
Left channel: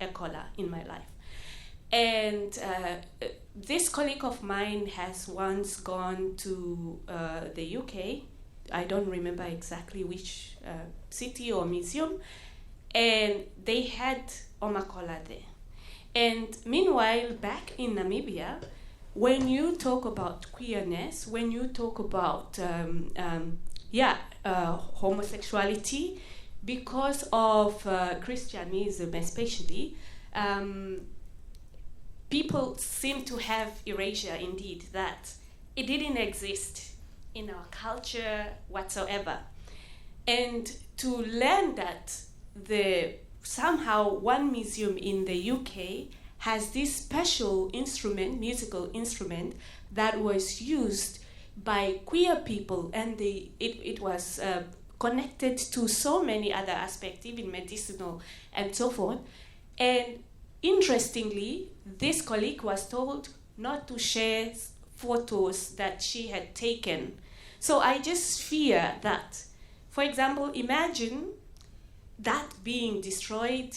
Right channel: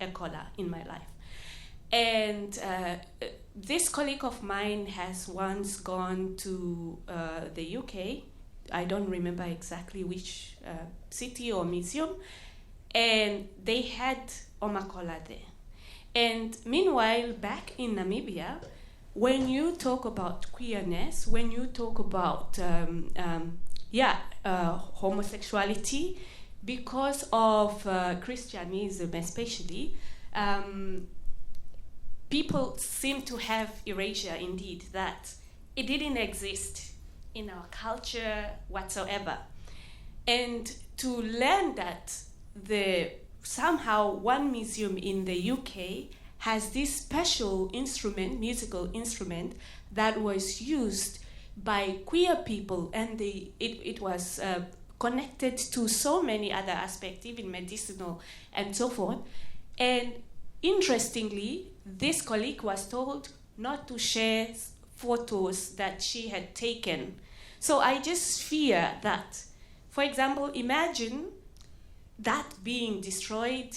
a kola in my life. And this colleague of mine has once gone to the UK. I don't remember exactly which city or museum, and they had Omakola there. And meanwhile, back in Namibia, when you talk about queerness, when you talk about homosexuality, because of Christianism especially, people seem to have erasure indeed, that it didn't exist in our culture whatsoever. And to learn that somehow one museum in the UK has this special instrument, musical instrument, that was used by queer people, and it was connected to so many other aspects, even medicinal and so forth. And interestingly, this colleague was told not to share photos that she had taken. So I just fear that, for example, imagine that being destroyed.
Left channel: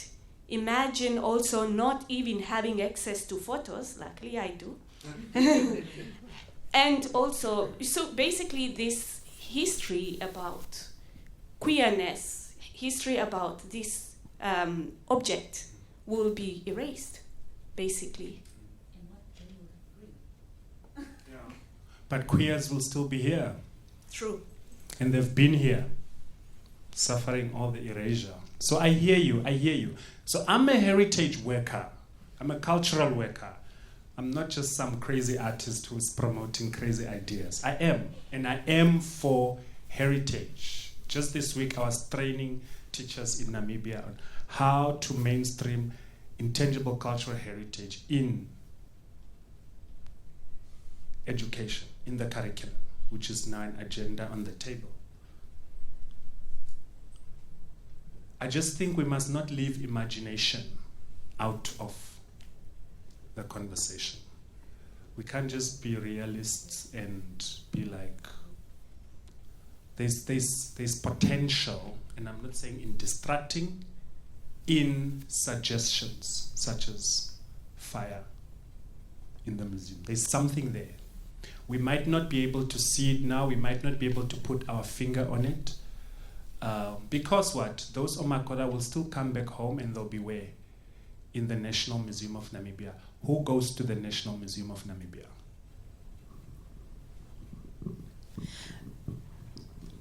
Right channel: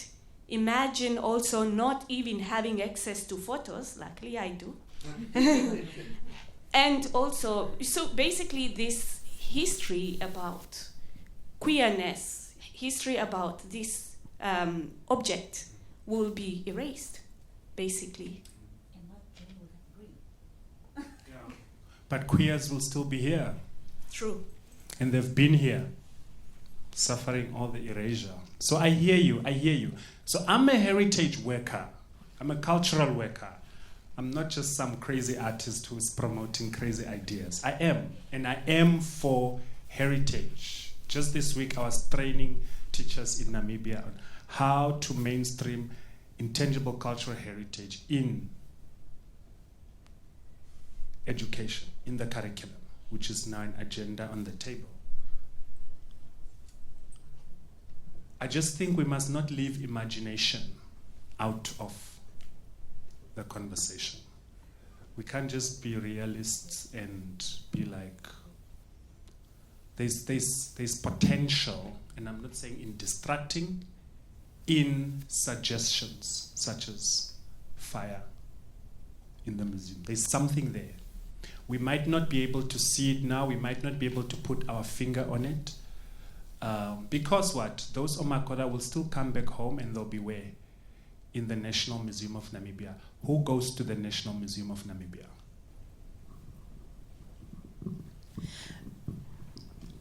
Imagine also not even having access to photos. Luckily I do. And also, so basically this history about queerness, history about this object will be erased, basically. But queers will still be here. True. And they've been here, suffering all the erasure. So I hear you. So I'm a heritage worker. I'm a cultural worker. I'm not just some crazy artist who's promoting crazy ideas. I am. And I am for heritage. Just this week I was training teachers in Namibia on how to mainstream intangible cultural heritage in education, in the curriculum, which is now an agenda on the table. I just think we must not leave imagination out of the conversation. We can't just be realists and be like, there's potential, and I'm not saying in distracting, in suggestions such as fire in the museum. There's something there. We might not be able to see it now, we might not be able to put our finger on it, because what? Those Omakoda will still come back home and they'll be where? In the National Museum of Namibia. Who goes to the National Museum of Namibia?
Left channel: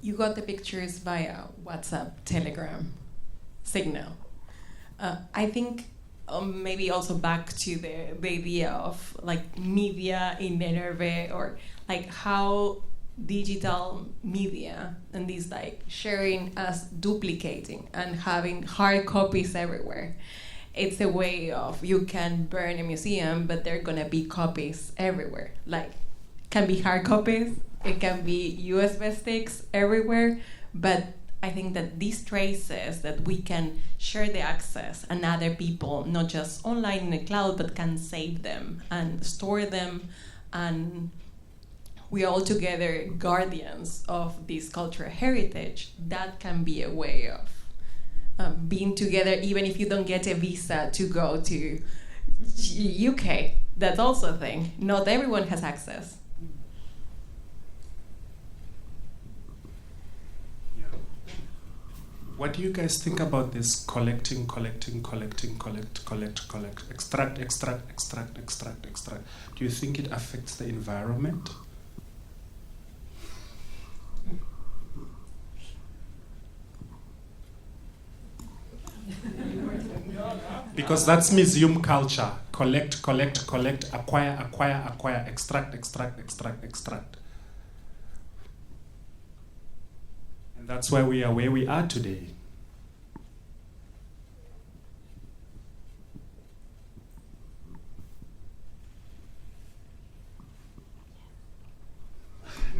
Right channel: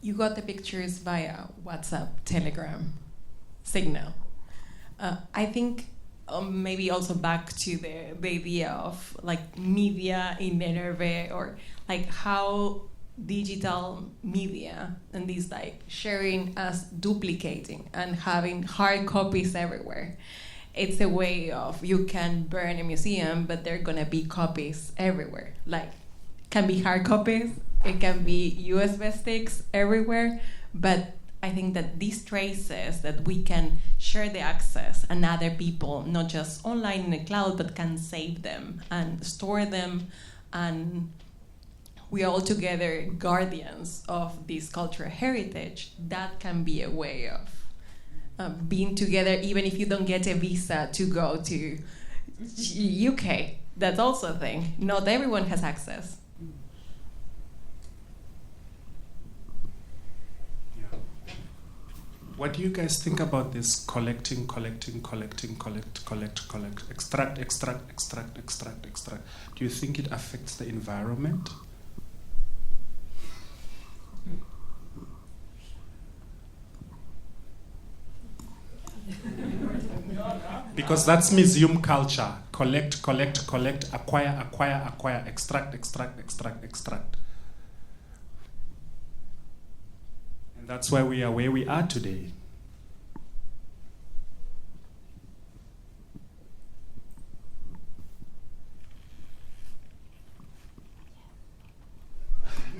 You got the pictures via WhatsApp, Telegram, Signal. I think maybe also back to the idea of like media in NRV, or like how digital media and this like sharing as duplicating and having hard copies everywhere. It's a way of, you can burn a museum, but there are gonna be copies everywhere. Like, can be hard copies, it can be USB sticks everywhere, but I think that these traces that we can share the access and other people, not just online in the cloud, but can save them and store them, and we are all together guardians of this cultural heritage. That can be a way of being together, even if you don't get a visa to go to UK. That's also a thing. Not everyone has access. Yeah. What do you guys think about this collecting, collect, extract? Do you think it affects the environment? Because that's museum culture. Collect, acquire, extract. And that's why we are where we are today.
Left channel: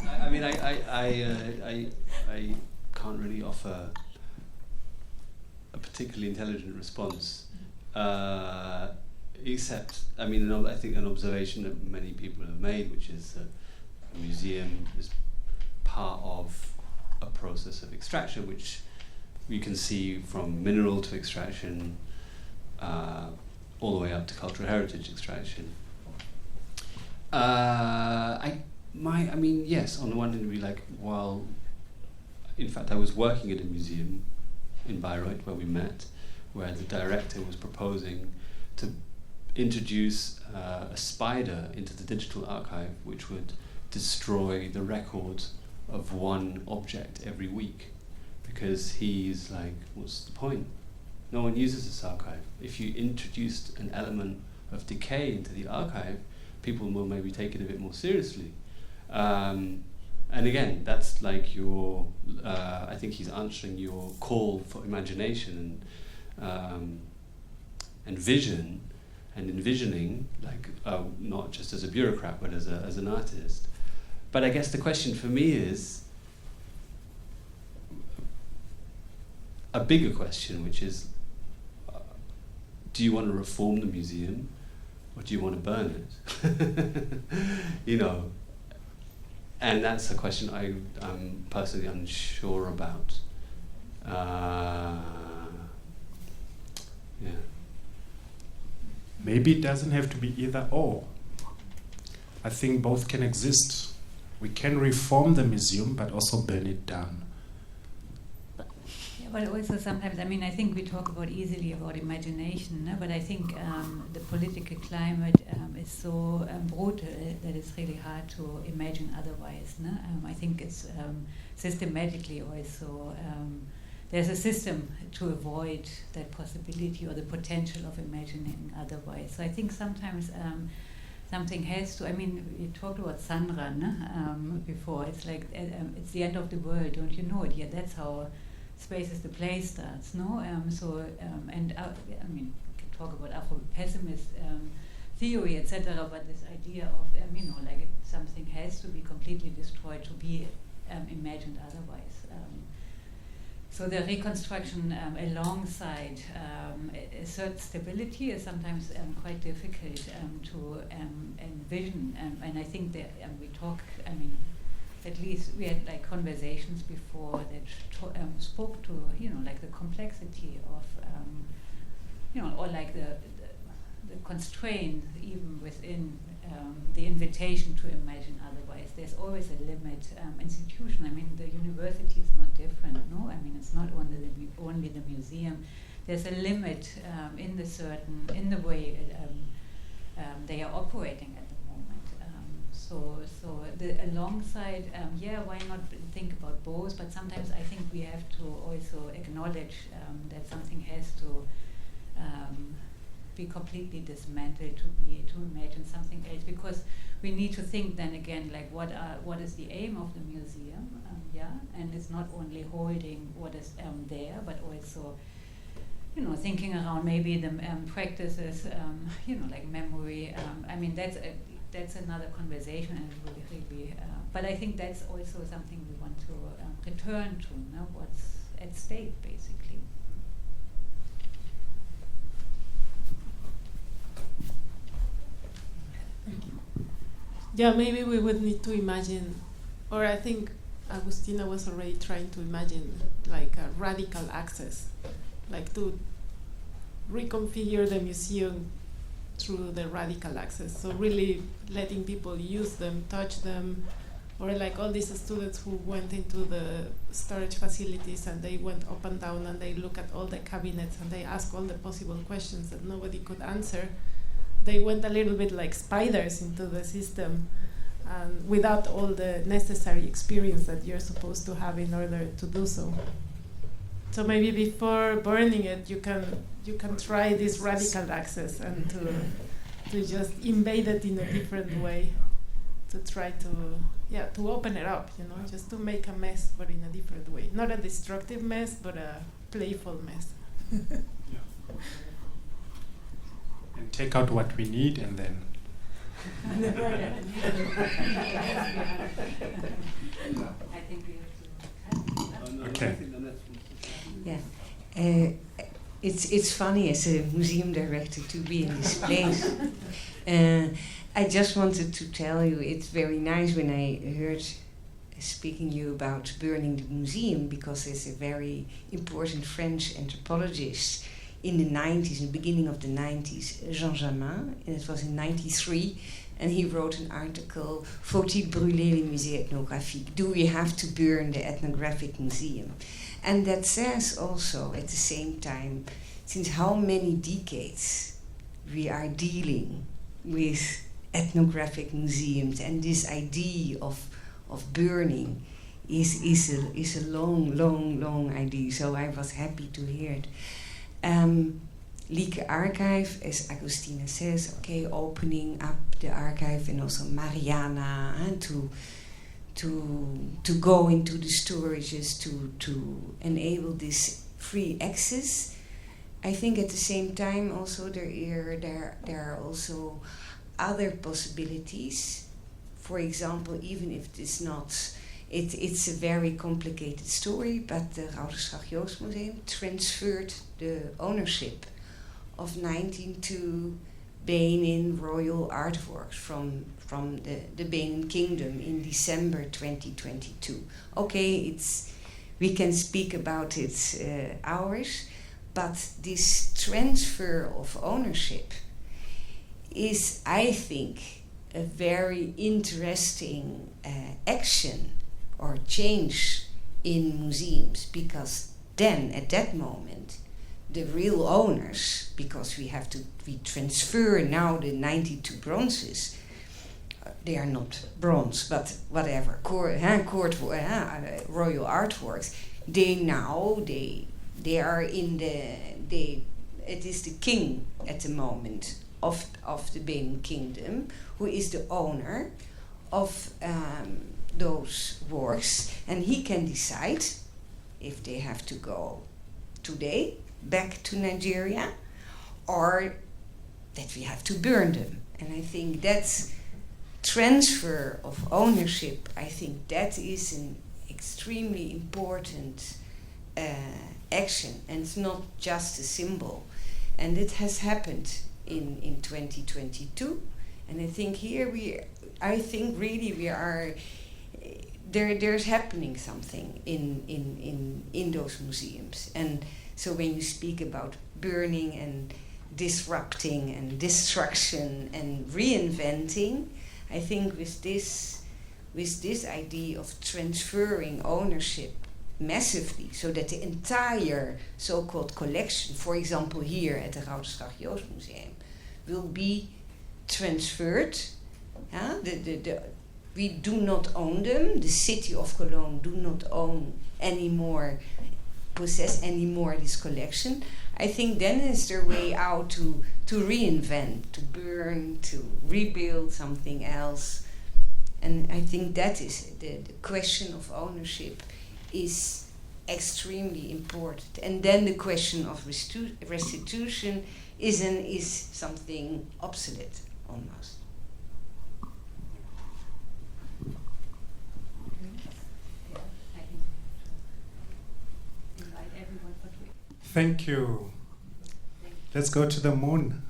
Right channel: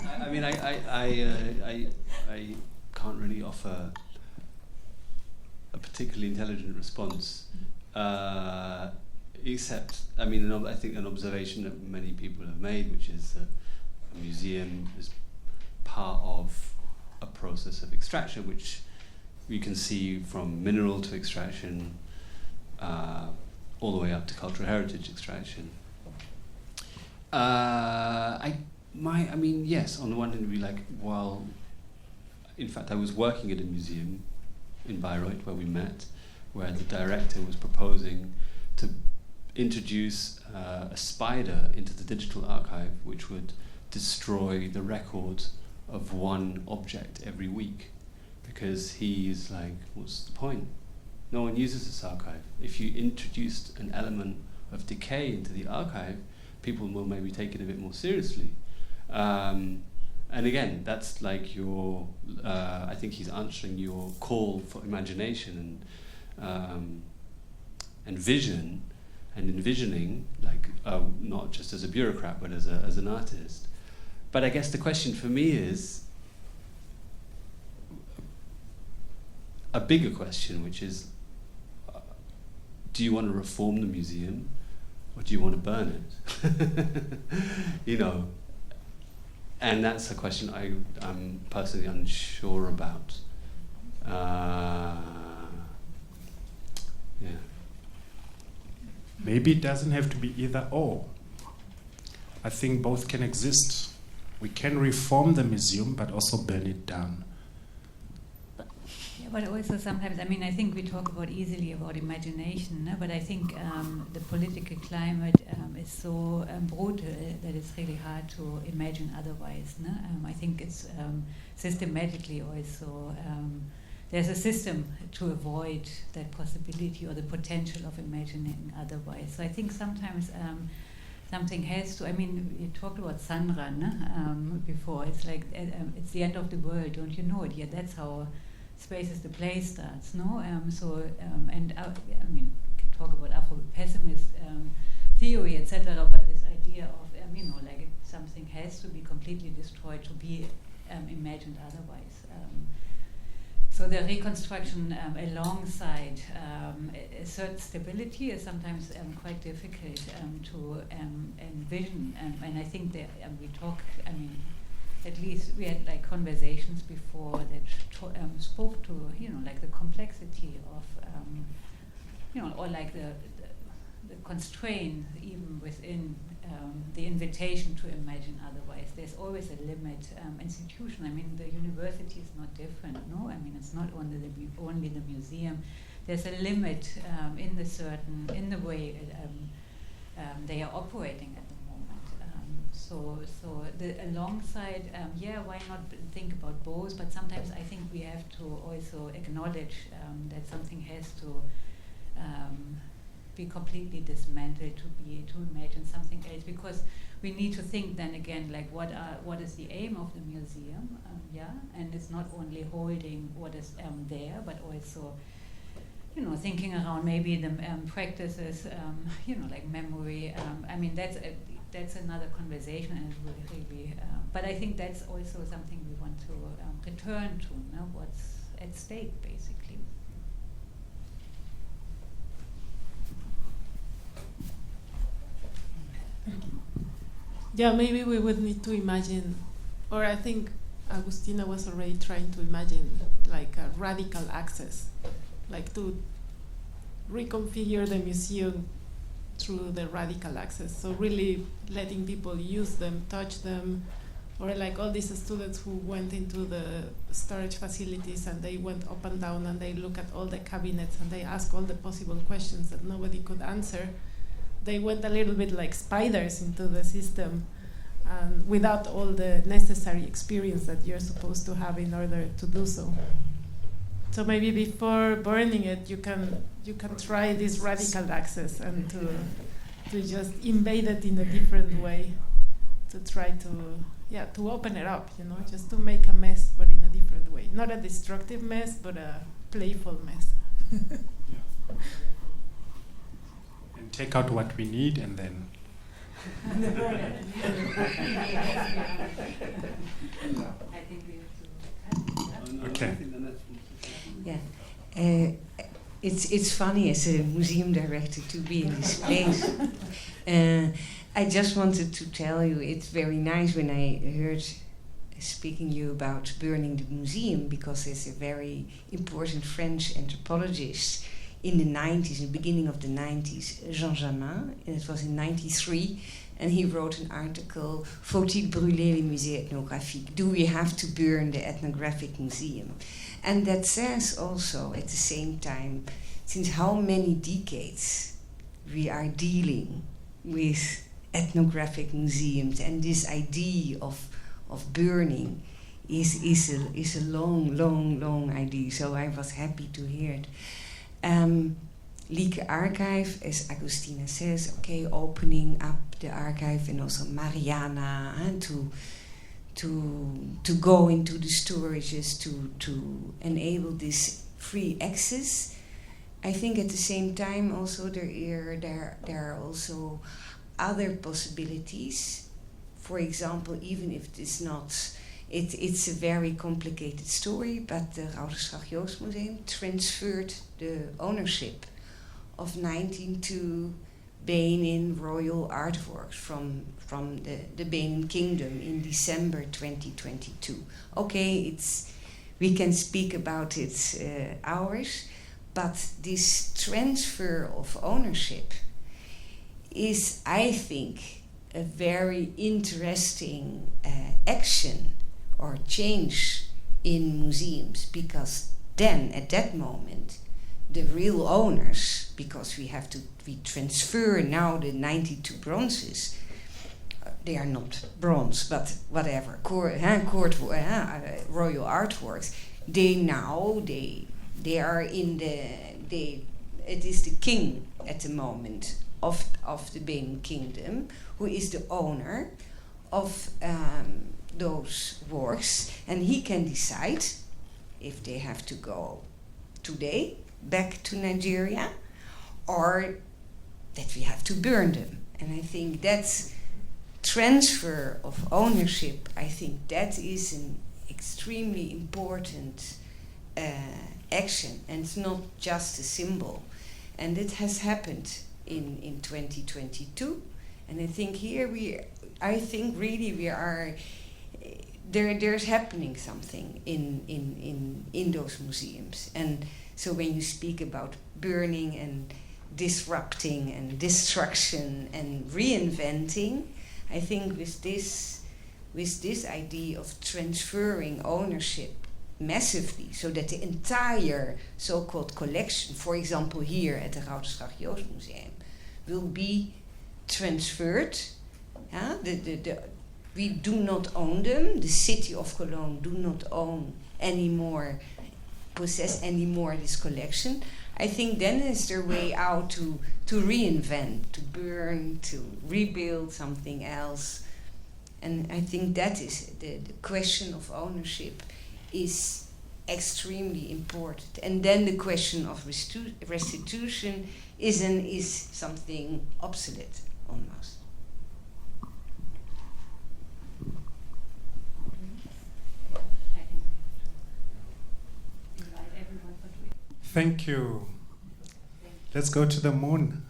I mean, I can't really offer a particularly intelligent response, except, I mean, I think an observation that many people have made, which is that a museum is part of a process of extraction, which you can see from mineral to extraction, all the way up to cultural heritage extraction. I mean, yes, on the one hand, it'd be like, well, in fact, I was working at a museum in Bayreuth where we met, where the director was proposing to introduce a spider into the digital archive, which would destroy the record of one object every week, because he's like, what's the point? No one uses this archive. If you introduced an element of decay into the archive, people will maybe take it a bit more seriously. And again, that's like your, I think he's answering your call for imagination and vision and envisioning, like not just as a bureaucrat, but as an artist. But I guess the question for me is a bigger question, which is, do you want to reform the museum, or do you want to burn it? You know. And that's a question I'm personally unsure about. Yeah. Maybe it doesn't have to be either or. I think both can exist. We can reform the museum, but also burn it down. Yeah, but also sometimes, I mean, I think we talk easily about imagination, no? But I think the political climate is so brutal that it's really hard to imagine otherwise. No? I think it's systematically also, there's a system to avoid that possibility or the potential of imagining otherwise. So I think sometimes something has to, I mean, you talked about Sandra before. It's like, it's the end of the world, don't you know it yet? That's how Space is the Place starts, no? I mean, we can talk about Afro-pessimist theory, etc., but this idea of, like something has to be completely destroyed to be imagined otherwise. So the reconstruction alongside a certain stability is sometimes quite difficult to envision. And I think that we talk, I mean, at least we had like conversations before that spoke to, like the complexity of, or like the constraint even within the invitation to imagine otherwise. There's always a limit. Institution, I mean, the university is not different, no? I mean, it's not only the museum. There's a limit in the way they are operating at the moment. So alongside, why not think about both? But sometimes I think we have to also acknowledge that something has to be completely dismantled to imagine something else, because we need to think then again, like what is the aim of the museum, and it's not only holding what is there, but also thinking around maybe the practices, like memory. I mean, that's another conversation, and it will really but I think that's also something we want to return to, what's at stake basically. Yeah, maybe we would need to imagine, or I think Agustina was already trying to imagine like a radical access, like to reconfigure the museum through the radical access. So really letting people use them, touch them, or like all these students who went into the storage facilities and they went up and down and they look at all the cabinets and they ask all the possible questions that nobody could answer. They went a little bit like spiders into the system, and without all the necessary experience that you're supposed to have in order to do so. So maybe before burning it, you can try this radical access and to just invade it in a different way, to try to open it up, just to make a mess, but in a different way. Not a destructive mess, but a playful mess. And take out what we need, and then. I think we have to. Okay. Yeah. It's funny as a museum director to be in this place. I just wanted to tell you, it's very nice when I heard speaking you about burning the museum, because there's a very important French anthropologist in the 90s, in the beginning of the 90s, Jean Jamin, and it was in 93, and he wrote an article, Faut-il brûler les musées ethnographiques? Do we have to burn the ethnographic museum? And that says also, at the same time, since how many decades we are dealing with ethnographic museums, and this idea of burning is a long idea. So I was happy to hear it. Lieke Archive, as Agustina says, opening up the archive, and also Mariana, to go into the storages, to enable this free access. I think at the same time also there are also other possibilities. For example, even if it's not, it's a very complicated story, but the Rouderslag Joost Museum transferred the ownership of 1902 Benin royal artworks from the Benin Kingdom in December 2022. We can speak about it hours, but this transfer of ownership is, I think, a very interesting action or change in museums, because then at that moment the real owners, because we transfer now the 92 bronzes, they are not bronze but whatever, royal artworks, they are in it is the king at the moment of the Benin Kingdom who is the owner of those works, and he can decide if they have to go today back to Nigeria or that we have to burn them. And I think that's transfer of ownership. I think that is an extremely important action, and it's not just a symbol. And it has happened in 2022, and I think here we are. There's happening something in those museums. And so when you speak about burning and disrupting and destruction and reinventing, I think with this idea of transferring ownership massively, so that the entire so-called collection, for example here at the Routerslag Joost Museum, will be transferred. We do not own them. The city of Cologne do not own anymore, possess anymore this collection. I think then is their way out to reinvent, to burn, to rebuild something else. And I think that is the question of ownership is extremely important. And then the question of restitution is something obsolete almost. Thank you. Let's go to the moon.